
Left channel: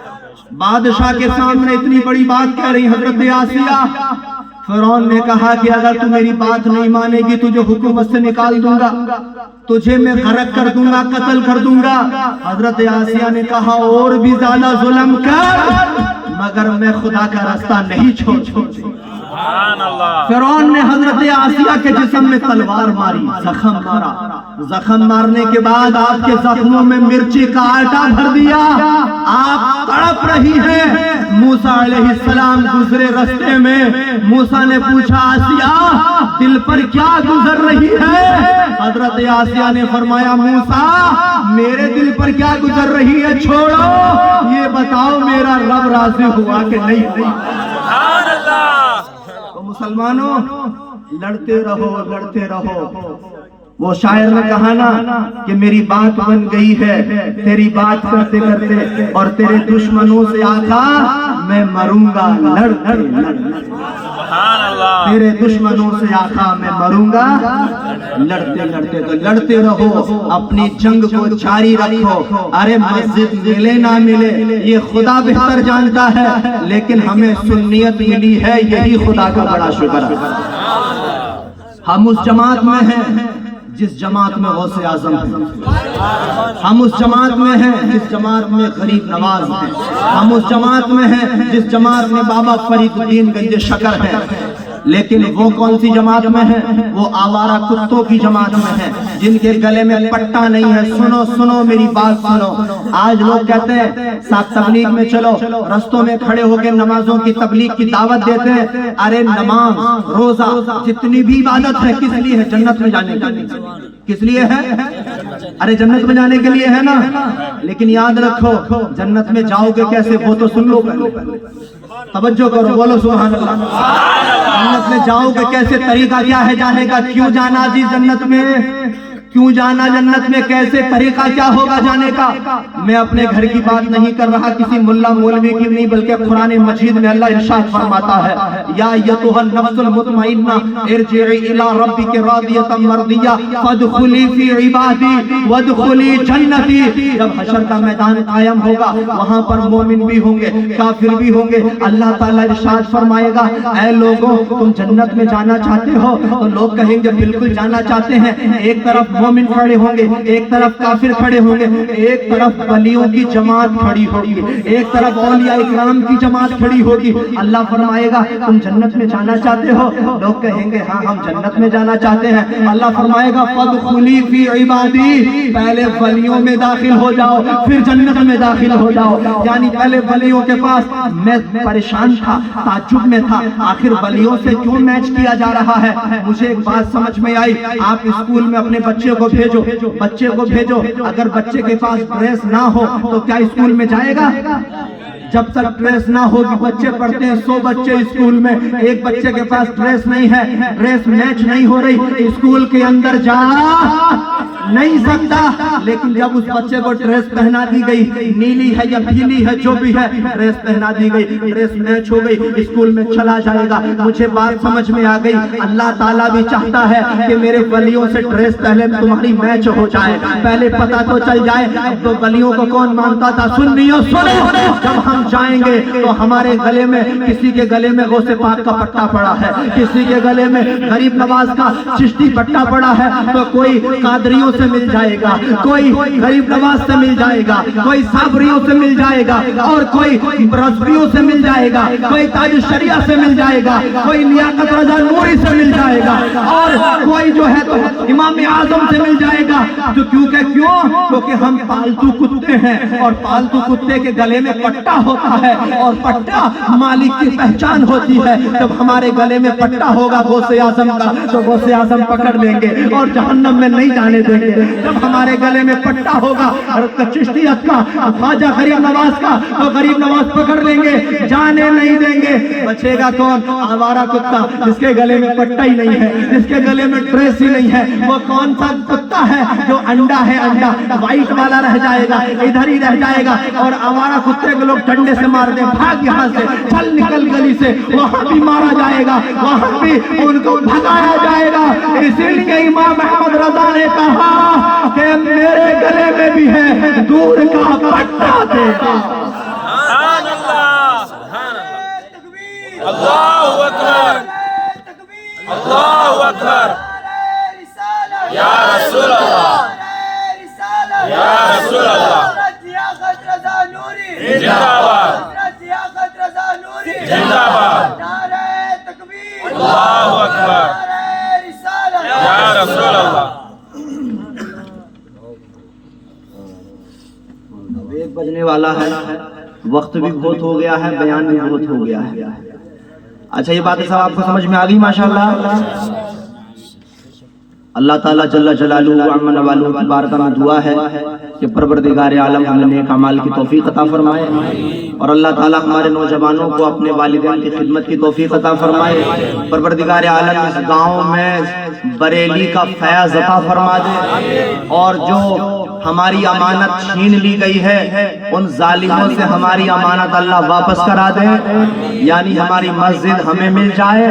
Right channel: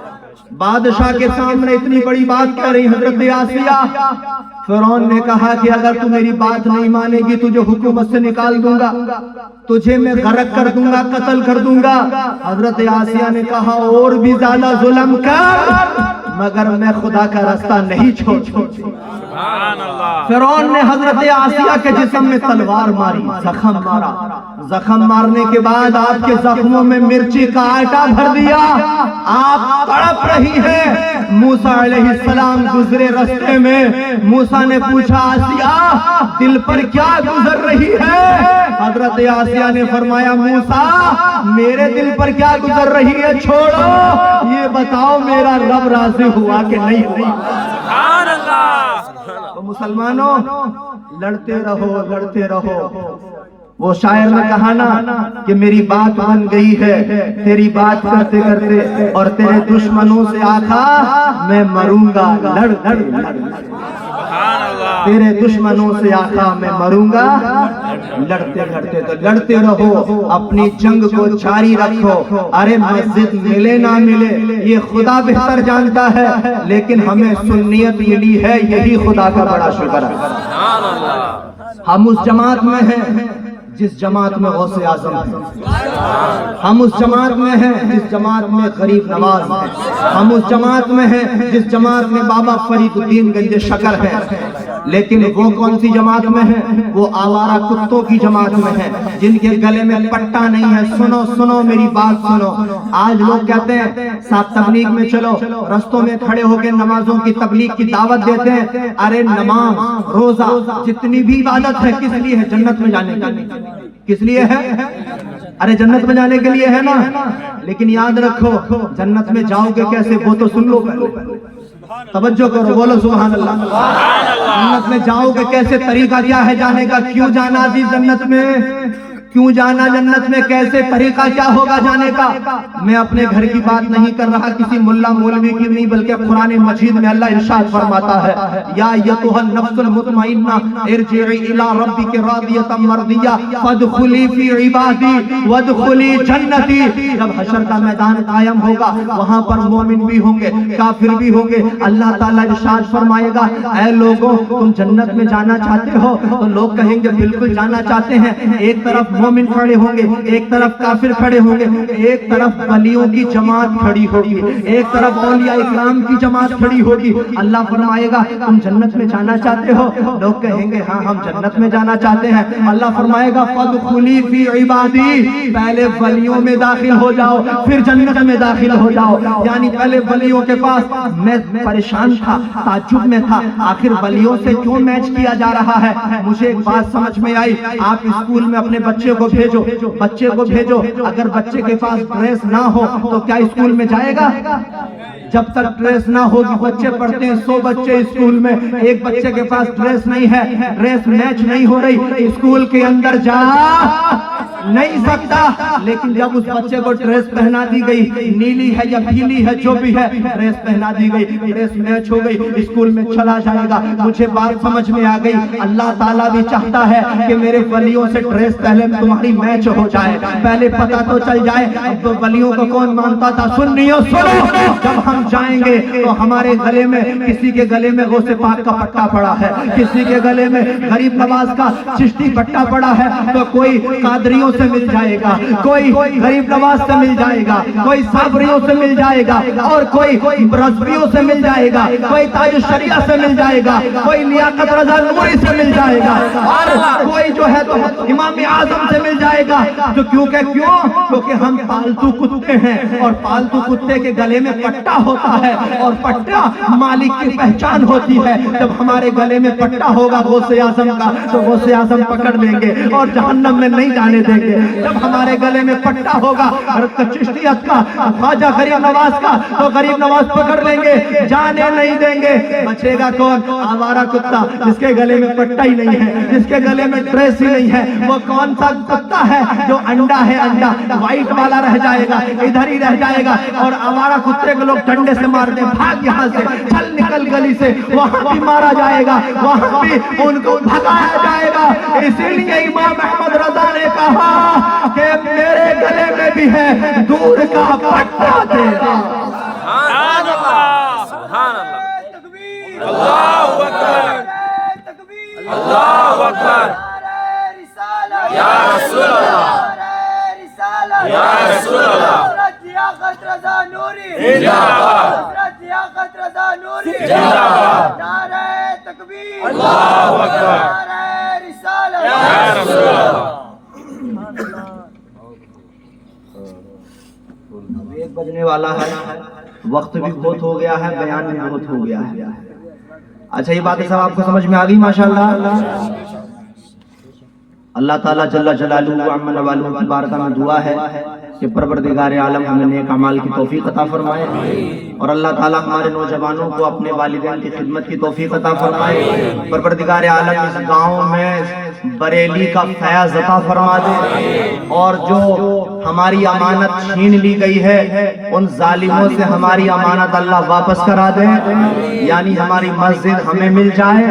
بادشاہ کے سامنے اتنی بڑی بات کہہ رہی حضرت آسیہ فرعون نے کہا کہ اگر تو میری بات نہیں مانے گی تجھے حکومت سے نکال دوں گا تجھے میں غرق کر دوں گا قتل کر دوں گا حضرت آسیہ نے کہا اور بھی زیادہ ظلم کر مگر میں خدا کا راستہ نہیں چھوڑتی سبحان اللہ فرعون نے حضرت آسیہ کے جسم میں تلوار ماری زخم مارا زخم مارنے کے بعد آپ کے زخموں میں مرچی کا آٹا بھر دیا آپ تڑپ رہی ہیں موسیٰ علیہ السلام گزرے رستے میں موسیٰ نے پوچھا آسیہ دل پر کیا گزر رہی ہے حضرت آسیہ نے فرمایا موسیٰ میرے دل پر کیا گزر رہی ہے چھوڑو یہ بتاؤ میرا رب راضی ہوا کہ نہیں سبحان اللہ تو مسلمانوں لڑتے رہو وہ شاعر نے کہا نا کہ میری بات بن گئی ہے تیری بات کرتے کرتے اور تیرے دشمنوں سے آقا میں مروں گا لڑتے سبحان اللہ تیرے دشمنوں سے آقا میں مروں گا لڑتے تو لڑتے رہو اپنی جنگ کو جاری رکھو ارے مسجد ملے نہ ملے یہ خدا بہتر جانتا ہے لیکن ہمیں سنیت ملی ہے یہی خدا کا بڑا شکر ہے ہم اس جماعت میں ہیں جس جماعت میں غوث اعظم ہے ہم اس جماعت میں ہیں جس جماعت میں غریب نواز ہے ہم اس جماعت میں ہیں جس جماعت میں بابا فرید الدین گنج شکر ہے لیکن وہ کون سی جماعت میں ہے وہ آوارہ کتوں کی جماعت میں ہے جن کے گلے میں پٹا نہیں ہے سنو میری بات سنو آج لوگ کہتے ہیں صاحب تبلیغ میں چلو رستوں میں کھڑے ہو کے نمازوں کی تبلیغ کی دعوت دیتے ہیں ارے نماز روزہ جتنی بھی عبادت ہے کس لیے ہے جنت میں جانے کے لیے کس لیے ہے ارے جنت میں جانے کے لیے ہے نا لیکن یاد رکھو جنت میں جاؤ گے کیسے وہ تو سن لو پہلے توجہ کرو بولو سبحان اللہ جنت میں جاؤ گے کیسے طریقہ کیا ہے جانے کا کیوں جانا جی جنت میں کیوں جانا جنت میں کیسے طریقہ کیا ہوگا جانے کا میں اپنے گھر کی بات نہیں کر رہا کسی ملا مولوی کی نہیں بلکہ قرآن مجید میں اللہ ارشاد فرماتا ہے یا ایتھا النفس المطمئنہ ارجعی الی ربک راضیۃ مرضیہ فادخلی فی عبادی وادخلی جنتی جب حشر کا میدان قائم ہوگا وہاں پر مومن بھی ہوں گے کافر بھی ہوں گے اللہ تعالیٰ ارشاد فرمائے گا اے لوگوں تم جنت میں جانا چاہتے ہو تو لوگ کہیں گے بالکل جانا چاہتے ہیں ایک طرف مومن کھڑے ہوں گے ایک طرف کافر کھڑے ہوں گے ایک طرف ولیوں کی جماعت کھڑی ہوگی ایک طرف اولیاء اکرام کی جماعت کھڑی ہوگی اللہ فرمائے گا تم جنت میں جانا چاہتے ہو لوگ کہیں گے ہاں ہم جنت میں جانا چاہتے ہیں اللہ فرمائے گا فادخلی فی عبادی پہلے ولیوں میں داخل ہو جاؤ پھر جنت میں داخل ہو جاؤ یعنی پہلے ولیوں کے پاس میں پریشان تھا تعجب میں تھا آخر ولیوں سے کیوں میچ کیا جا رہا ہے مجھے ایک بات سمجھ میں آئی آپ اسکول میں اپنے بچے کو بھیجو اگر بچے کے پاس ڈریس نہ ہو تو کیا اسکول میں جائے گا جب تک ڈریس نہ ہوگی بچے پڑھتے ہیں 100 بچے اسکول میں ایک بچے کے پاس ڈریس نہیں ہے ڈریس میچ نہیں ہو رہی اسکول کے اندر جا نہیں سکتا لیکن جب اس بچے کو ڈریس پہنا دی گئی نیلی ہے یا پیلی ہے جو بھی ہے ڈریس پہنا دی گئی ڈریس میچ ہو گئی اسکول میں چلا جائے گا مجھے بات سمجھ میں آ گئی اللہ تعالیٰ بھی چاہتا ہے کہ میرے ولیوں سے ڈریس پہلے تمہاری میچ ہو جائے پہلے پتہ تو چل جائے تو ولیوں کو کون مانتا تھا سنو جب ہم جائیں گے تو ہمارے گلے میں کسی کے گلے میں غوث پاک کا پٹا پڑا ہے کسی کے گلے میں غریب نواز کا چشتی پٹا پڑا ہے تو کوئی قادریوں سے مل جائے گا کوئی غریب نواز سے مل جائے گا کوئی صابریوں سے مل جائے گا اور کوئی رضویوں سے مل جائے گا کوئی تاج الشریعہ سے مل جائے گا کوئی لیاقت رضا نوری سے مل جائے گا اور کوئی جو ہے تو امام اعظم سے مل جائے گا تو کیونکہ ہم پالتو کتے ہیں اور پالتو کتے کے گلے میں پٹا ہوتا ہے اور پٹا مالک کی پہچان ہوتی ہے. جب ہمارے گلے میں پٹا ہوگا غوث اعظم کا تو غوث اعظم پکڑ لیں گے اور جہنم میں نہیں جانے دیں گے. جب ہمارے گلے میں پٹا ہوگا حضرت چشتیت کا, خواجہ غریب نواز کا, تو غریب نواز پکڑ لیں گے, جانے نہیں دیں گے. بچے گا کون؟ آوارہ کتا جس کے گلے میں پٹا ہی نہیں ہے, جس کے گلے میں ڈریس ہی نہیں ہے. وہ کون سا کتا ہے جو انڈا ہے, انڈا وائٹ والا رہ جائے گا, ادھر ہی رہ جائے گا, اور آوارہ کتے کو لوگ ڈنڈے سے مار دیں, بھاگ یہاں سے, چل نکل گلی سے, وہاں بھی مارا جائے گا, وہاں بھی ان کو بھگایا جائے گا. اسی لیے امام احمد رضا نے کہا کہ میرے گلے میں بھی ہے دودھ کا پٹا دے. سبحان اللہ, سبحان اللہ, اللہ اکبر, اللہ اکبر, یا رسول اللہ, یا رسول اللہ, زندہ باد, زندہ باد, اللہ اکبر, یا رسول اللہ. ایک بجنے والا ہے, وقت بھی بہت ہو گیا ہے, بیان بھی بہت ہو گیا ہے. اچھا یہ باتیں سب آپ کو سمجھ میں آ گئی ماشاءاللہ. اللہ تعالیٰ جل جلالہ عم نوالہ کی بارگاہ میں دعا ہے کہ پروردگار عالم ہمیں نیک اعمال کی توفیق عطا فرمائے, اور اللہ تعالیٰ ہمارے نوجوانوں کو اپنے والدین کی خدمت کی توفیق عطا فرمائے. پروردگار عالم اس گاؤں میں بریلی کا فیض عطا فرما دے, اور جو ہماری امانت چھین لی گئی ہے ان ظالموں سے ہماری امانت اللہ واپس کرا دے, یعنی ہماری مسجد ہمیں مل جائے,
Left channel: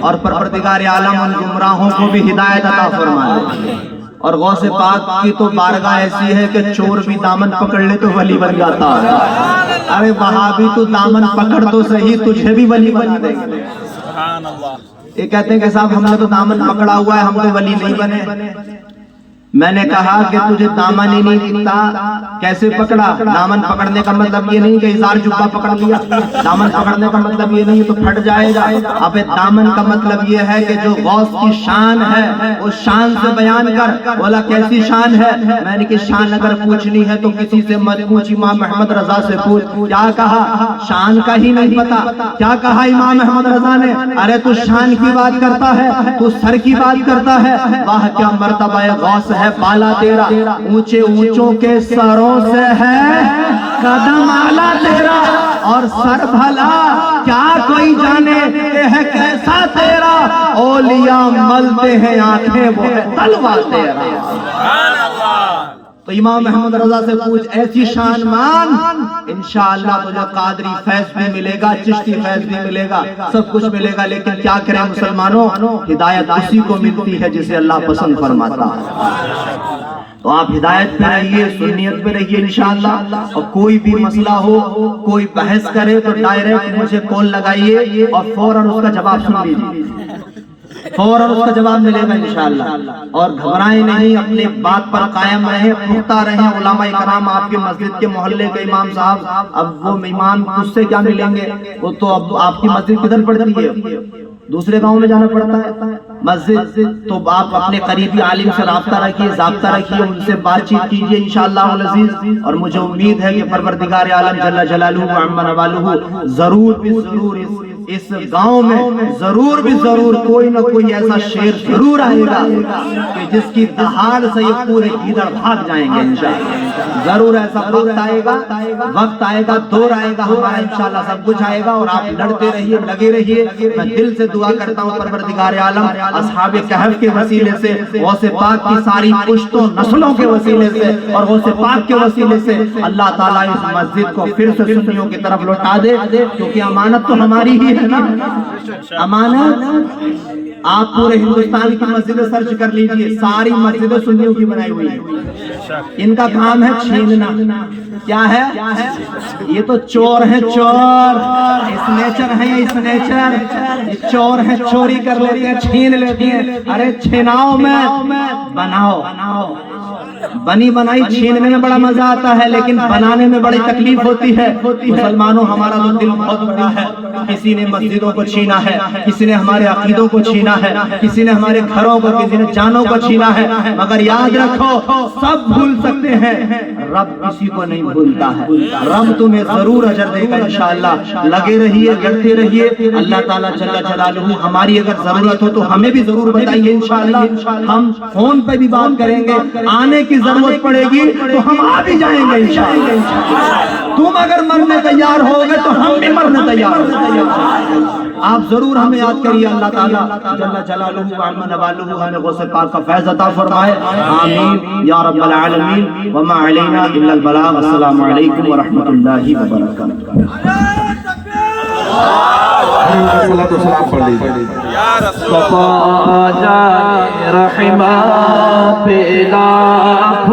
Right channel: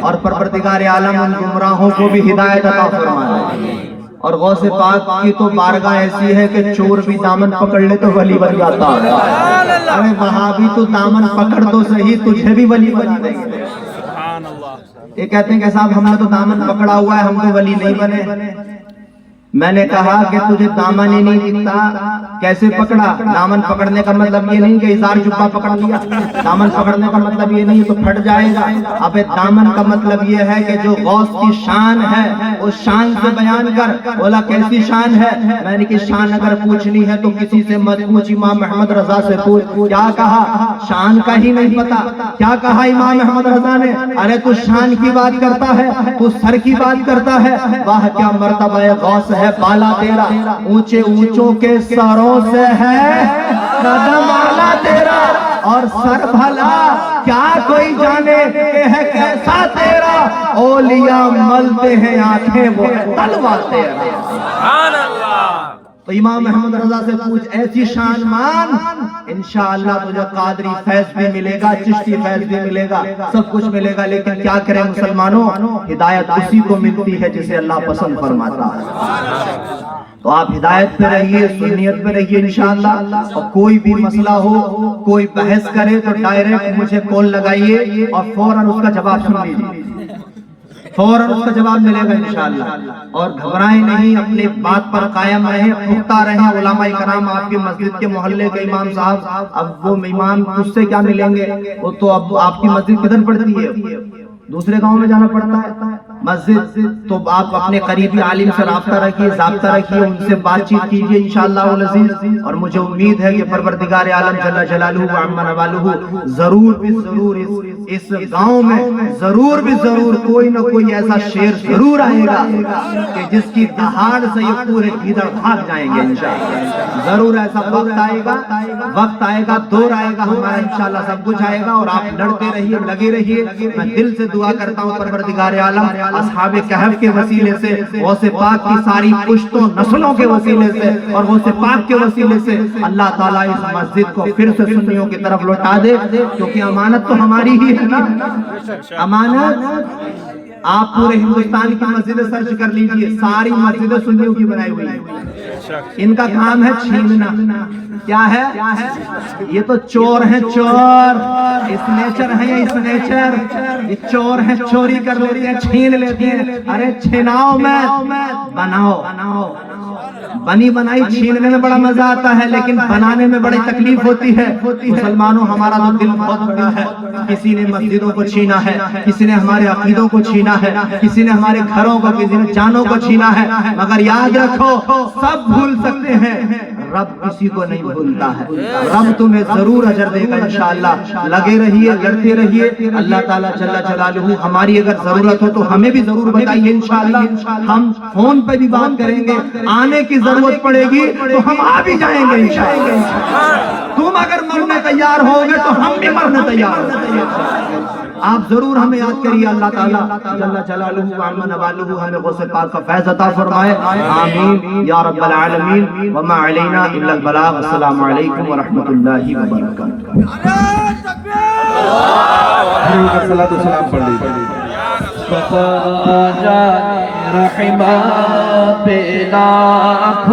اور پروردگار عالم ان گمراہوں کو بھی ہدایت عطا فرمائے. اور غوث پاک کی تو بارگاہ ایسی ہے کہ چور بھی دامن پکڑ لے تو ولی بن جاتا ہے. ارے وہابی تو دامن پکڑ تو صحیح, تجھے بھی ولی بنا دیں گے. سبحان اللہ. یہ کہتے ہیں کہ صاحب ہم نے تو دامن پکڑا ہوا ہے, ہم تو ولی نہیں بنے. میں نے کہا کہ تجھے دامن ہی نہیں دکھتا, کیسے پکڑا؟ دامن پکڑنے کا مطلب یہ نہیں کہ اظہار جبہ پکڑ لیا, دامن پکڑنے کا مطلب یہ نہیں تو پھٹ جائے گا. اب دامن کا مطلب یہ ہے کہ جو غوث کی شان ہے اس شان سے بیان کر. بولا کیسی شان ہے؟ میں نے کہ شان اگر پوچھنی ہے تو کسی سے مت پوچھ, امام احمد رضا سے پوچھ. کیا کہا؟ شان کا ہی نہیں پتا. کیا کہا امام احمد رضا نے؟ ارے تو شان کی بات کرتا ہے, تو سر کی بات کرتا ہے. واہ کیا مرتبہ غوث ہے بالا تیرا, اونچے اونچوں کے سروں سے ہے قدم آلا تیرا, اور سر بھلا کیا کوئی جانے کہ ہے کیسا تیرا. اولیاء ملتے ہیں آنکھیں وہ ہے تلوا تیرا. سبحان اللہ. تو امام محمد رضا سے پوچھ, ایسی شان مان, انشاءاللہ تجھے قادری فیض بھی ملے گا, چشتی فیض بھی ملے گا, سب کچھ ملے گا. لیکن کیا کریں مسلمانوں, ہدایت اسی کو ملتی ہے جسے اللہ پسند فرماتا ہے. تو آپ ہدایت پہ رہیے, سنیت پہ رہیے انشاءاللہ. اور کوئی بھی مسئلہ ہو, کوئی بحث کرے تو ڈائریکٹ مجھے کال لگائیے اور فوراً اس کا جواب سن لیجیے, فوراً اس کا جواب ملے گا انشاءاللہ. اور گھبرائیں نہیں, اپنے بات پر قائم رہیں, پختہ رہیں. علماء کرام آپ کی مسجد کے محلے کے امام صاحب, اب وہ امام اس سے کیا ملیں گے, وہ تو اب آپ کی مسجد کدھر پڑتی ہے, دوسرے گاؤں میں جانا پڑتا ہے مسجد. تو آپ اپنے قریبی عالم سے رابطہ رکھیے, ضابطہ رکھیے, ان سے بات چیت کیجیے انشاءاللہ العزیز. اور مجھے امید ہے کہ پروردگار عالم جل جلالہ وعم نوالہ ضرور بھی ضرور اس گاؤں میں ضرور بھی ضرور کوئی نہ کوئی ایسا شیر ضرور آئے گا کہ جس کی دہاڑ سے یہ پورے گیدڑ بھاگ جائیں گے انشاءاللہ. ضرور ایسا وقت آئے گا, وقت آئے گا, دور آئے گا ہمارا انشاءاللہ, سب کچھ آئے گا. اور آپ لڑتے رہیے, لگے رہیے. میں دل سے دعا کرتا ہوں پروردگار عالم اصحاب کہف کے وسیلے سے, غوث پاک کی ساری پشتوں نسلوں کے وسیلے سے, اور غوث پاک کے وسیلے سے اللہ تعالیٰ اس مسجد کو پھر سے سنیوں کی طرف لوٹا دے. کیونکہ امانت تو ہماری ہی ہے نا, امانت. آپ پورے ہندوستان کی مسجدیں سرچ کر لیجئے, ساری مسجدیں سنیوں کی بنائی ہوئی ہیں. ان کا کام ہے چھیننا. کیا ہے؟ یہ تو چور ہیں, چور. اسنیچر ہیں یا اسنیچر, یہ چور ہیں, چوری کر لیتے ہیں, چھین لیتے ہیں. ارے چھیناؤ میں بناؤ. بنی بنائی چھیننے میں بڑا مزہ آتا ہے, لیکن بنانے میں بڑی تکلیف ہوتی ہے. مسلمانوں ہمارا تو دل بہت بڑا ہے. کسی نے مسجدوں کو چھینا ہے, کسی نے ہمارے عقیدوں کو چھینا ہے, کسی نے ہمارے گھروں کو, کسی نے جانوں کو چھینا ہے. مگر یاد رکھو سب بھول سکتے ہیں, رب کسی کو نہیں بھولتا ہے. رب تمہیں ضرور اجر دے گا انشاءاللہ. لگے رہیے, لڑتے رہیے. اللہ تعالیٰ جل جلالہ ہماری اگر ضرورت ہو تو ہمیں بھی ضرور بتائیے انشاءاللہ. ہم فون پہ بھی بات کریں گے. آنے کی ضرورت پڑے گی تو ہم آ بھی جائیں گے انشاءاللہ. تم اگر مرنے تیار ہو گے تو ہم بھی مرنے تیار ہوں. آپ ضرور ہمیں یاد کریے. اللہ تعالیٰ جل جلالہ وعظم نوالہ ہمیں غوث پاک کا فیض عطا فرمائے. آمین یا رب العالمین. وما علینا الا البلاغ. السلام علیکم ورحمۃ اللہ وبرکاتہ. صلاۃ و سلام پڑھ لیجیے. رحمہ پہ لاکھ